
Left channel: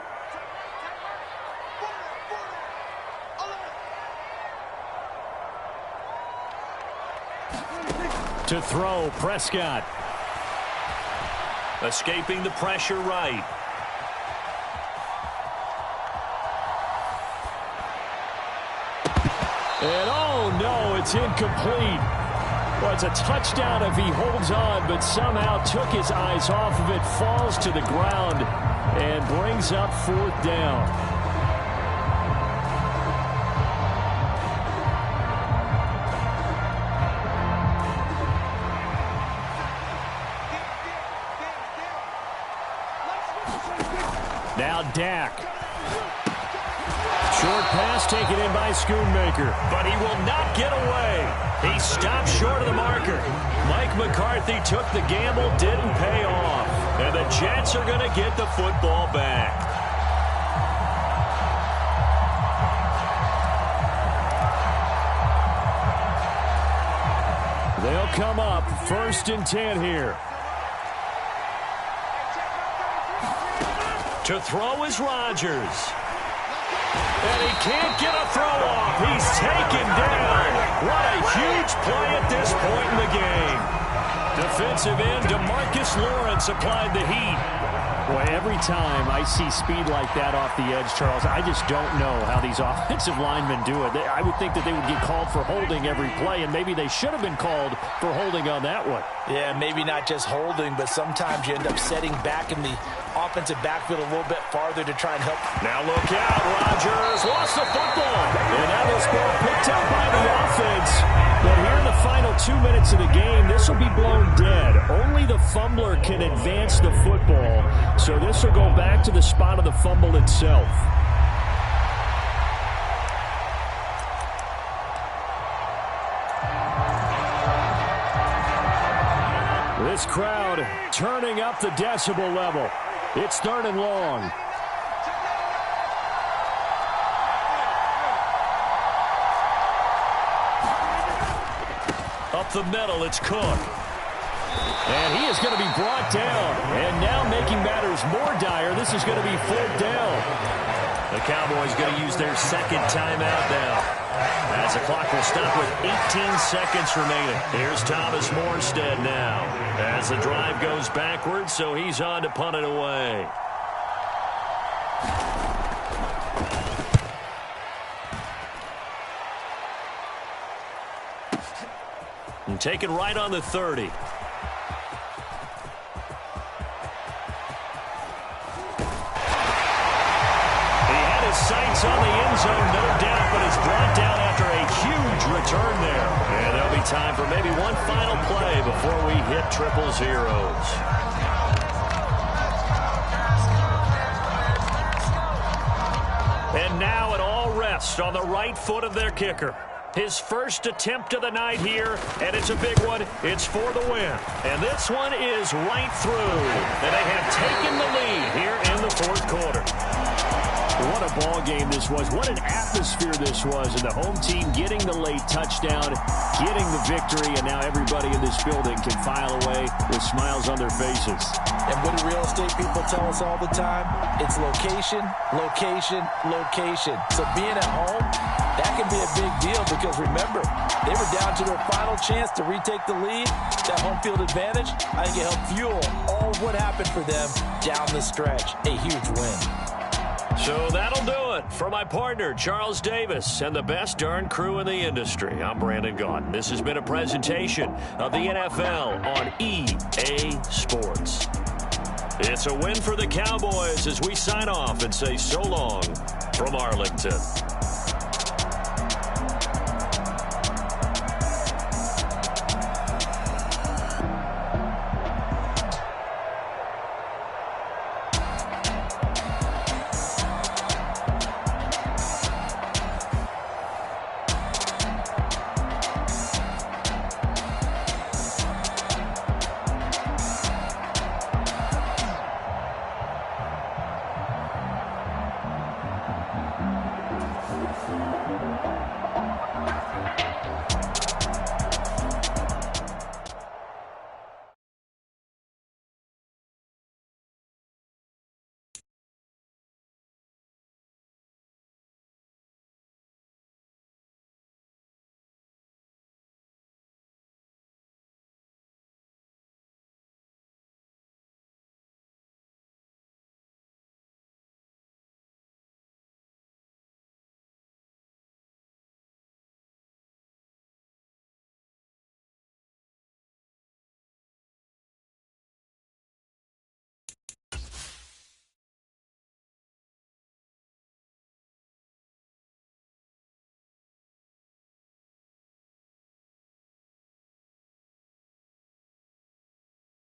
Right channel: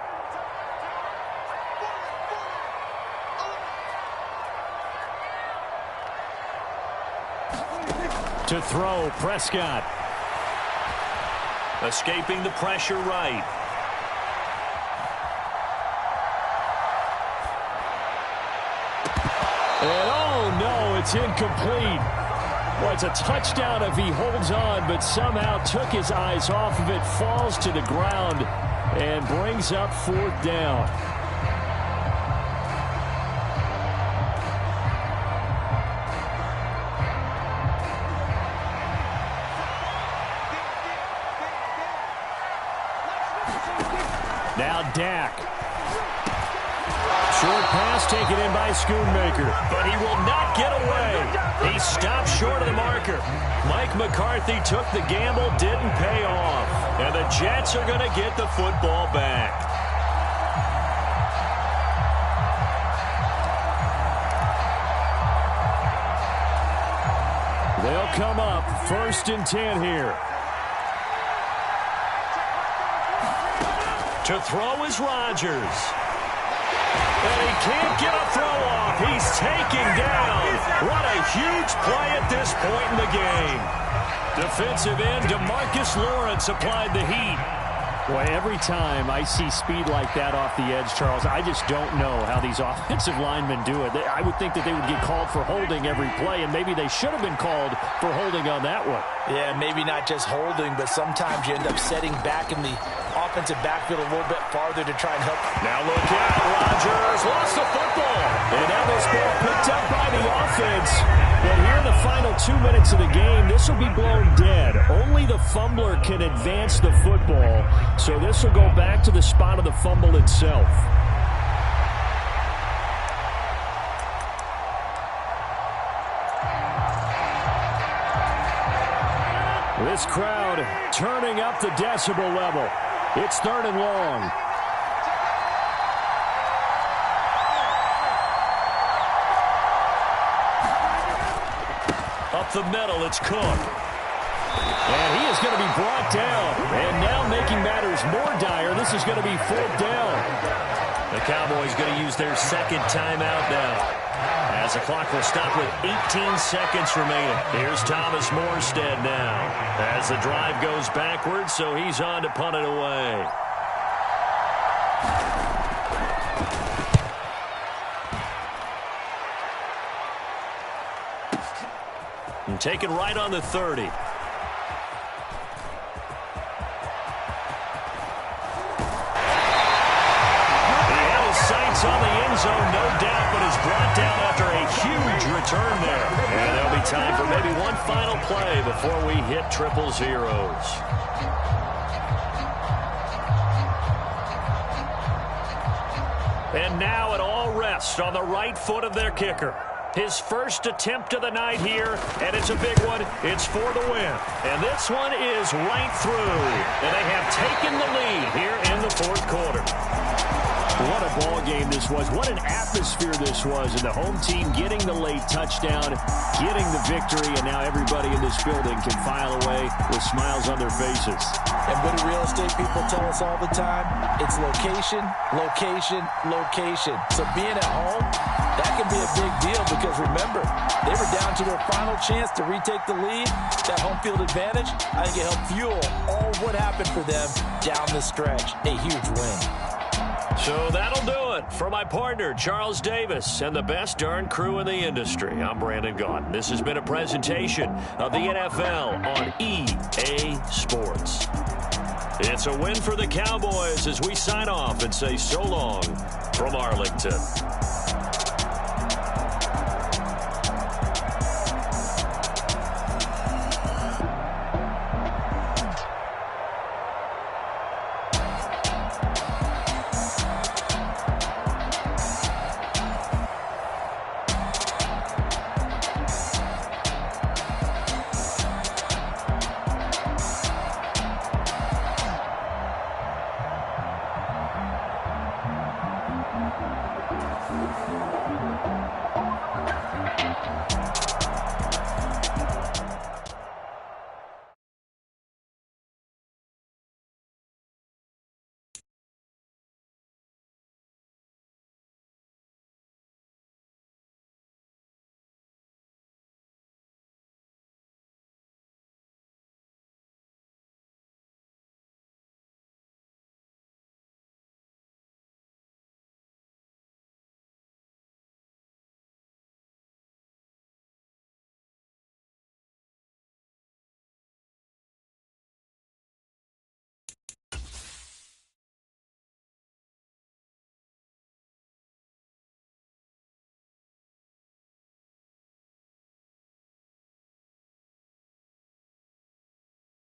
To throw, Prescott. Escaping the pressure right. And oh no, it's incomplete. Well, it's a touchdown if he holds on, but somehow took his eyes off of it, falls to the ground, and brings up 4th down. Now Dak. Short pass taken in by Schoonmaker, but he will not get away. He stopped short of the marker. Mike McCarthy took the gamble, didn't pay off. And the Jets are going to get the football back. They'll come up 1st and 10 here. To throw is Rodgers. And he can't get a throw off. He's taken down. What a huge play at this point in the game. Defensive end DeMarcus Lawrence applied the heat. Boy, every time I see speed like that off the edge, Charles, I just don't know how these offensive linemen do it. I would think that they would get called for holding every play, and maybe they should have been called for holding on that one. Yeah, maybe not just holding, but sometimes you end up setting back in the offensive backfield a little bit farther to try and help. Now look out, Rodgers lost the football. And now this ball picked up by the offense. But here in the final 2 minutes of the game, this will be blown dead. Only the fumbler can advance the football. So this will go back to the spot of the fumble itself. This crowd turning up the decibel level. It's 3rd and long. Up the middle, it's Cook. And he is going to be brought down. And now making matters more dire, this is going to be 4th down. The Cowboys going to use their 2nd timeout now, as the clock will stop with 18 seconds remaining. Here's Thomas Morstead now, as the drive goes backwards, so he's on to punt it away. And taken right on the 30. He had his sights on the end zone, no doubt, but is brought down after a huge return there. And there'll be time for maybe one final play before we hit triple zeros. And now it all rests on the right foot of their kicker. His first attempt of the night here, and it's a big one. It's for the win. And this one is right through. And they have taken the lead here in the 4th quarter. What a ball game this was. What an atmosphere this was. And the home team getting the late touchdown, getting the victory, and now everybody in this building can file away with smiles on their faces. And what do real estate people tell us all the time? It's location, location, location. So being at home, that can be a big deal because, remember, they were down to their final chance to retake the lead. That home field advantage, I think it helped fuel all of what happened for them down the stretch. A huge win. So that'll do it for my partner, Charles Davis, and the best darn crew in the industry. I'm Brandon Gaudin. This has been a presentation of the NFL on EA Sports. It's a win for the Cowboys as we sign off and say so long from Arlington.